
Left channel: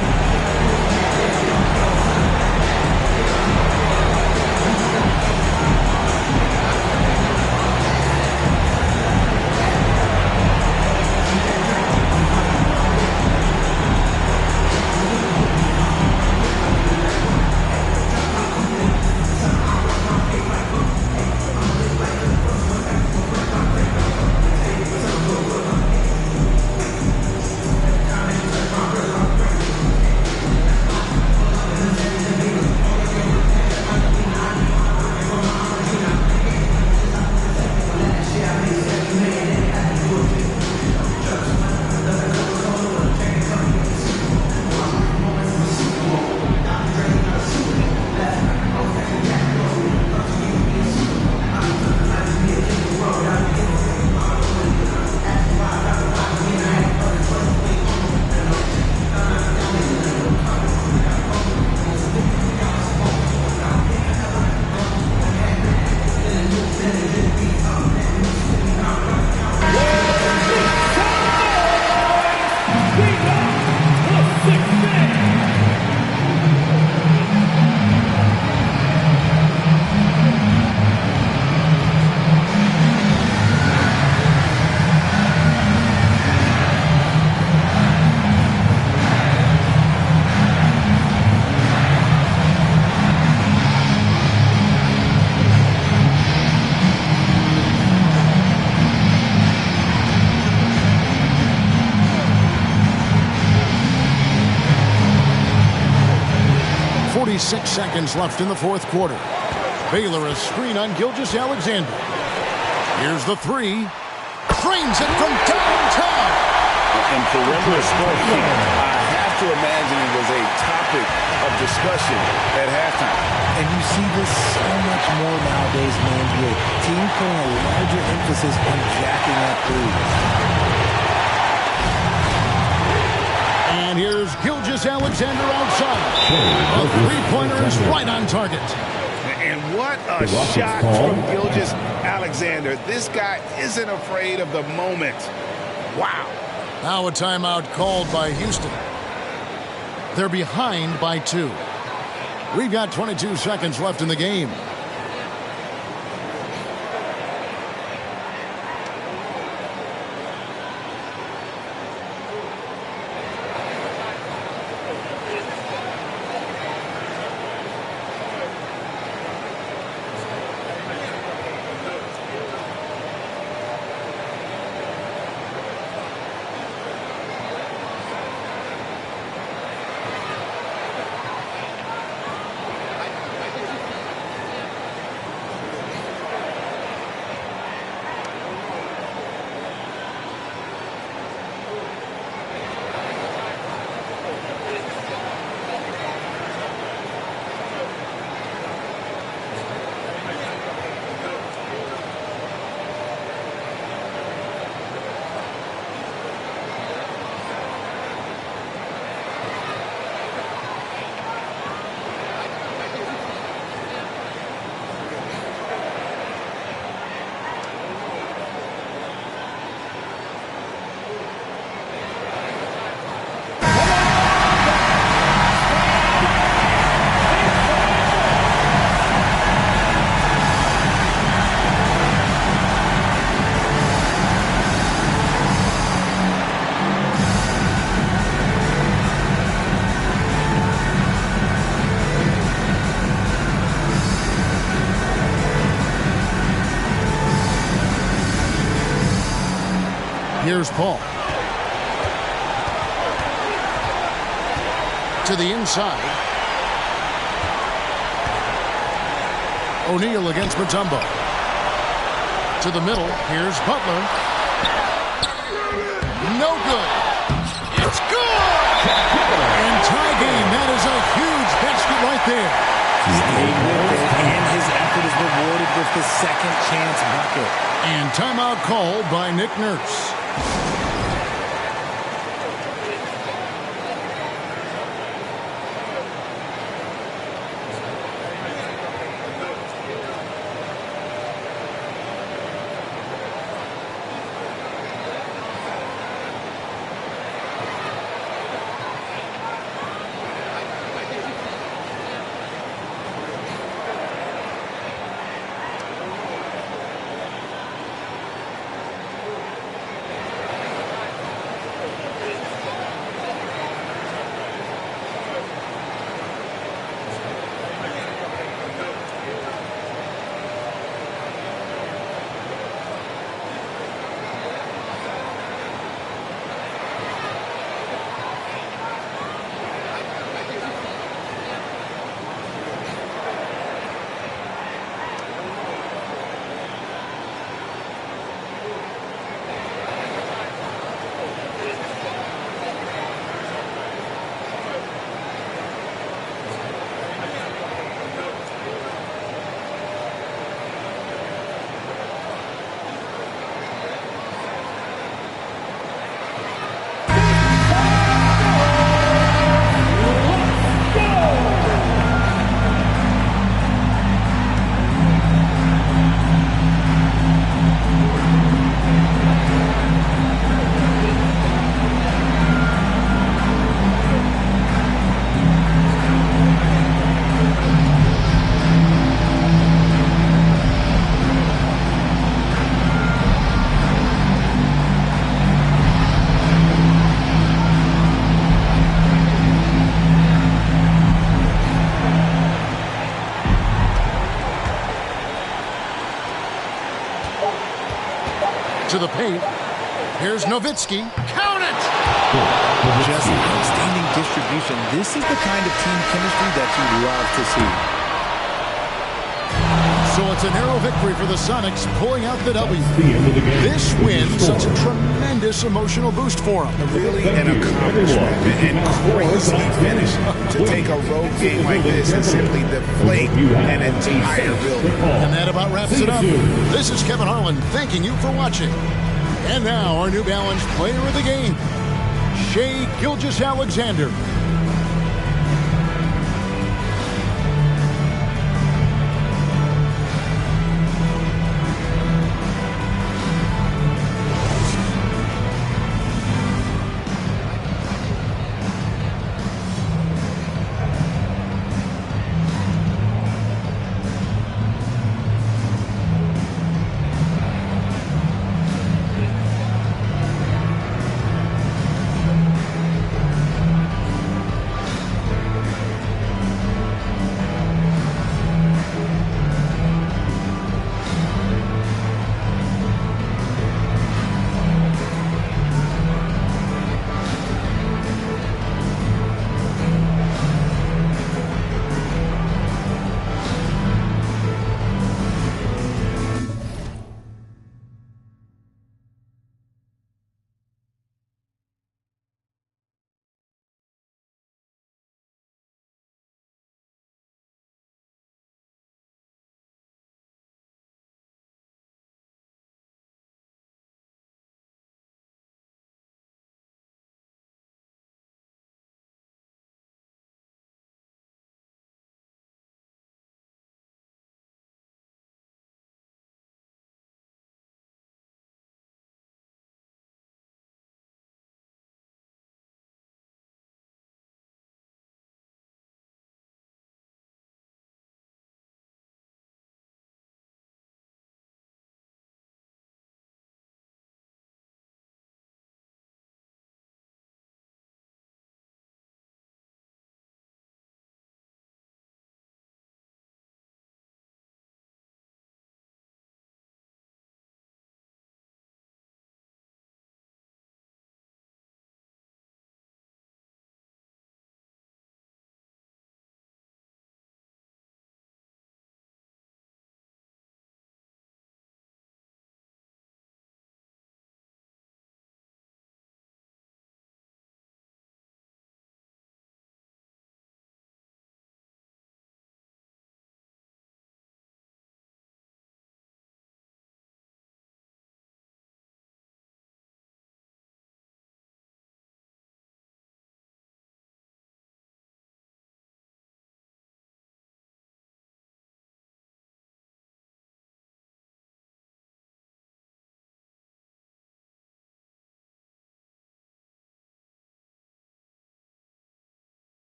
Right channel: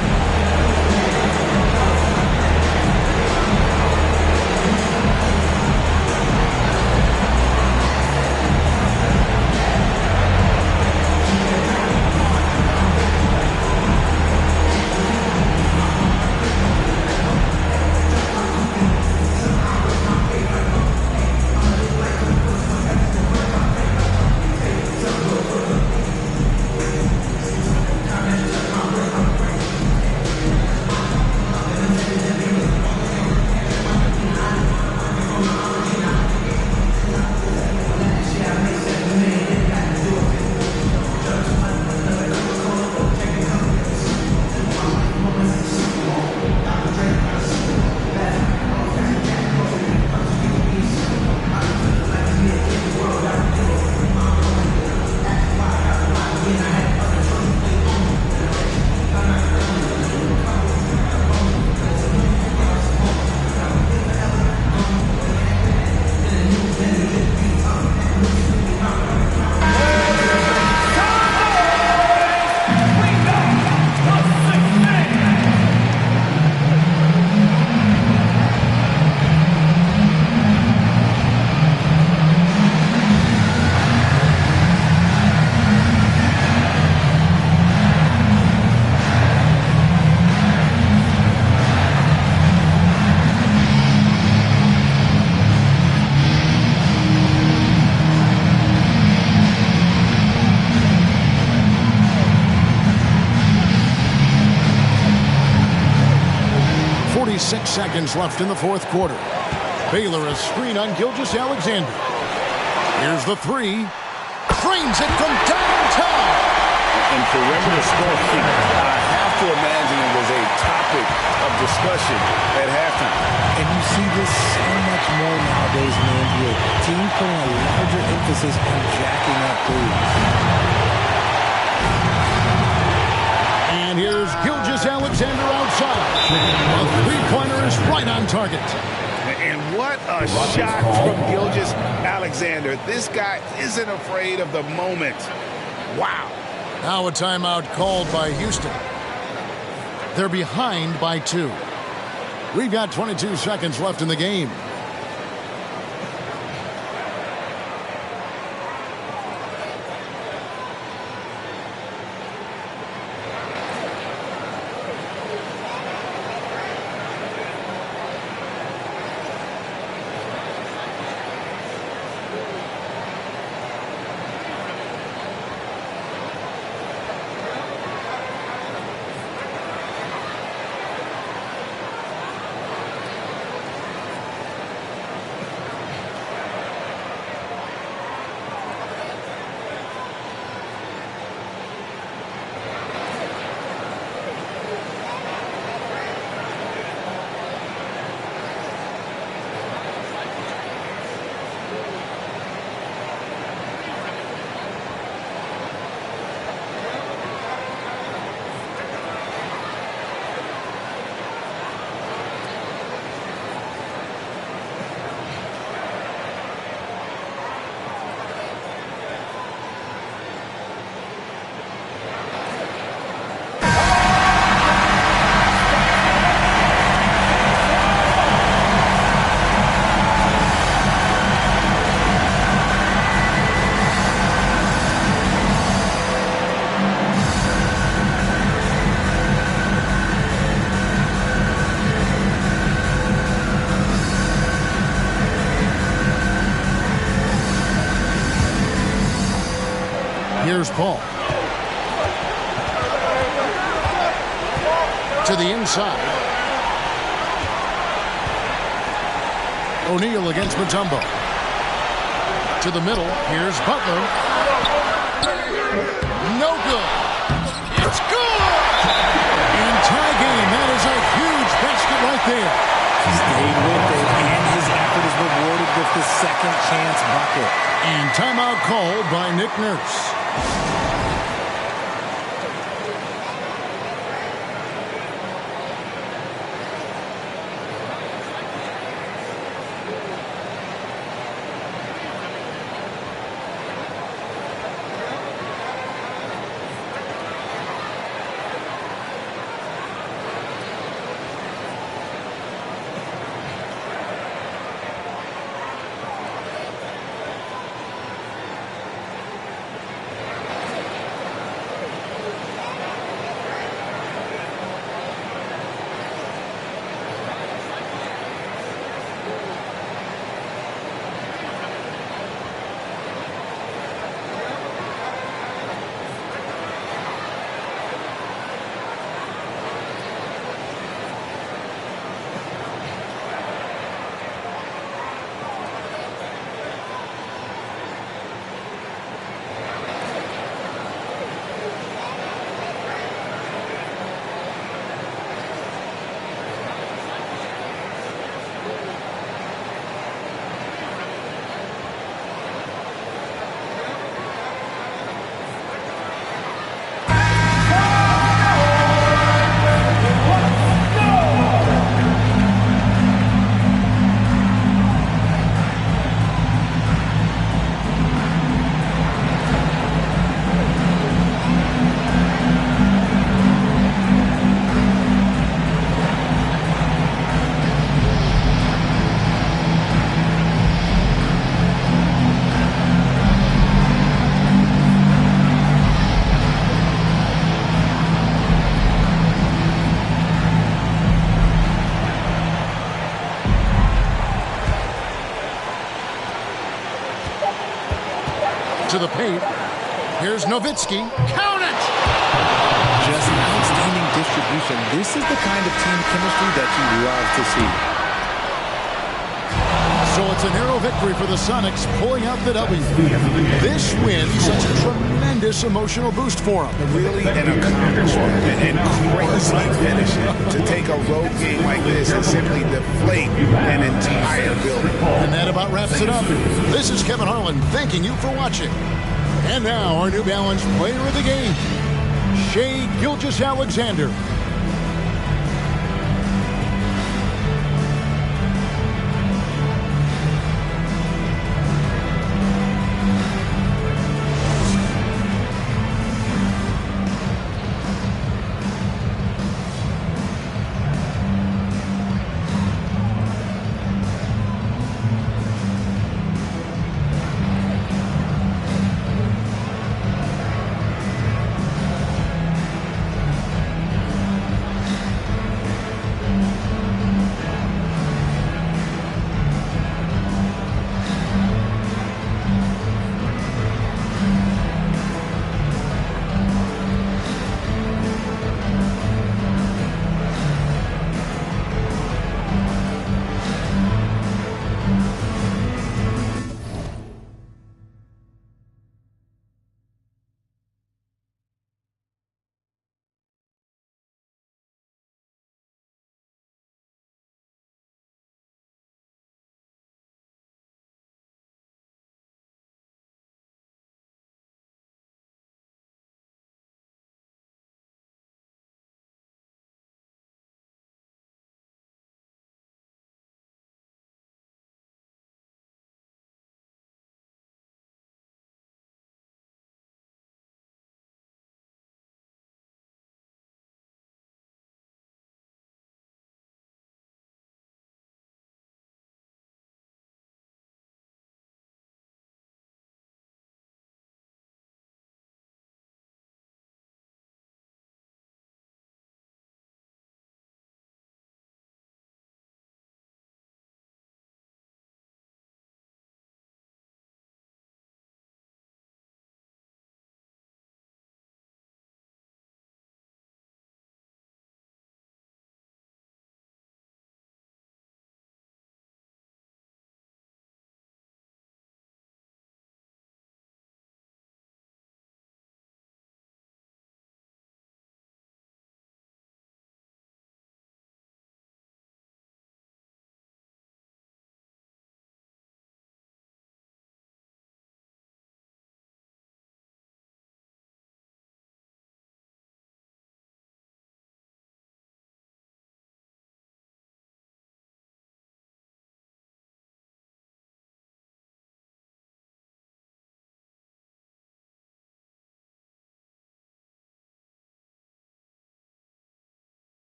Six seconds left in the fourth quarter. Baylor a screen on Gilgeous-Alexander. Here's the three. Frames it from downtown. In perimeter scoring, I have to imagine it was a topic of discussion at halftime. And you see this so much more nowadays in the NBA. Teams putting a larger emphasis on jacking up threes. And here's Gilgeous-Alexander outside. A three-pointer is right on target. And what a shot from Gilgeous-Alexander. This guy isn't afraid of the moment. Wow. Now a timeout called by Houston. They're behind by 2. We've got 22 seconds left in the game. Here's Paul. To the inside. O'Neal against Mutombo. To the middle. Here's Butler. No good. It's good! And tie game. That is a huge basket right there. Stayed with it, and his effort is rewarded with the second chance bucket. And timeout called by Nick Nurse. To the paint. Here's Nowitzki. Count it! Just outstanding distribution. This is the kind of team chemistry that you love to see. So it's a narrow victory for the Sonics, pulling out the W. This win, such a tremendous emotional boost for them. Really an accomplishment and crazy finish to take a road game like this and simply deflate an entire building. And that about wraps it up. This is Kevin Harlan thanking you for watching. And now our New Balance player of the game, Shai Gilgeous-Alexander.